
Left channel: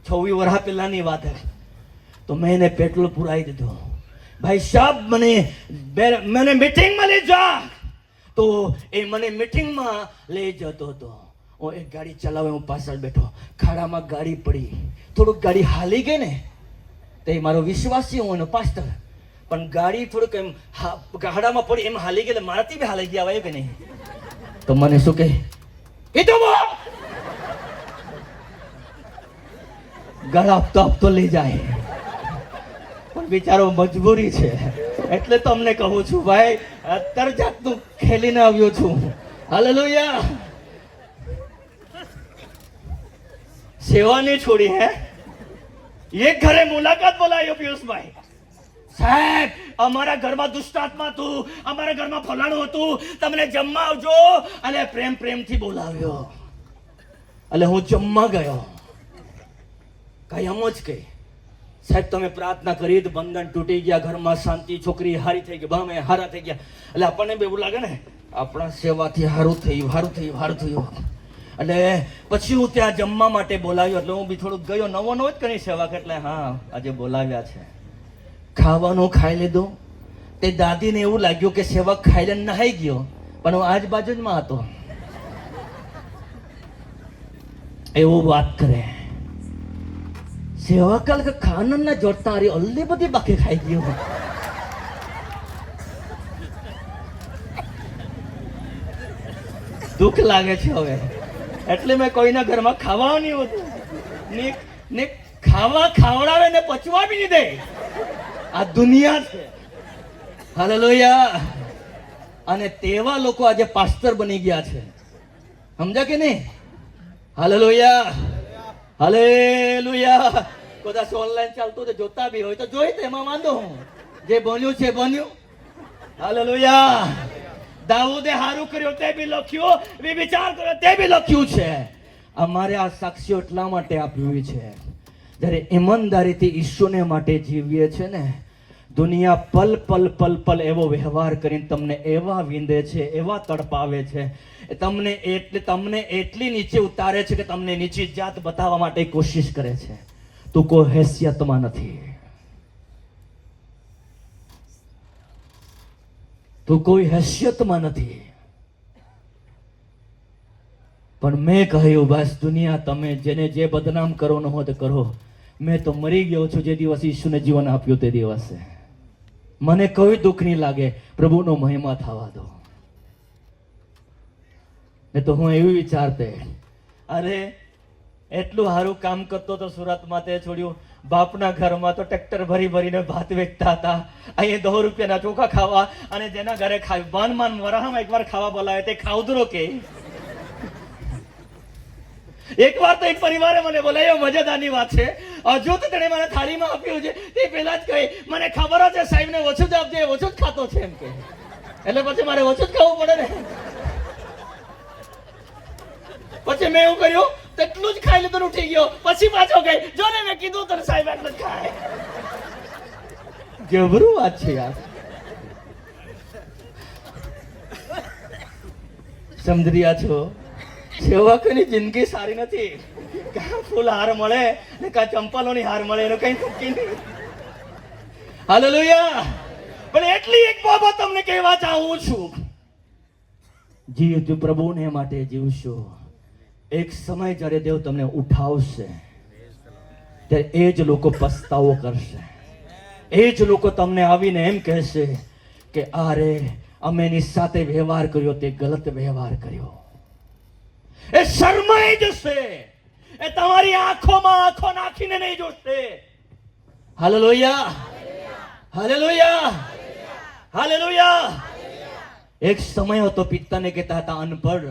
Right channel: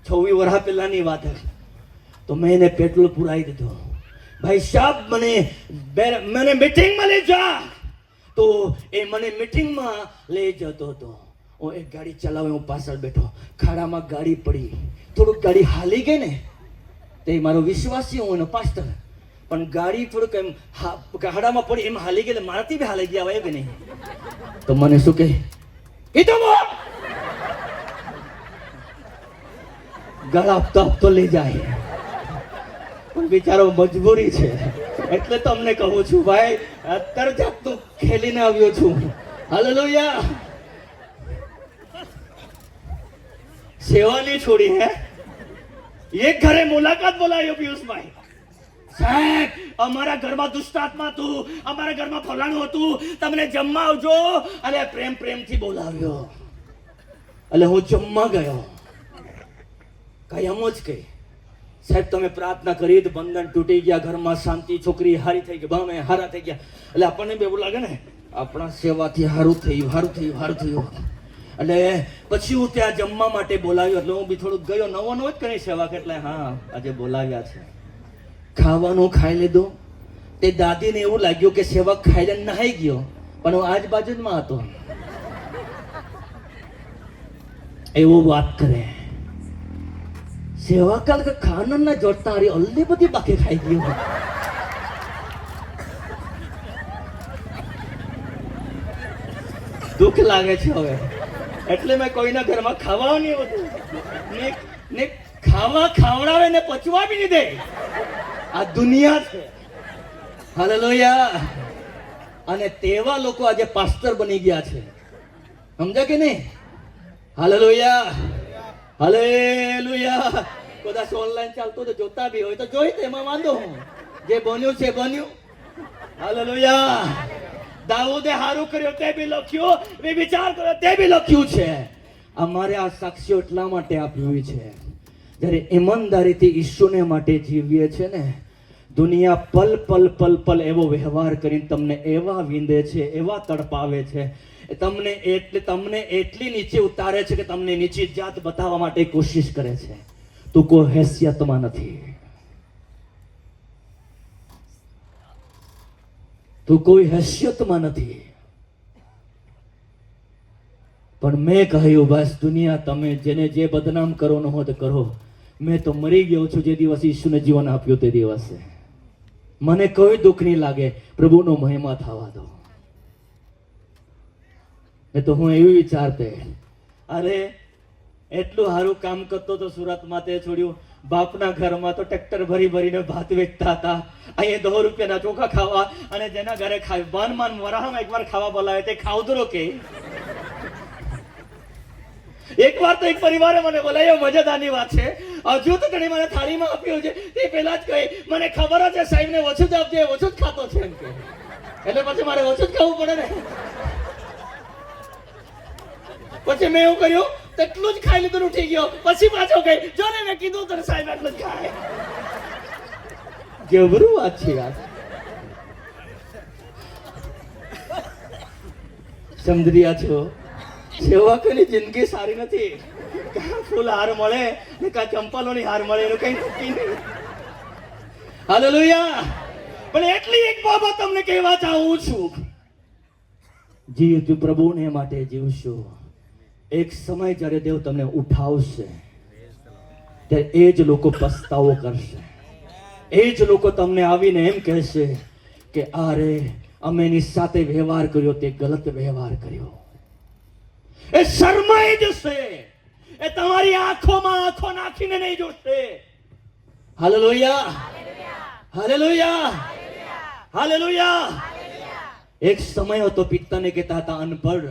26 વર્ષ પહેલાની વાત હતી. તો મેં એને પેટ્રોલ પુરાઈ દીધું. ભાઈ સાહેબ મને મીટિંગમાં લઈ જા. તો એ મને મીટિંગમાં લઈ જતો હતો. હું એક ગાડી ચલાવે, હું પાછળ બેઠો. ખાડામાં ગાડી પડી, થોડુંક ગાડી હાલી ગઈ ને તે મારો વિશ્વાસી હું એનો પાસ્ટર, પણ ગાડી થોડુંક એમ ખાડામાં પડી એમ હાલી ગઈ, મારાથી બી હાલી ગયા હોય કે નહીં. તો મને શું કહે, એ તો ગળા આપતો લઈ જાય, પણ બિચારો મજબૂરી છે એટલે તમને કહું છું ભાઈ, અત્યારે જાતનું ખેલીને આવ્યો છું. હાલેલુયા. સેવા નહીં છોડી. એક ઘરે મુલાકાત બોલાયો પિયુષભાઈ, સાહેબ અમારા ઘરમાં દુષ્ટાત્મા હતું, અમારા ઘરમાં ફલાણું હતું, તમને જમવા આવજો. અને પ્રેમથી બોલાવ્યો. એટલે હું જમવા ગયો. કઈ એમ જ કઈ સાહેબ તમે પ્રાર્થના કરી તો બંધન તૂટી ગયા, ઘરમાં શાંતિ, છોકરી હારી થઈ ગઈ, ભામે હારા થઈ ગયા. એટલે આપણને બી એવું લાગે ને આપણા સેવાથી હારું થયું. એટલે પછી હું ત્યાં જમવા માટે બોલાવ્યો. એટલે હું બી થોડુંક ગયો, નવો જ કરી સેવા. એટલે હા આજે બોલાવ્યા છે. ખાવાનું ખાઈ લીધું. તે દાદીને એવું લાગ્યું કે સેવક ખાઈ લઈને નહાઈ ગયો, પણ હું આજુબાજુ જ માં હતો. એવું વાત કરે સેવા કાલ કે ખાના ના જોડતા અરે અલ્લી બધી બાકી ખાઈ ગયો. દુઃખ લાગે છે હવે. એટલે મેં કોઈના ઘરમાં ખાવા નહીં હોતું ને ખાવા ખાવડાવે ને પચવા બી નહીં દે. આ દુનિયા છે. હાલેલુયા. અને તેવા લોકો આજે પાસ્ટર બની ગયા છે, સમજ્યા કે નહીં? Hallelujah, hallelujah. કદાચ ઓનલાઈન ચાલતો તો જોતા બી હોય તો જોઈ, એમાં વાંધો હું. જે બન્યું છે બન્યું. હાલેલુયા. દાઉદે હારું કર્યો તે બી લખ્યું, વિચાર કર્યો તે બી લખ્યું છે. અમારે આ સાક્ષીઓ એટલા માટે આપ્યું છે, જ્યારે ઈમાનદારીથી ઈશ્વરને માટે જીવીએ છે ને, દુનિયા પલ એવો વ્યવહાર કરીને તમને એવા વિંદે છે, એવા તડપાવે છે, તમને એટલી નીચે ઉતારે છે કે તમને નીચી જાત બતાવવા માટે કોશિશ કરે છે. તું કોઈ હેસિયતમાં નથી, તું કોઈ હેસિયતમાં નથી. પણ મેં કહ્યું બસ દુનિયા તમે જેને જે બદનામ કરો ન હોય તો કરો. મેં તો મરી ગયો છું જે દિવસ ઈશ્વરને જીવન આપ્યું તે દિવસે. મને કોઈ દુઃખ નહીં લાગે, પ્રભુનો મહિમા થવા દો. એ તો હું એવું વિચારતે, અરે એટલું સારું કામ કરતો તો સુરતમાં, તે છોડ્યું. બાપના ઘરમાં તો ટ્રેક્ટર ભરીને ભાત વેચતા હતા, અહીંયા 10 રૂપિયાના ચોખા ખાવા. અને જેના ઘરે ખાય માન વરાહમાં એકવાર ખાવા બોલાવે તે ખાવદરો કે. એકવાર તો એક પરિવારે મને બોલાવ્યો, મજાદારની વાત છે. હજુ તો તેને મને થાળીમાં આપ્યું છે તે પહેલા જ કહે મને ખબર જ છે સાહેબ ને ઓછું જ આપજે, ઓછું જ ખાતો છે એમ કે. એટલે પછી મારે ઓછું જ ખાવું પડે ને. પછી મેં એવું કર્યું તેટલું જ ખાઈ લીધું, ઉઠી ગયો. પછી પાછો ગઈ, જો ને મેં કીધું તને સાહેબ આટલું જ ખાય. જબરું વાત છે યાર. સમજી રહ્યા છો, સેવકોની જિંદગી સારી નથી. કાં ફૂલ હાર મળે ને કાં ચંપલોની હાર મળે, એનો કઈ નક્કી નહીં. હાલેલુયા. પણ એટલી એક બાબત તમને કહેવા ચાહું છું, જીવતું પ્રભુને માટે જીવશો. એક સમય જ્યારે દેવ તમને ઉઠાવશે ત્યારે એ જ લોકો પસ્તાવો કરશે. એ જ લોકો તમને આવીને એમ કહેશે કે અરે અમે એની સાથે વ્યવહાર કર્યો તે ગલત વ્યવહાર કર્યો. એ શરમાઈ જશે. એ તમારી આંખોમાં આંખો નાખીને નહીં જોશે. Hallelujah, hallelujah, hallelujah. એક સમય હતો પિતાને કહેતા હતા અનપઢ,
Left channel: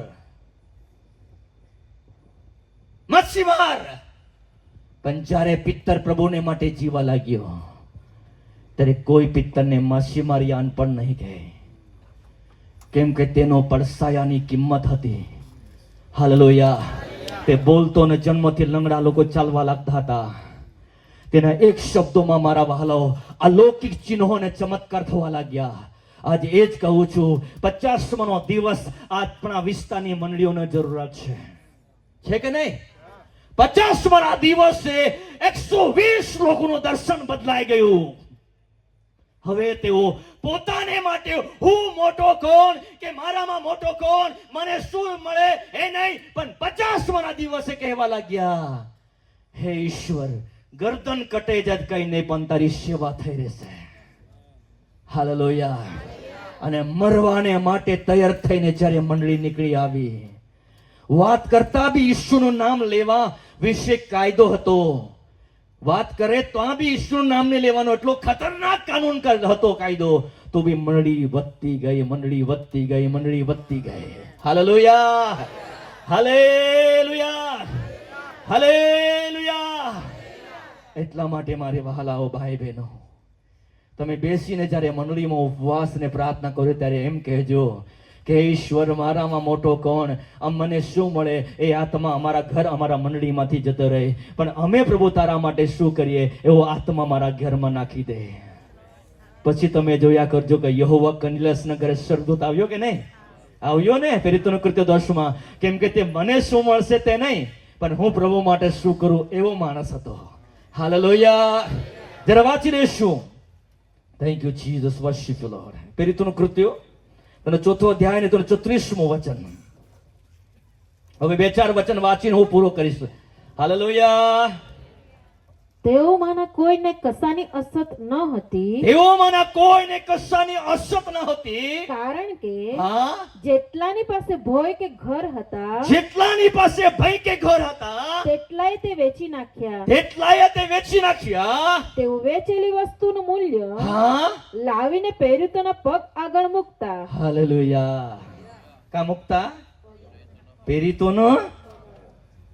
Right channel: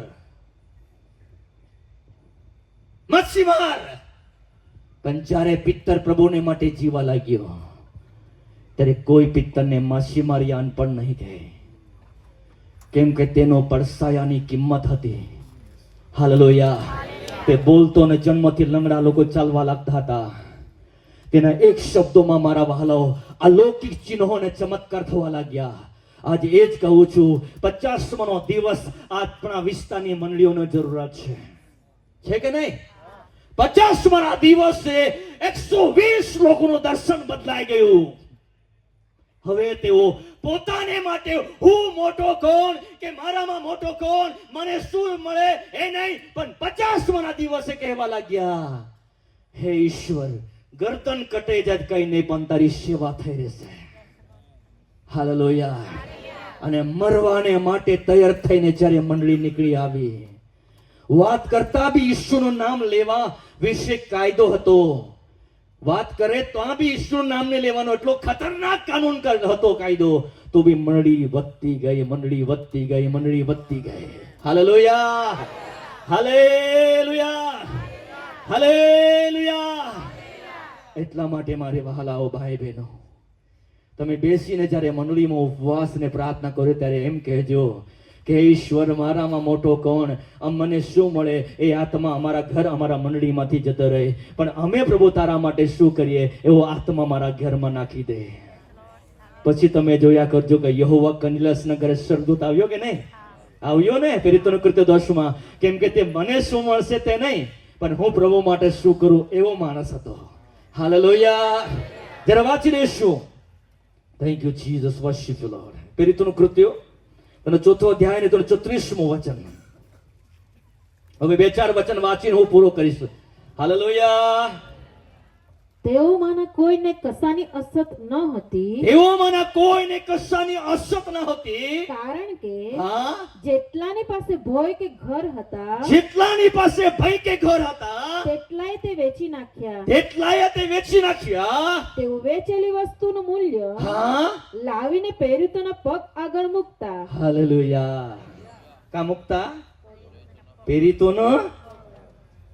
મચ્છીમાર. પણ જ્યારે પિત્તર પ્રભુને માટે જીવા લાગ્યો ત્યારે કોઈ પિત્તરને માછીમાર યા અનપઢ નહીં કહે, કેમ કે તેનો પડસાયાની કિંમત હતી. હાલેલુયા. તે બોલતો ને જન્મથી લંગડા લોકો ચાલવા લાગતા હતા. તેના એક શબ્દોમાં મારા વહાલાઓ અલૌકિક ચિહ્નો અને ચમત્કાર થવા લાગ્યા. આજે એ જ કહું છું, 50મો દિવસ આપણા વિસ્તારની મંડળીઓને જરૂરત છે કે નહીં? 50મા દિવસે 120 લોકોનું દર્શન બદલાઈ ગયું. હવે તેઓ પોતાને માટે હું મોટો કોણ કે મારામાં મોટો કોણ, મને શું મળે એ નહીં, પણ 50મા દિવસે કહેવા લાગ્યા, હે ઈશ્વર, ગરદન કટે જ કઈ નહીં, પણ તારી સેવા થઈ રહેશે. હાલેલુયા. અને મરવાને માટે તૈયાર થઈને જ્યારે મંડળી નીકળી આવી, વાત કરતા બી ઈશ્વરનું નામ લેવા વિશે કાયદો હતો. વાત કરે તો આ બી ઈશ્વરનું નામ ને લેવાનો એટલો ખતરનાક કાનૂન હતો કાયદો. તો બી મંડળી વધતી ગઈ, મંડળી વધતી ગઈ, મંડળી વધતી ગઈ. Hallelujah, hallelujah, hallelujah. એટલા માટે મારે વહાલાઓ ભાઈ બહેનો, તમે બેસીને જ્યારે મંડળીમાં ઉપવાસ ને પ્રાર્થના કરો ત્યારે એમ કહેજો કે ઈશ્વર, મારામાં મોટો કોણ, મને શું મળે એ આત્મા અમારા ઘર અમારા મંડળીમાંથી જતો રહે, પણ અમે પ્રભુ તારા માટે શું કરીએ એવો આત્મા મારા ઘરમાં નાખી દે. પછી તમે જોયા કરજો કે યહોવા કનિલાસના ઘરે સ્વર્ગદૂત આવ્યો કે નહીં? આવ્યો ને, પેરિતોનું કૃત્ય 10માં. કેમ કે તે મને શું મળશે તે નહીં, પણ હું પ્રભુ માટે શું કરું એવો માણસ હતો. હાલેલુયા. જરા વાંચી લેશું. Thank you Jesus, worship you Lord. પેરિતોનું કૃત્ય અને 4થો અધ્યાય ને 34મું વચન. હવે 2-4 વચન વાંચીને હું પૂરો કરીશ. હાલેલુયા. તેઓમાંના કોઈને કશાની અસત ન હતી, તેઓમાંના કોઈને કશાની અસત ન હતી, કારણ કે હા, જેટલાની પાસે ભોય કે ઘર હતા જેટલાની પાસે ભય કે ઘર હતા તેટલાય તે વેચી નાખ્યા. તેટલાય તે વેચી નાખ્યા. તેઓ વેચેલી વસ્તુનું મૂલ્ય હા, લાવીને પેરિતોના પગ આગળ મૂકતા. હાલેલુયા. કા મુકતા?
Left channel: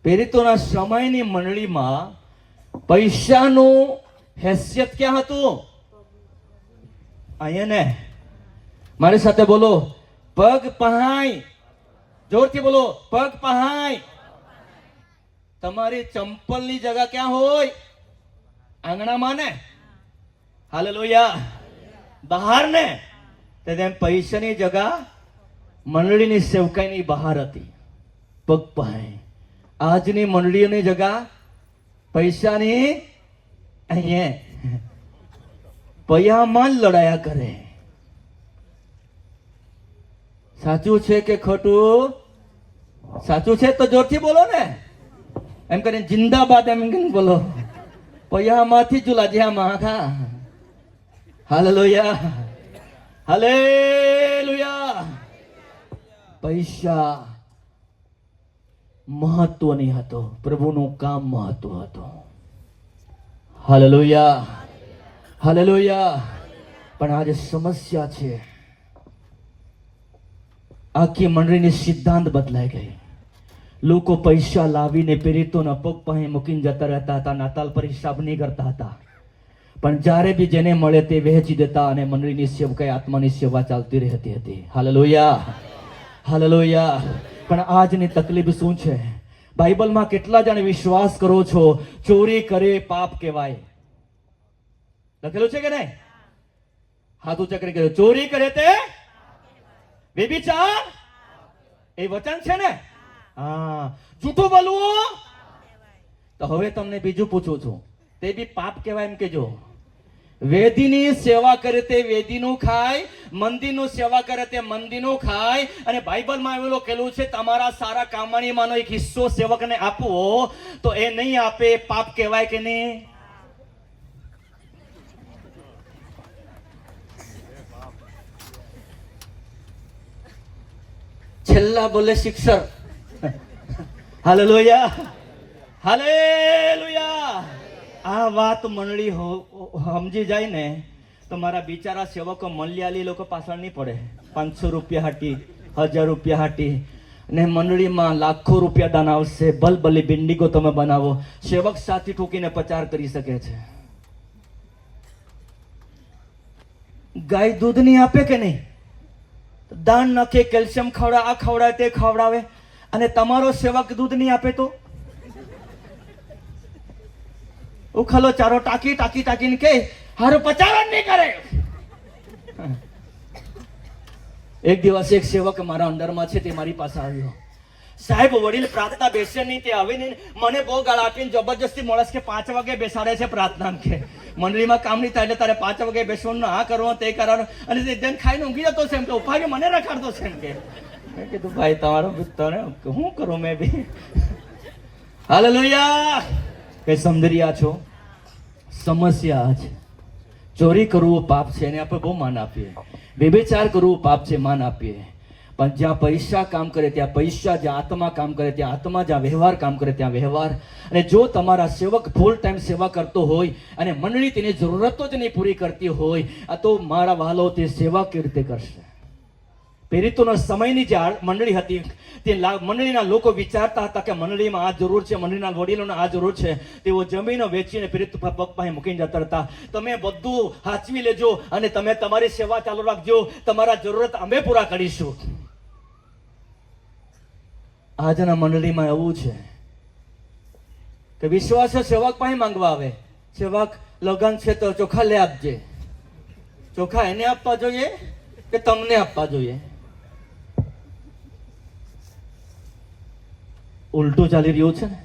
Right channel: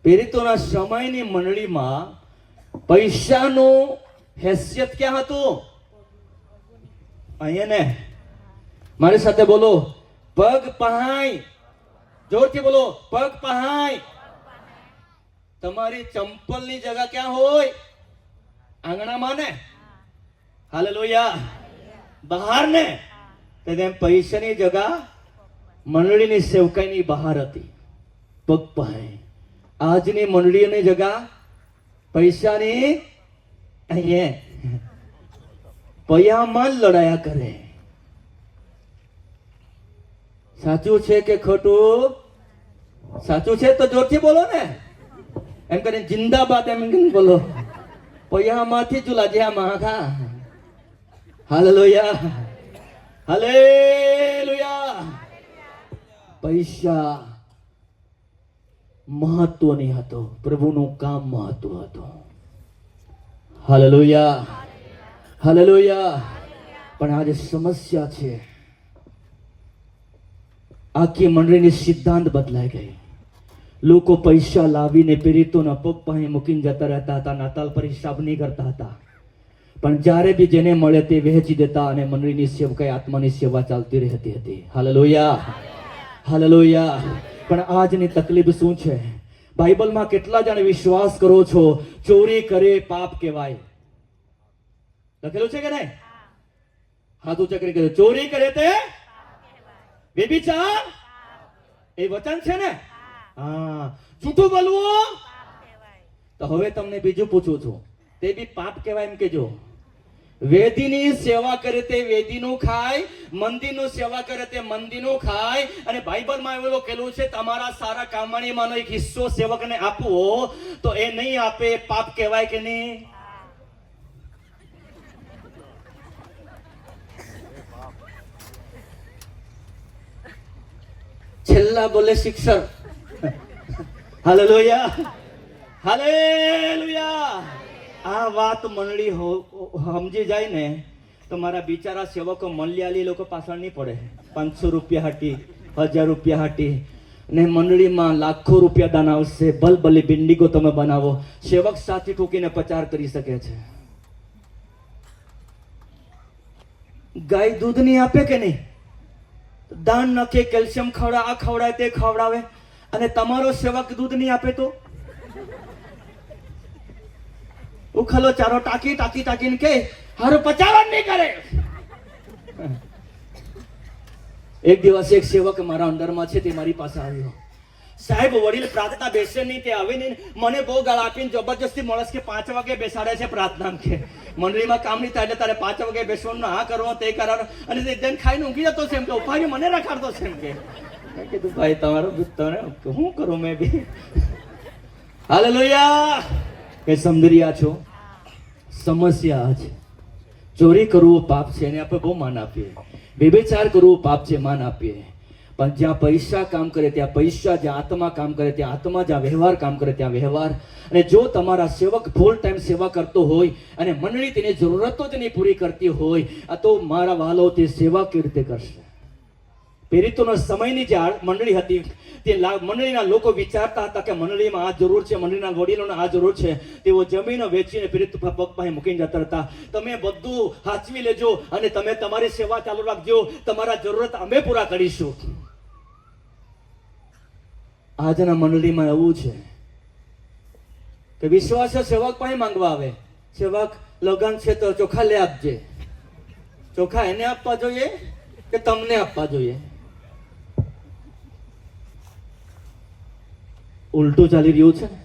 પેરિતોના સમયની મંડળીમાં પૈસાનું હેસિયત ક્યાં હતું? અહીંયા ને, મારી સાથે બોલો, પગ પહાય. જોરથી બોલો, પગ પહાય. તમારી ચંપલની જગા ક્યાં હોય? આંગણામાં ને? હાલેલુયા. બહાર ને? તેમ પૈસાની જગા મંડળીની સેવકાઈની બહાર હતી. પગ પહાય. આજની મંડળીઓની જગા પૈસાની અહીંયા પૈયામાં જ લડાયા કરે. સાચું છે કે ખોટું? સાચું છે તો જોરથી બોલો ને. એમ કરીને જિંદાબાદ એમ બોલો. પૈયામાંથી જુલા માખા. Hallelujah, hallelujah. પૈસા મહત્વની હતો, પ્રભુનું કામ મહત્વ હતું. Hallelujah, hallelujah. પણ આજે સમસ્યા છે, આખી મંડળીની સિદ્ધાંત બદલાઈ ગઈ. લોકો પૈસા લાવીને પેરિતોના પગ પાસે મૂકીને જતા રહેતા હતા, નાતાલ પર હિસાબ નહીં કરતા હતા. પણ જ્યારે બી જેને મળે તે વહેંચી દેતા અને મંડળીની સેવકાઈ, આત્માની સેવા ચાલતી રહેતી હતી. Hallelujah, hallelujah. પણ આજની તકલીફ શું છે? બાઇબલમાં કેટલા જણ વિશ્વાસ કરો છો ચોરી કરે પાપ કહેવાય? લખેલું છે કે નહીં? હાથ ઊંચા કરી કહ્યું, ચોરી કરે તે વ્યભિચાર એ વચન છે ને? હા. જૂઠું બોલવું તો હવે તમને બીજું પૂછું છું, તે બી પાપ કહેવાય એમ કેજો. વેદીની સેવા કરે તે વેદીનું ખાય, મંદિરનું સેવા કરે તે મંદિરનું ખાય. અને બાઇબલમાં એવું લખેલું છે તમારા સારા કામણીમાંનો એક હિસ્સો સેવકને આપવો, તો એ નહીં આપે પાપ કહેવાય કે નહીં? છેલ્લા બોલે શિક્ષક. Hallelujah, hallelujah. આ વાત મંડળી સમજી જાય ને તો મારા બિચારા સેવકો મલયાલી લોકો પાછળ નહીં પડે. 500 રૂપિયા હાટી, 1000 રૂપિયા હાટી, ને મંડળીમાં લાખો રૂપિયા દાન આવશે. ભલભલી બિંડીગો તમે બનાવો, સેવક સાથી ઠોકીને પ્રચાર કરી શકે છે. ગાય દૂધ નહીં આપે કે નહીં? દાન નાખે, કેલ્શિયમ ખવડાવે, આ ખવડાવે, તે ખવડાવે, અને તમારો સેવક દૂધ નહીં આપે તો ઉખલો ચારો ટાંકી ટાંકી ટાંકીને કે હારું પચાવન નહીં કરે. એક દિવસ એક સેવક મારા અંડરમાં છે, તે મારી પાસે આવ્યો. સાહેબ વડીલ પ્રાર્થના બેસે નહીં, તે આવે નહીં. મને બહુ ગાળ આપીને જબરજસ્તી માણસ કે 5 વાગે બેસાડે છે પ્રાર્થના કે મંડળીમાં કામ નહીં થાય એટલે તારે 5 વાગે બેસવાનું, આ કરવાનું, તે કરવાનું. અને તે એકદમ ખાઈને ઊંઘી જતો છે એમ કે ઉપાડી મને રખાડતો છે એમ કે. મેં કીધું ભાઈ તમારો તને શું કરું મેં બી. હાલેલુયા. કે સમજી રહ્યા છો? સમસ્યા છે ચોરી કરવું પાપ છે એને આપણે બહુ માન આપીએ, વ્યભિચાર કરવું પાપ છે માન આપીએ, પણ જ્યાં પૈસા કામ કરે ત્યાં પૈસા, જ્યાં આત્મા કામ કરે ત્યાં આત્મા, જ્યાં વ્યવહાર કામ કરે ત્યાં વ્યવહાર. અને જો તમારા સેવક ફૂલ ટાઈમ સેવા કરતો હોય અને મંડળી તેની જરૂરતો જ નહીં પૂરી કરતી હોય, આ તો મારા વાલો તે સેવા કેવી રીતે કરશે? પેરિતોના સમયની જે મંડળી હતી તે મંડળીના લોકો વિચારતા હતા કે મંડળીમાં આ જરૂર છે, મંડળીના વડીલોને આ જરૂર છે. તેઓ જમીનો વેચીને પેરિત પગ પાસે મૂકીને જતા હતા. તમે બધું સાચવી લેજો અને તમે તમારી સેવા ચાલુ રાખજો, તમારા જરૂરત અમે પૂરા કરીશું. આજના મંડળીમાં એવું છે કે વિશ્વાસ સેવક પાસે માંગવા આવે, સેવક લગન છે તો ચોખા લે આપજે. ચોખા એને આપવા જોઈએ કે તમને આપવા જોઈએ? ઉલટું ચાલી રહ્યું છે ને.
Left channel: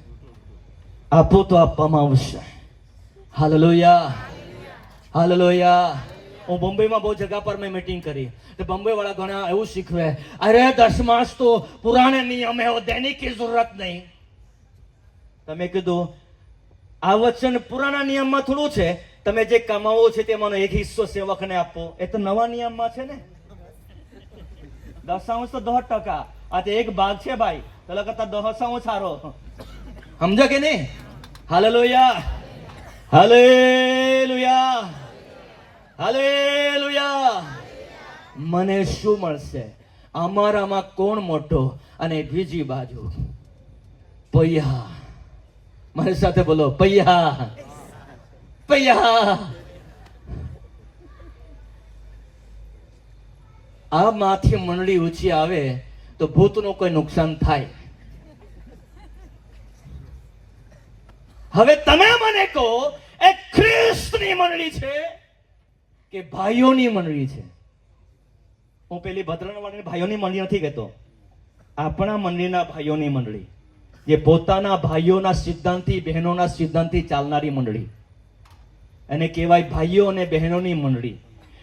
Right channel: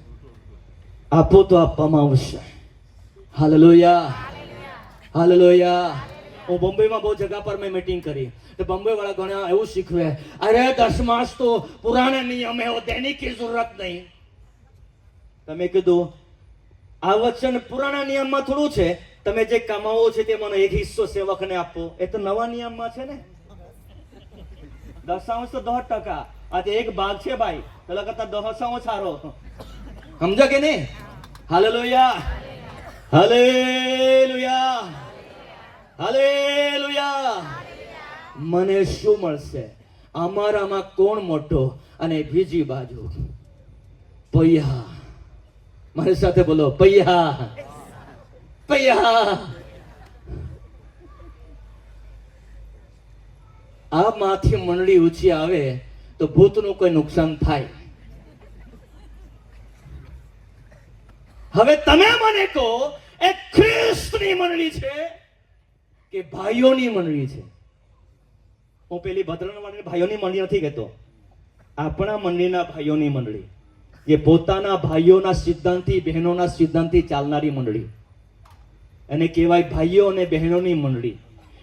આપો તો આપવામાં આવશે. Hallelujah, hallelujah. હું બોમ્બેમાં બહુ જગા પર મેં મીટિંગ કરી તો બોમ્બે વાળા ઘણા એવું શીખવે, અરે દસમાસ તો પુરાને નિયમ હે, દેને કી જરૂરત નહીં. તમે કીધું આ વચન પુરાના નિયમમાં થોડું છે, તમે જે કમાવો છે તેમાંનો એક હિસ્સો સેવકને આપો. એ તો નવા નિયમમાં છે ને. દશાંશ તો 10%. આ તો એક ભાગ છે ભાઈ, પેલા કરતા દશાંશ સારો. સમજો કે નહીં? Hallelujah, hallelujah, hallelujah. મને શું મળશે? અમારામાં કોણ મોટો? અને બીજી બાજુ પૈયા. મારી સાથે બોલો, પૈયા, પૈયા. આ માંથી મંડળી ઊંચી આવે તો ભૂતનું કોઈ નુકસાન થાય. હવે તમે મને કહો, એ ખ્રિસ્તની મંડળી છે કે ભાઈઓની મંડળી છે? હું પેલી ભદ્રણવાળી ભાઈઓની મંડળી નથી કહેતો, આપણા મંડળીના ભાઈઓની મંડળી, જે પોતાના ભાઈઓના સિદ્ધાંતથી, બહેનોના સિદ્ધાંતથી ચાલનારી મંડળી. એને કહેવાય ભાઈઓ અને બહેનોની મંડળી.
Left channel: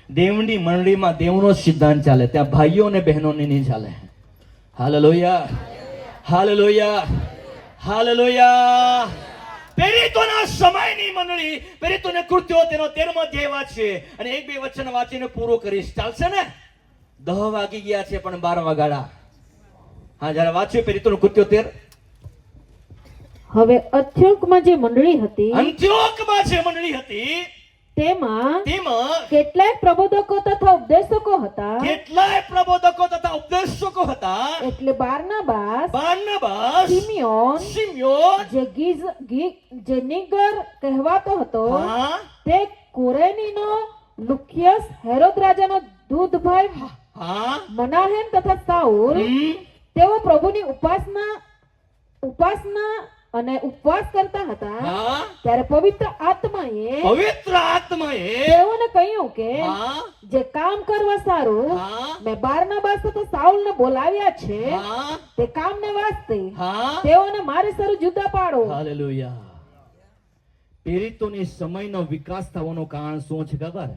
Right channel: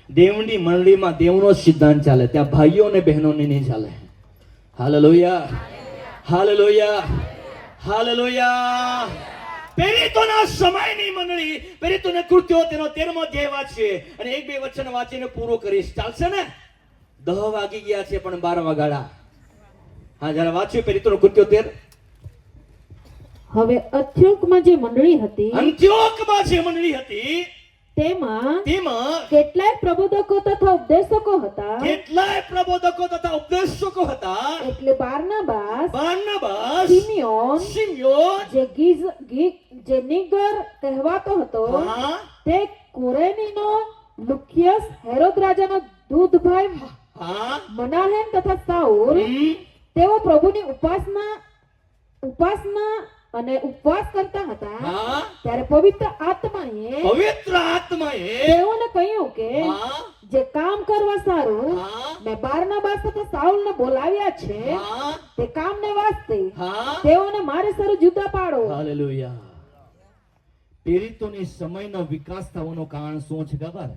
દેવની મંડળીમાં દેવનો સિદ્ધાંત ચાલે, ત્યાં ભાઈઓ અને બહેનોને નહીં ચાલે. Hallelujah, hallelujah, hallelujah. પેરિતોના સમયની મંડળી, પેરિતોને કૃત્યો તેનો 13મો અધ્યાય વાંચીએ અને 1-2 વચન વાંચીને પૂરો કરીશ. ચાલશે ને? 10 વાગી ગયા છે પણ 12 વાગાડા. હા, જરા વાંચ્યું પેરિતોનું કૃત્યો 13. હવે અંત્યોકમાં જે મંડળી હતી, અંત્યોકમાં જે મંડળી હતી તેમાં તેમાં કેટલાક પ્રબોધકો તથા ઉપદેશકો હતા. કેટલાય પ્રબોધકો તથા ઉપદેશકો હતા. એટલે બારનાબાસ, સિમિયોન, જે નિગર કહેવાતો હતો, હા, તે કુરેનીનો લુકિયસ, હેરોદ રાજાનો દૂધભાઈ હા, મનાહેમ તથા સાઉલ, હમ, તેઓ પ્રભુની ઉપાસના આત્માએ તેઓને કહ્યું કે હા જે કામ કરવા સારું હા મેં બારનાબાસ તથા સાઉલને બોલાવ્યા છે હા તે કામને વાસ્તે હા તેઓને મારે સારું જુદા પાડો. હાલેલુયા. પીડિતોની સમયનો વિકાસ થવાનું કારણ શું છે ખબર?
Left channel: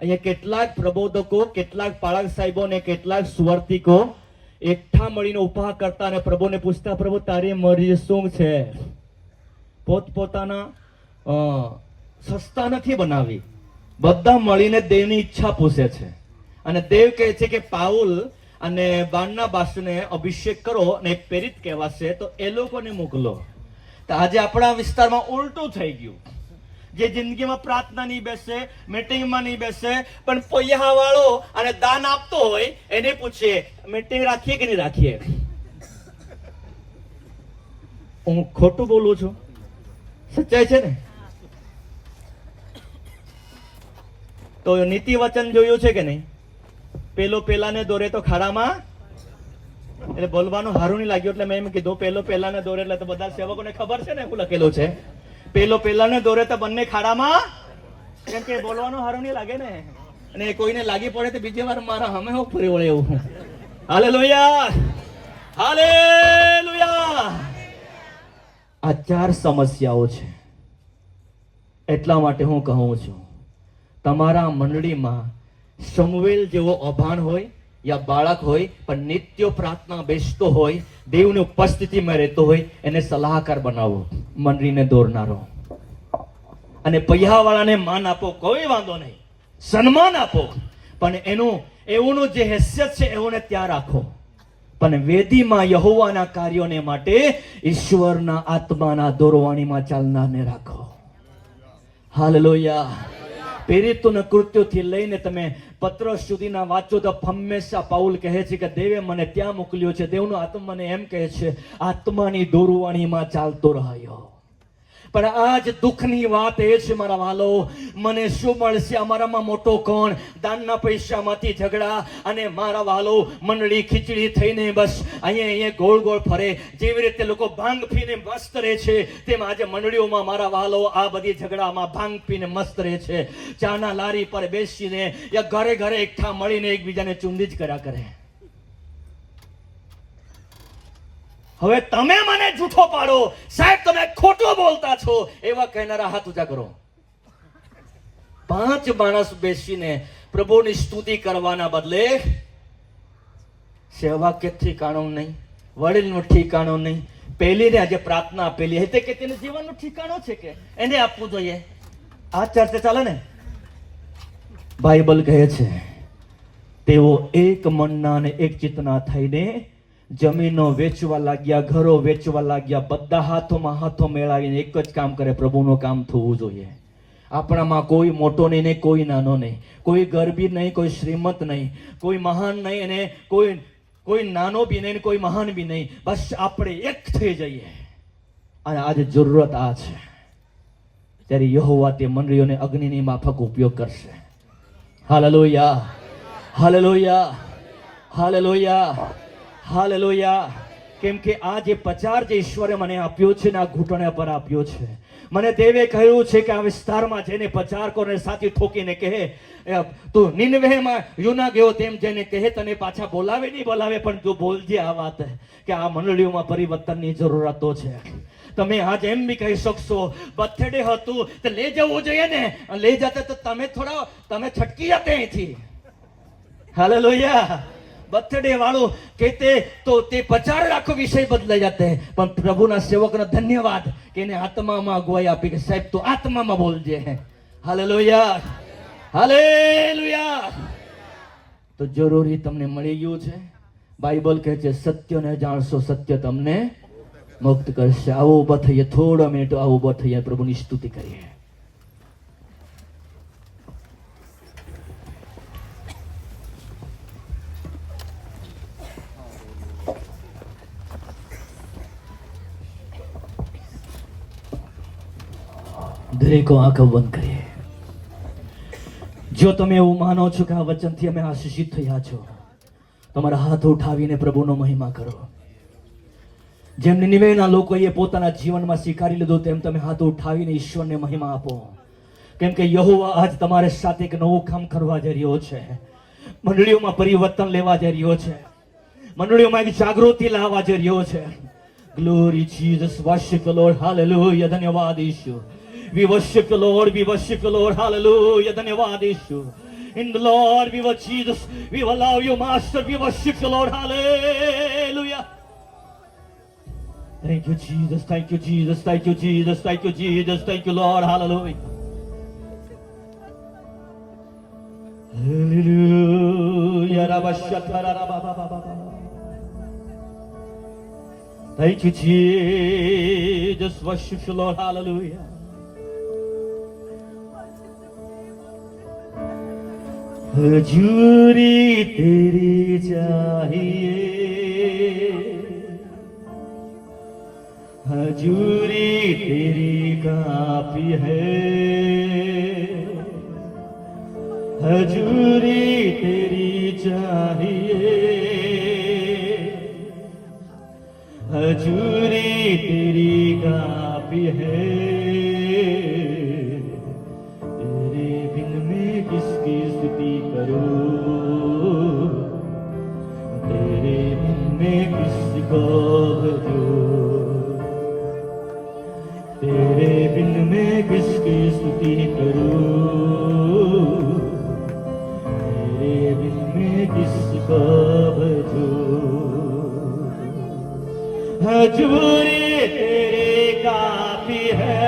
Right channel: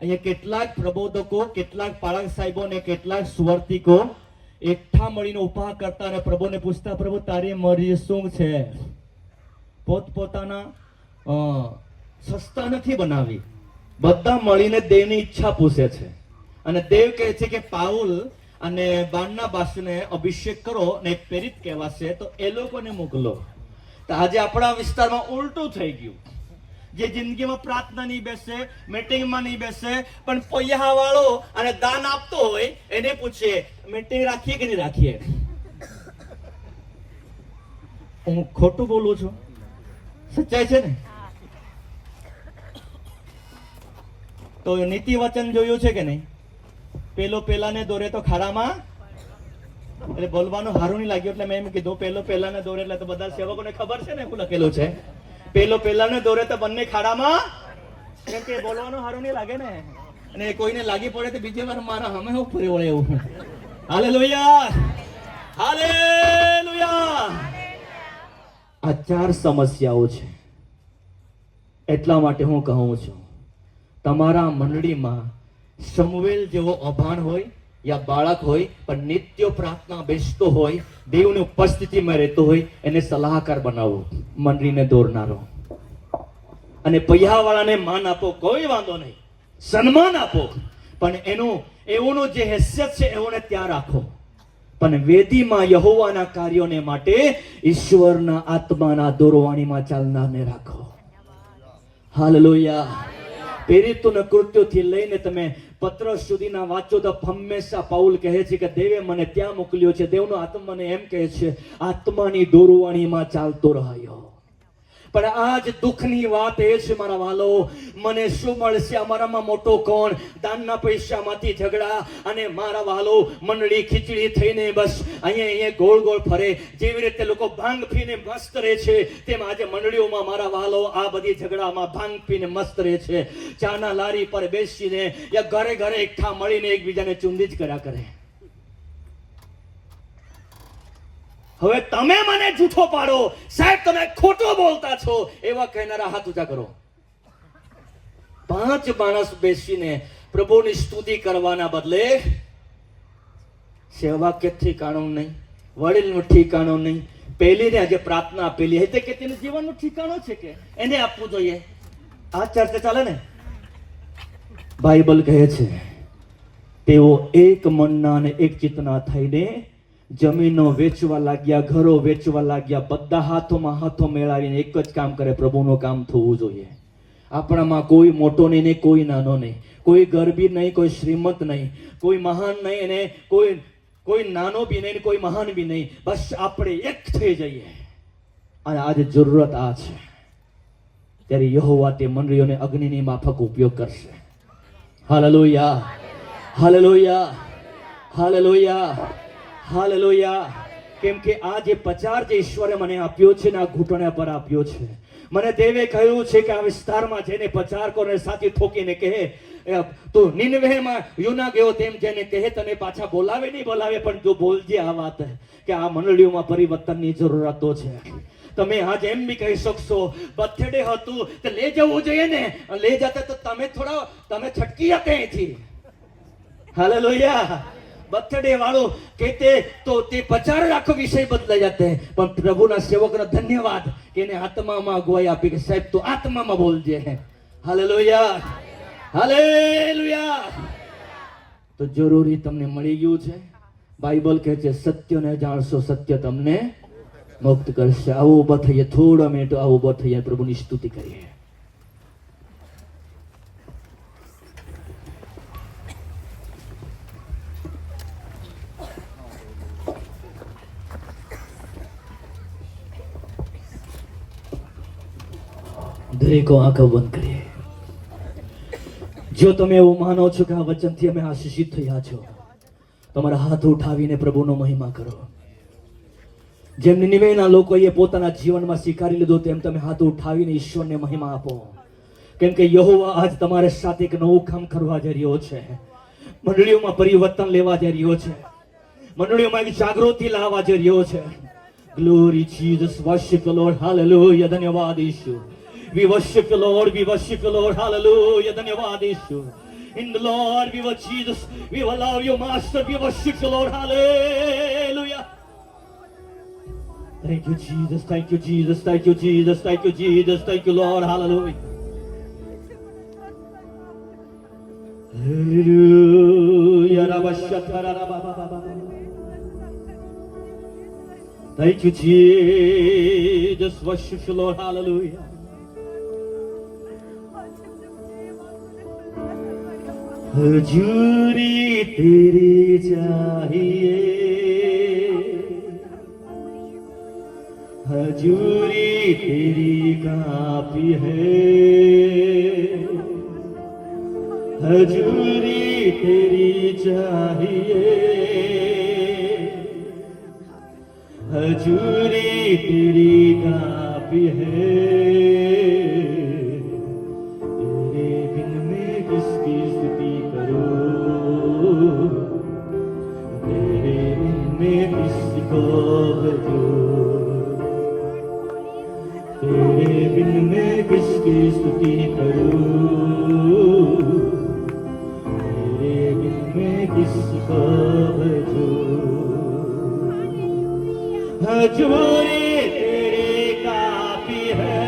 અહીંયા કેટલાક પ્રબોધકો, કેટલાક પાળક સાહેબો ને કેટલાક સુવર્તિકો એકઠા મળીને ઉભા કરતા અને પ્રભુને પૂછતા, પ્રભુ તારી મરજી શું છે? પોતપોતાના સસ્તા નથી બનાવી, બધા મળીને દેવની ઈચ્છા પૂછે છે. અને દેવ કહે છે કે પાઉલ અને બારનાબાસને અભિષેક કરો અને પ્રેરિત કહેવાશે તો એ લોકોને મોકલો. તો આજે આપણા વિસ્તારમાં ઉલટું થઈ ગયું. જે જિંદગીમાં પ્રાર્થના નહીં બેસે, મીટિંગમાં નહીં બેસે, પણ પૈયા વાળો અને દાન આપતો હોય એને પૂછીએ મીટિંગ રાખીએ કે નહીં રાખીએ. હું ખોટું બોલું છું? સચ્ચાઈ છે ને? તો નીતિ વચન જોયું છે કે નહીં? પેલો પેલાને દોરે તો ખાડામાં, એટલે બોલવાનું હારું નહીં લાગ્યું એટલે મેં એમ કીધું પેલો પેલાને દોરે, એટલે તો બધા સેવકોને ખબર છે ને શું લખેલું છે. પેલો પેલાને દોરે તો બંને ખાડામાં, કેમ કે બોલવાનું હારું નહીં લાગે ને, અને કોઈને લાગી પડે તો બીજી વાર મારા હમે હું ફરી વળે એવું. Hallelujah, hallelujah. આ 4 સમસ્યાઓ છે. એટલા માટે હું કહું છું, તમારા મંડળીમાં સમુએલ જેવો અભાણ હોય યા બાળક હોય પણ નિત્ય પ્રાર્થના બેસતો હોય, દેવની ઉપસ્થિતિમાં રહેતો હોય, એને સલાહકાર બનાવો, મંડળીને દોરનારો. અને પૈયાવાળાને માન આપો, કોઈ વાંધો નહીં, સન્માન આપો, પણ એનું એઓનું જે હેસિયત છે એઓને ત્યાં રાખો. પણ વેદીમાં યહોવાના કાર્યોને માટે ઈશ્વરના આત્માના દોરવાણીમાં ચાલનારને રાખો. હાલેલુયા. પ્રેરિતોના કૃત્યોથી લઈને તમે પત્ર સુધીના વાંચો તો હંમેશા પાઉલ કહે છે કે દેવે મને ત્યાં મોકલ્યો છે. દેવનો આત્મા મને એમ કહે છે આત્માની દોરવાણીમાં ચાલતો રહ્યો. પણ આજ દુઃખની વાત એ છે મારા વાલો, મને શું મળશે? અમારામાં મોટો કોણ? દાનના પૈસામાંથી ઝઘડા, અને મારા વાલો મંડળી ખીચડી થઈને બસ અહીંયા ગોળ ગોળ ફરે. જેવી રીતે લોકો ભાંગ પીને મસ્ત રહે છે, તેમ આજે મંડળીઓમાં મારા વાલો આ બધી ઝઘડામાં ભાંગ પીને મસ્ત રહે છે. ચાના લારી પર બેસીને યા ઘરે ઘરે એકઠા મળીને એકબીજાને ચુંદી જ કર્યા કરે. હવે તમે મને જૂઠો પાડો, સાહેબ તમે ખોટો બોલતા છો, એવા કહેનારા હાથ ઊંચા કરો. 5 માણસ બેસીને પ્રભુની સ્તુતિ કરવાના બદલે સેવાક્ય ઠીકાણું નહીં, વડીલનું ઠીકાણું નહીં, પેલીને આજે પ્રાર્થના આપેલી હતી કે તેનું જીવનનું ઠીકાણું છે કે એને આપવું જોઈએ. આ ચર્ચા ચાલે ને? બાઇબલ કહે છે તેઓ એક મનના અને એક ચિત્તના થઈને જમીનો વેચવા લાગ્યા, ઘરો વેચવા લાગ્યા, બધા હાથોમાં હાથો મેળવીને એક જ કામ કરે, પ્રભુનું કામ થવું જોઈએ. આપણામાં કોઈ મોટો નહીં ને કોઈ નાનો નહીં, કોઈ ગરબી નહીં, કોઈ શ્રીમંત નહીં, કોઈ મહાન નહીં અને કોઈ નાનો બી નહીં, કોઈ મહાન બી નહીં, બસ આપણે એક થઈ જઈએ. અને આજે જરૂરત આ છે. ત્યારે યહોવા તે મંડળીઓને અગ્નિની માફક ઉપયોગ કરશે. Hallelujah, hallelujah, hallelujah, hallelujah. કેમ કે આ જે પ્રચાર જે ઈશ્વરે મને આપ્યો છે ને આ ઘૂંટણા પર આપ્યો છે. મને દેવે કહ્યું છે કે આ વિસ્તારમાં જઈને પ્રચાર કરો ને સાથી ઠોકીને કહે તો નિનવેમાં યોના ગયો તેમ જેને કહે તને પાછા બોલાવે નહીં બોલાવે, પણ તું બોલજે આ વાત કે આ મંડળીઓમાં પરિવર્તનની જરૂરતો છે. તમે આજ એમ બી કહી શકશો બર્થડે હતું તો લઈ જવું જોઈએ ને, લઈ જતા તો તમે છટકી જતે અહીંથી. હાલેલુયા. બર્થડે વાળો કહેતે તો તે પ્રચાર આખો વિષય બદલાઈ જતે, પણ પ્રભુના સેવકનો ધન્યવાદ કે એને આત્મામાં અગવાઈ આપી કે સાહેબ તું આત્મામાં બોલજે. Hallelujah, hallelujah. તો જરૂરી તમને મળી ગયું છે. બાઇબલ કહે છે સત્યને જાણશો, સત્ય તમને મુક્ત કરશે. આવો ઉભા થઈએ, થોડા મિનિટ આવો ઉભા થઈએ, પ્રભુની સ્તુતિ કરીએ. દરેકો આંખો બંધ કરીએ. જો તમે એવું માનો છો કે આ વચનથી અમે આશીષિત થયા છો, તમારા હાથ ઉઠાવીને પ્રભુનો મહિમા કરો. જેમ નિનેવેના લોકોએ પોતાના જીવનમાં સ્વીકારી લીધું તેમ તમે હાથ ઉઠાવીને ઈશ્વરને મહિમા આપો. કેમ કે યહોવા આજ તમારે સાથે એક નવું કામ કરવા જઈ રહ્યો છે. મંડળીઓમાં પરિવર્તન લેવા જઈ રહ્યો છે. મંડળીઓમાં એક જાગૃતિ લાવવા જઈ રહ્યો છે. Glory Jesus, worship the lord, hallelujah. ધન્યવાદ ઈશુ. We worship you, Lord. We worship you, Lord. Hallelujah. ધન્યવાદ ઈશુ. In the Lord, we will Jesus. We will love you, Master. We worship you, Lord. Hallelujah. Thank you, Jesus. Thank you, Jesus. Thank you, Jesus. Thank you, Jesus. Thank you, Lord. Hallelujah. Hallelujah. Rabashatarabababa. Thank you, Jesus. Worship you, Lord. Hallelujah. हजूरी तेरी चाहिए, हजूरी तेरी काफी है, हजूरी तेरी चाहिए, हजूरी तेरी काफी है. तेरे बिन मैं किसकी स्तुति करूं, तेरे बिन मैं किसको भजूं, तेरे बिन मैं किसकी स्तुति करूं, तेरे बिन मैं किसको भजूं. हजूरी तेरी काफी है,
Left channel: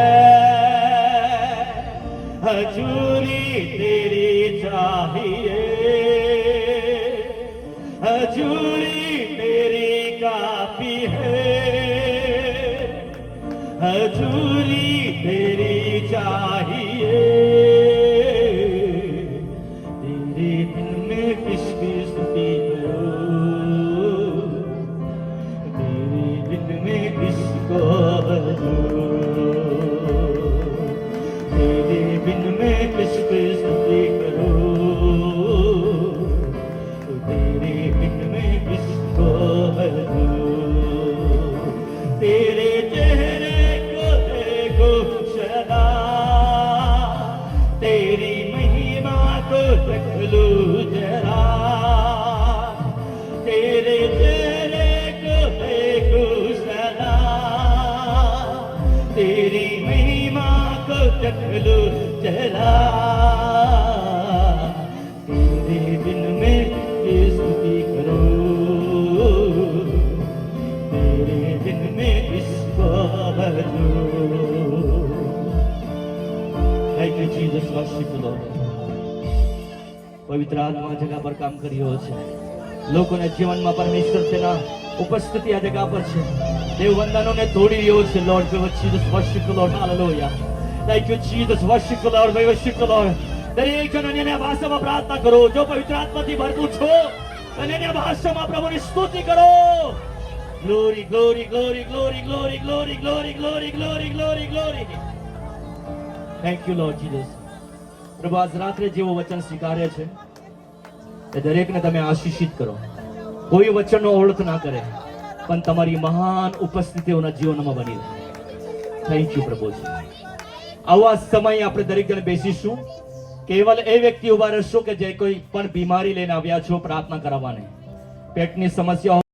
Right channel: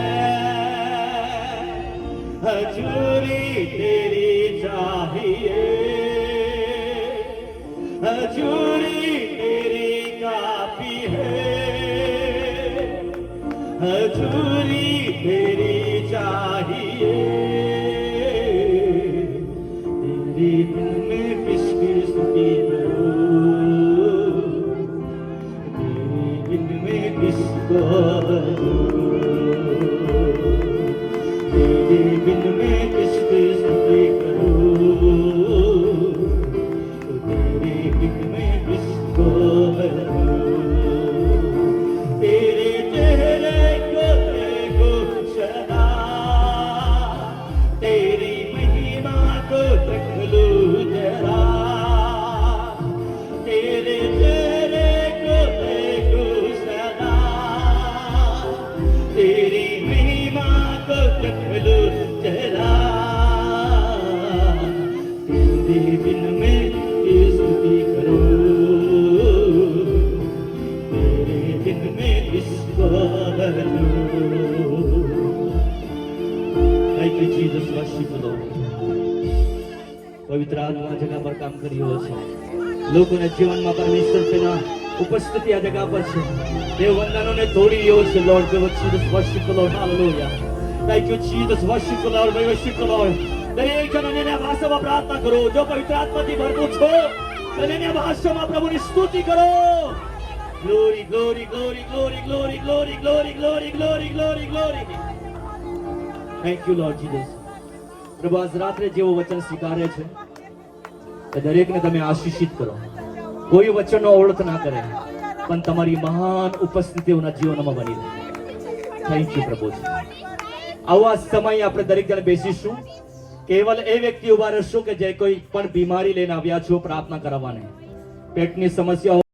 हजूरी तेरी चाहिए, हजूरी तेरी काफी है, हजूरी तेरी चाहिए. तेरे बिन मैं किसकी स्तुति करूं, तेरे बिन मैं किसको भजूं, तेरे बिन मैं किसकी स्तुति करूं, तेरे बिन मैं किसको भजूं. तेरे चेहरे को देखो सदा, तेरी महिमा को देख लूं जरा, तेरे चेहरे को देखो सदा, तेरी महिमा को देख लूं जरा. तेरे बिन मैं की स्तुति करूं, तेरे बिन मैं किसको भजूं. Thank you, Jesus. Worship you, Lord. પવિત્ર આત્મા આ જગા પર કામ કરી રહ્યો છે. લોકોના જીવનમાં પરમેશ્વર તેના ઉપસ્થિતિ આ જગા પર છે. દેવ વંદનોને તોડી રહ્યો છે. Lord, we Jesus worship you, Lord. Hallelujah. Thank you, Jesus. Worship you, Lord. We worship you, Lord. દરેક જણ અન્યના ભાષામાં પ્રાર્થના કરો. જો પવિત્ર આત્માથી ભરપૂર છો તો અન્ય ભાષામાં પ્રભુની સ્તુતિ કરો. Glory, glory, glory, glory, glory, glory, glory, glory, glory, glory, glory. Thank you, Lord Jesus. પ્રભુ આજ રાત્રે જેવો વચન સ્વીકારે છે એ દરેકને તમે આશીષિત કરો. કોઈ વચનનો અવળત ના કરે પણ તમારી મહાન ઉપસ્થિતિઓના જીવનમાં બની રહે. થેન્ક યુ પ્રભુજી. આવા સમયે આપણે દરેક જણ બેસીશું. કેવલ એ વ્યક્તિ ઉભા રહેશો કે જે કોઈ પણ બીમારી લઈને આવ્યા છો પ્રાર્થના કરાવવાને, પેટની સમસ્યા